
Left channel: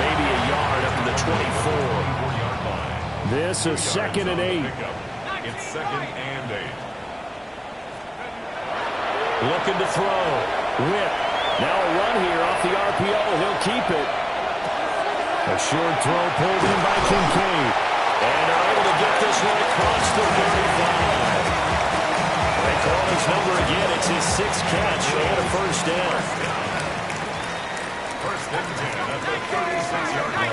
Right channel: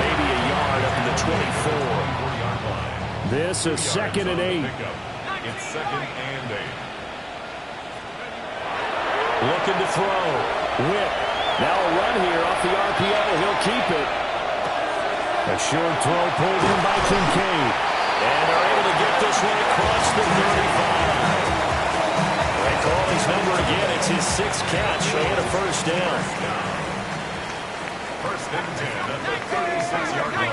Maybe a yard up to the 24-yard line. This is 2nd and 8. It's 2nd and 8. Looking to throw. Whip. Now a run here off the RPO. He'll keep it. A short throw pulled in by Kincaid. And are able to get this one across the 35. They call his number again. It's his 6th catch and a first down. First and 10 at the 36-yard line.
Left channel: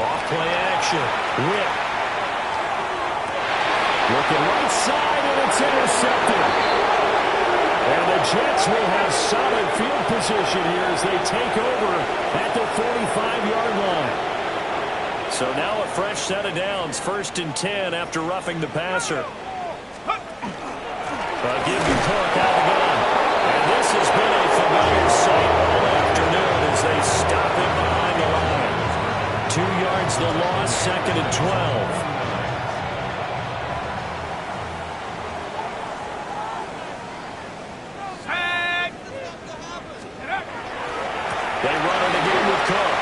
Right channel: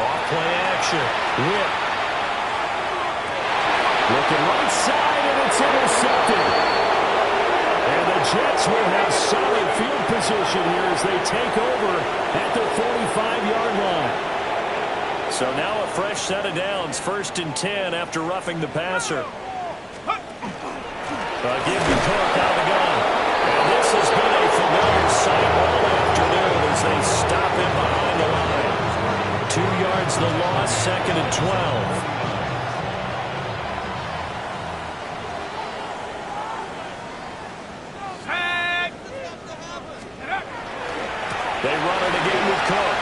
Off-play action. Whip. Looking right side, and it's intercepted. And the Jets will have solid field position here as they take over at their 45-yard line. So now a fresh set of downs, 1st and 10 after roughing the passer. Give to Cook out of the gun. And this has been a familiar sight all afternoon as they stop him behind the line. 2 yards the loss, 2nd and 12. They run it again with Cook.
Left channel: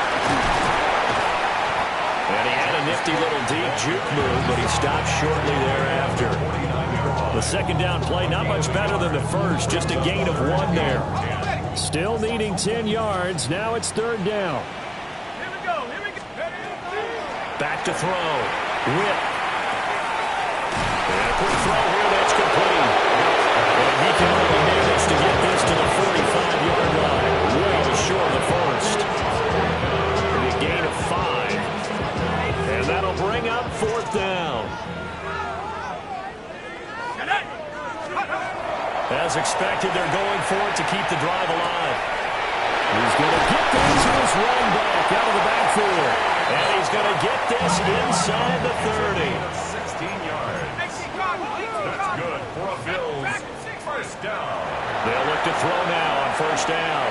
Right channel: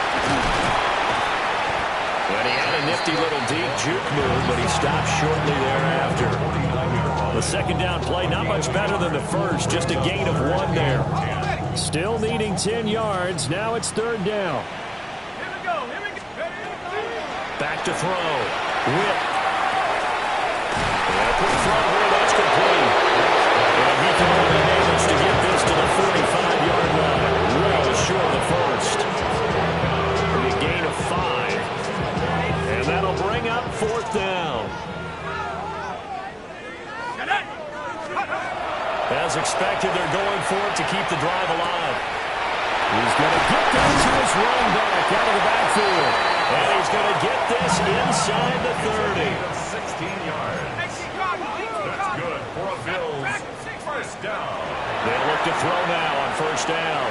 And he had a nifty little deep juke move, but he stopped shortly thereafter. The 2nd down play, not much better than the first, just a gain of 1 there. Still needing 10 yards. Now it's 3rd down. Here we go. Back to throw. Whip. And a quick throw here, that's complete. And he can only manage to get this to the 45-yard line. Well short of the first. A gain of 5. And that'll bring up 4th down. As expected, they're going for it to keep the drive alive. He's going to get that to his running back out of the backfield. And he's going to get this inside the 30. 16 yards. That's good for a Bills 1st down. They'll look to throw now on 1st down.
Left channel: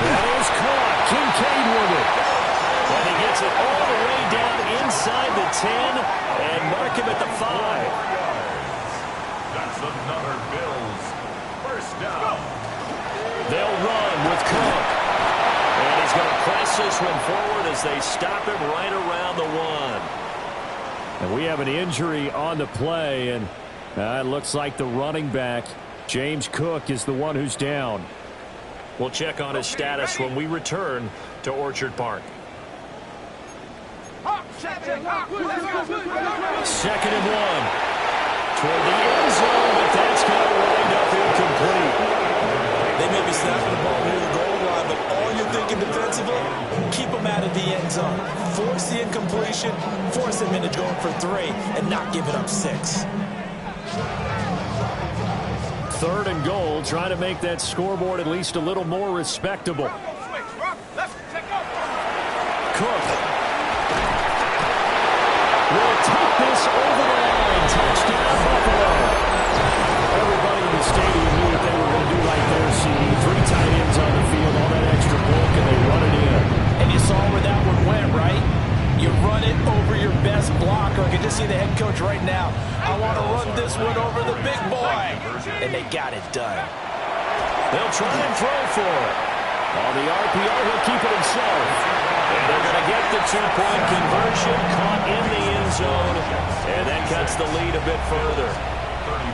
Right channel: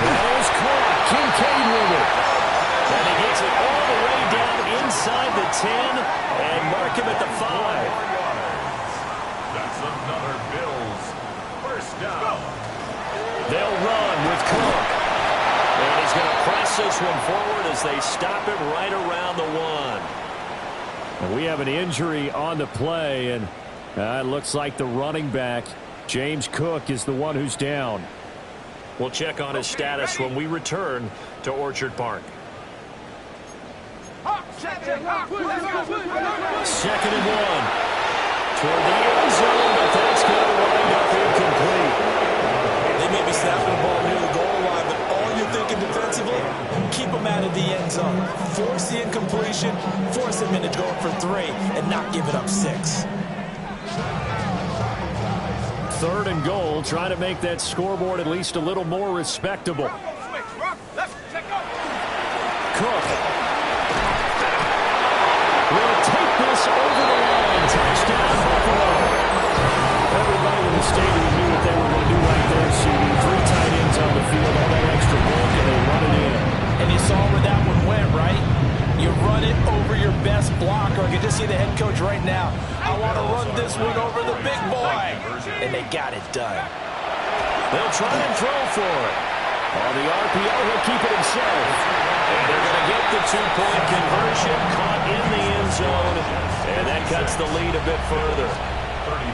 That is caught. Kincaid with it. And he gets it all the way down inside the 10 and mark him at the 5. That's another Bills 1st down. They'll run with Cook. And he's going to press this one forward as they stop him right around the 1. And we have an injury on the play, and it looks like the running back, James Cook, is the one who's down. We'll check on his status when we return to Orchard Park. 2nd and 1. Toward the end zone, but that's going to wind up incomplete. They may be snapping the ball near the goal line, but all you're thinking defensively, keep them out of the end zone. Force the incompletion, force them into going for 3, and not give it up 6. 3rd and goal, trying to make that scoreboard at least a little more respectable. Cook will take this over the line. Touchdown, Buffalo. Everybody in the stadium knew what they were going to do right there, CD. 3 tight ends on the field, all that extra bulk, and they run it in. And you saw where that one went, right? You run it over your best blocker. I can just see the head coach right now. I want to run this one over the big boy. And they got it done. They'll try and throw for it. On the RPO, he'll keep it himself. And they're going to get the 2-point conversion, caught in the end zone. And that cuts the lead a bit further. 34.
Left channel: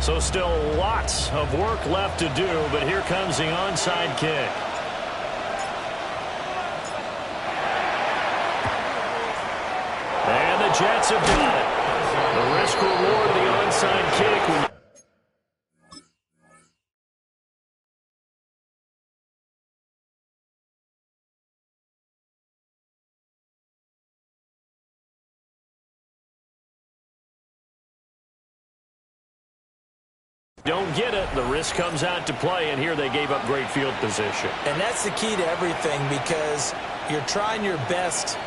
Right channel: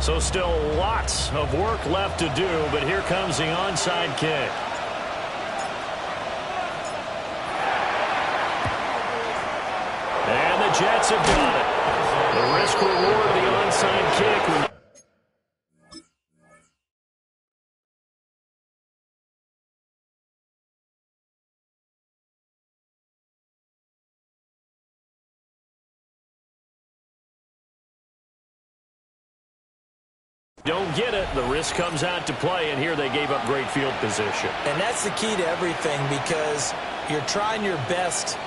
So still lots of work left to do, but here comes the onside kick. And the Jets have got it. The risk-reward of the onside kick. Don't get it, the risk comes out to play, and here they gave up great field position. And that's the key to everything, because you're trying your best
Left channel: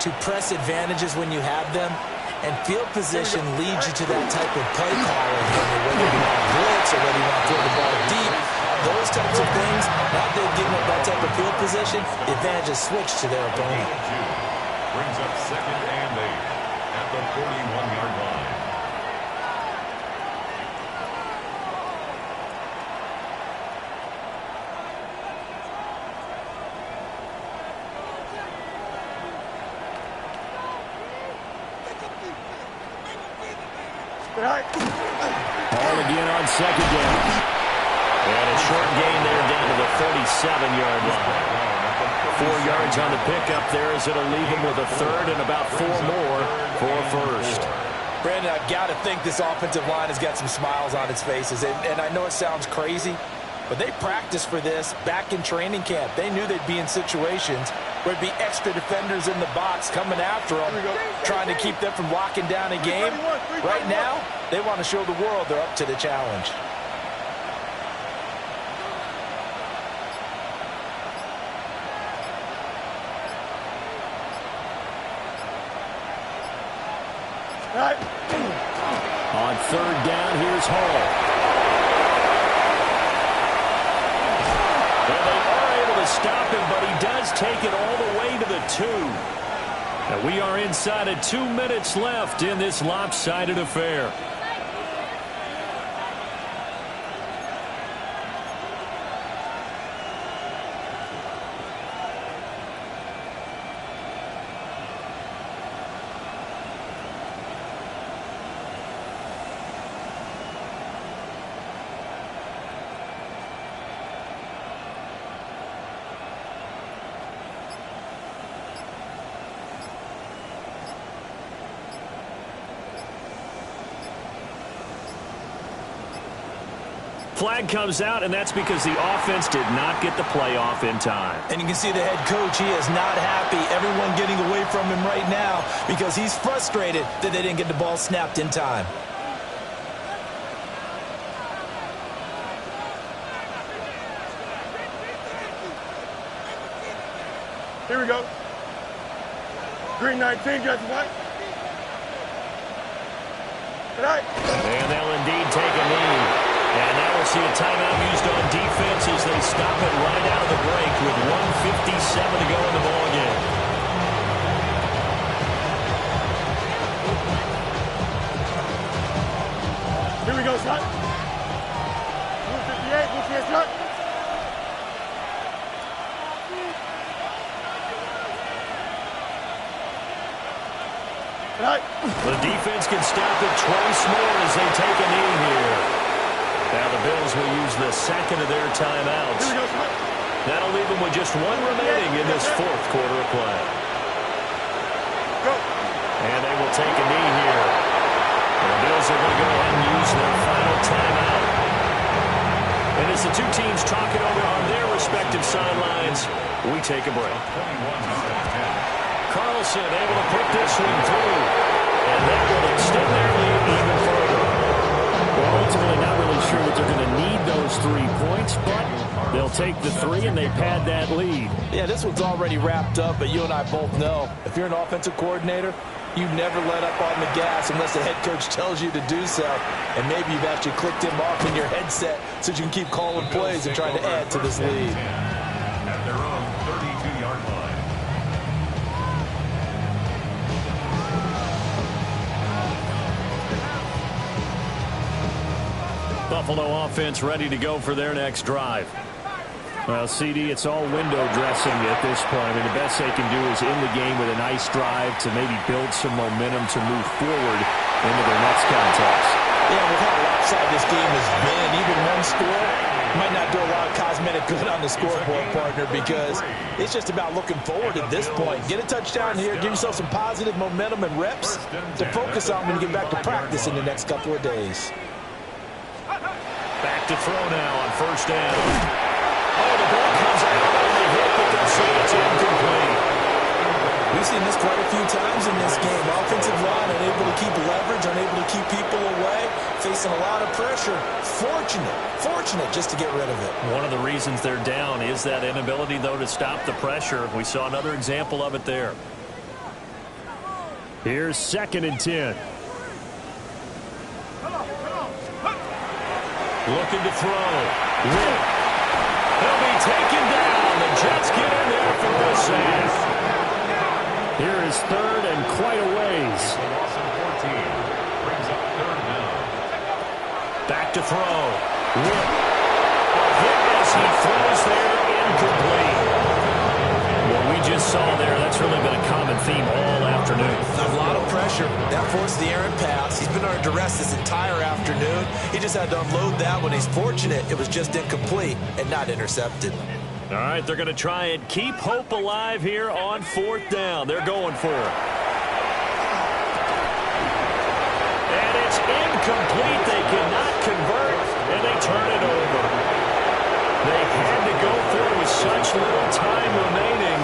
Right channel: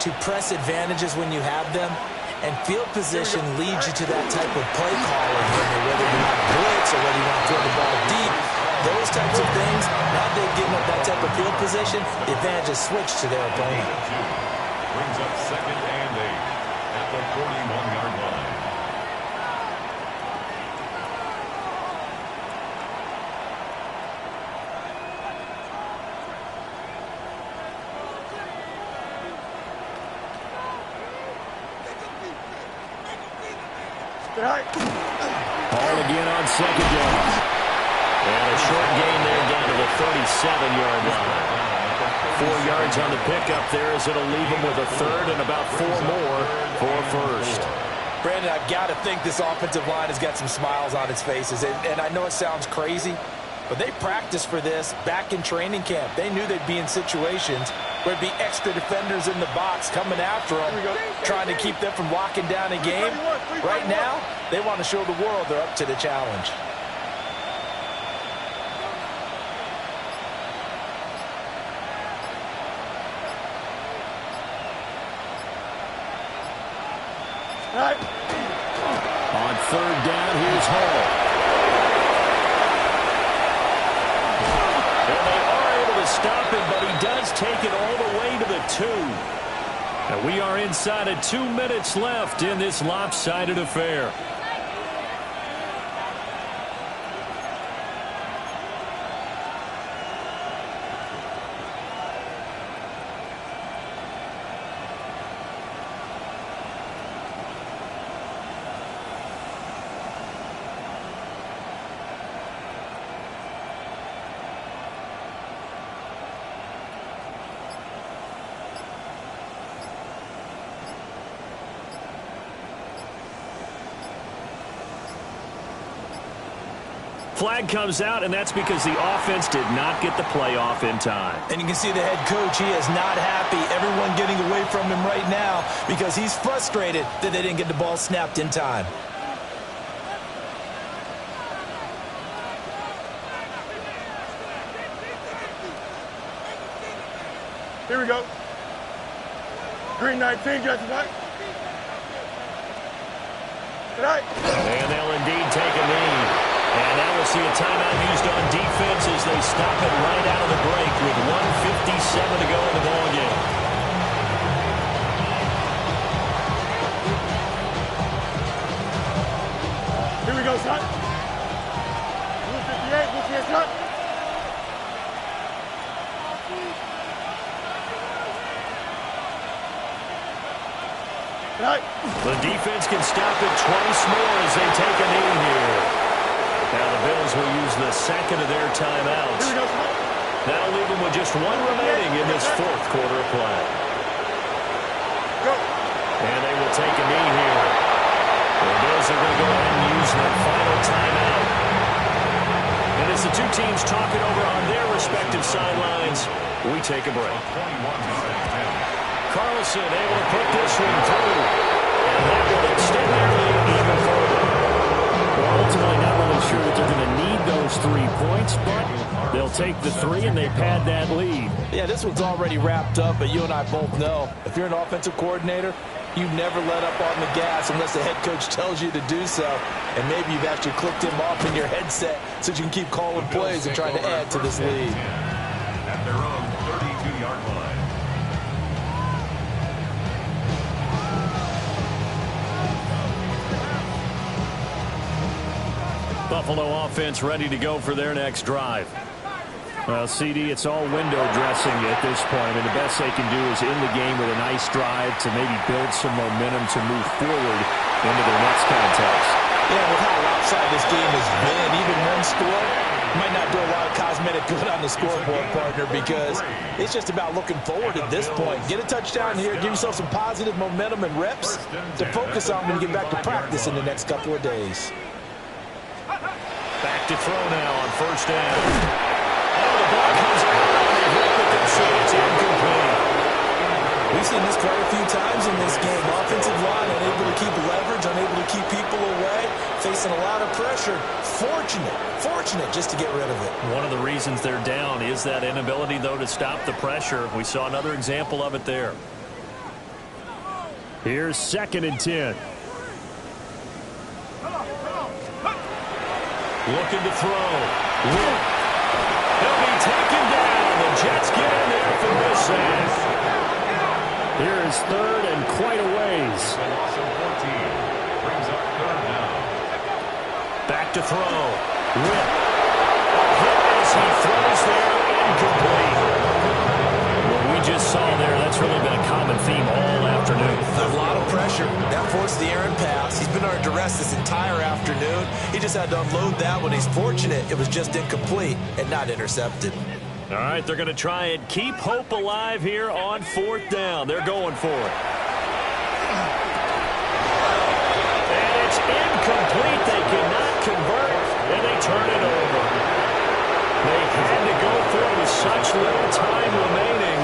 to press advantages when you have them, and field position leads you to that type of play calling, whether you want to blitz or whether you want to throw the ball deep. Those types of things, now they've given up that type of field position, the advantage is switched to their opponent. Brings up 2nd and 8 at the 41-yard line. Ball again on 2nd down. And a short gain there down to the 37-yard line. 4 yards on the pickup there as it'll leave them with a 3rd and about 4 more for 1st. Brandon, I've got to think this offensive line has got some smiles on its faces. And I know it sounds crazy, but they practiced for this back in training camp. They knew they'd be in situations where there'd be extra defenders in the box coming after them, trying to keep them from locking down a game. Right now, they want to show the world they're up to the challenge. On third down, here's Hall. And they are able to stop him, but he does take it all the way to the 2. And we are inside of 2 minutes left in this lopsided affair. Flag comes out, and that's because the offense did not get the play off in time. And you can see the head coach, he is not happy. Everyone getting away from him right now because he's frustrated that they didn't get the ball snapped in time. Here we go. Green 19, got the white. Tonight. And they'll indeed take a knee. And now we'll see a timeout used on defense as they stop it right out of the break with 1:57 to go in the ballgame. Here we go, son. 158, what's your son? Tonight. The defense can stop it twice more as they take a knee here. Now the Bills will use the second of their timeouts. That'll leave them with just one remaining in this fourth quarter of play. And they will take a knee here. The Bills are going to go ahead and use their final timeout. And as the two teams talk it over on their respective sidelines, we take a break. Carlson able to put this one through. And that will extend their lead even further. Well, ultimately not really sure that they're going to need those 3 points, but they'll take the 3 and they pad that lead. Yeah, this one's already wrapped up, but you and I both know if you're an offensive coordinator, you never let up on the gas unless the head coach tells you to do so. And maybe you've actually clicked him off in your headset so you can keep calling plays and trying to add to this lead. At their own 32-yard line. Buffalo offense ready to go for their next drive. Well, CD, it's all window dressing at this point. I mean, the best they can do is in the game with a nice drive to maybe build some momentum to move forward into their next contest. Yeah, with how lopsided this game has been, even one score might not do a lot of cosmetic good on the scoreboard, partner, because it's just about looking forward at this point. Get a touchdown here, give yourself some positive momentum and reps to focus on when you get back to practice in the next couple of days. Back to throw now on first down. Oh, the ball comes out on the hit, but they'll say it's incomplete. We've seen this quite a few times in this game. Offensive line unable to keep leverage, unable to keep people away, facing a lot of pressure. Fortunate just to get rid of it. One of the reasons they're down is that inability, though, to stop the pressure. We saw another example of it there. Here's 2nd and 10. Looking to throw. Whip. He'll be taken down. The Jets get in there for the sack. Here is 3rd and quite a ways. The loss of 14 brings up 3rd down. Back to throw. Whip. A hit as he throws there, incomplete. What we just saw there, that's really been a common theme all afternoon. A lot of pressure. That forced the errant pass. He's been under duress this entire afternoon. He just had to unload that one. He's fortunate it was just incomplete and not intercepted. All right, they're going to try and keep hope alive here on 4th down. They're going for it. And it's incomplete. They cannot convert, and they turn it over. They had to go for it with such little time remaining.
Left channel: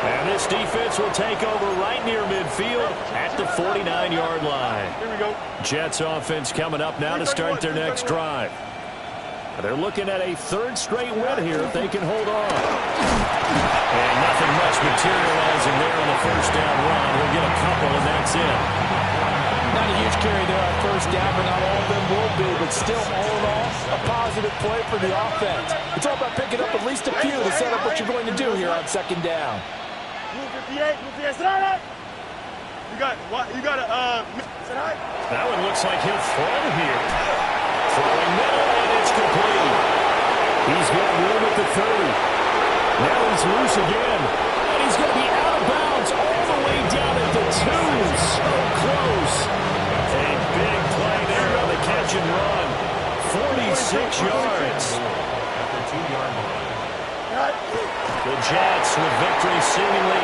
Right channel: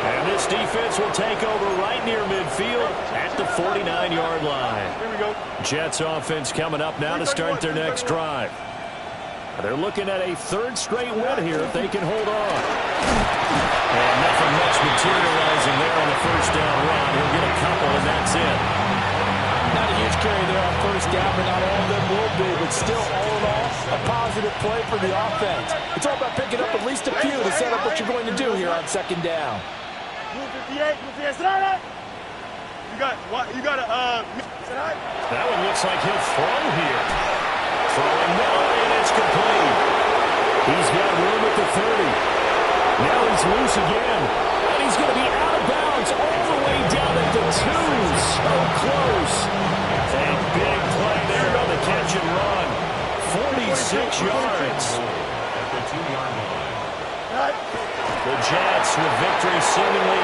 And this defense will take over right near midfield at the 49-yard line. Here we go. Jets offense coming up now to start their next drive. They're looking at a 3rd straight win here if they can hold on. And nothing much materializing there on the first down run. He'll get a couple, and that's it. Not a huge carry there on first down, but not all of them will be. But still, all in all, a positive play for the offense. It's all about picking up at least a few to set up what you're going to do here on second down. Move 58, move 58. Sit down. You got to, sit down. That one looks like he'll throw here. Throwing middle, and it's complete. He's got room at the 30. Now he's loose again. And he's going to be out of bounds all the way down at the 2. So close. A big play there on the catch and run. 46 yards. At the 2-yard line. The Jets with victory seemingly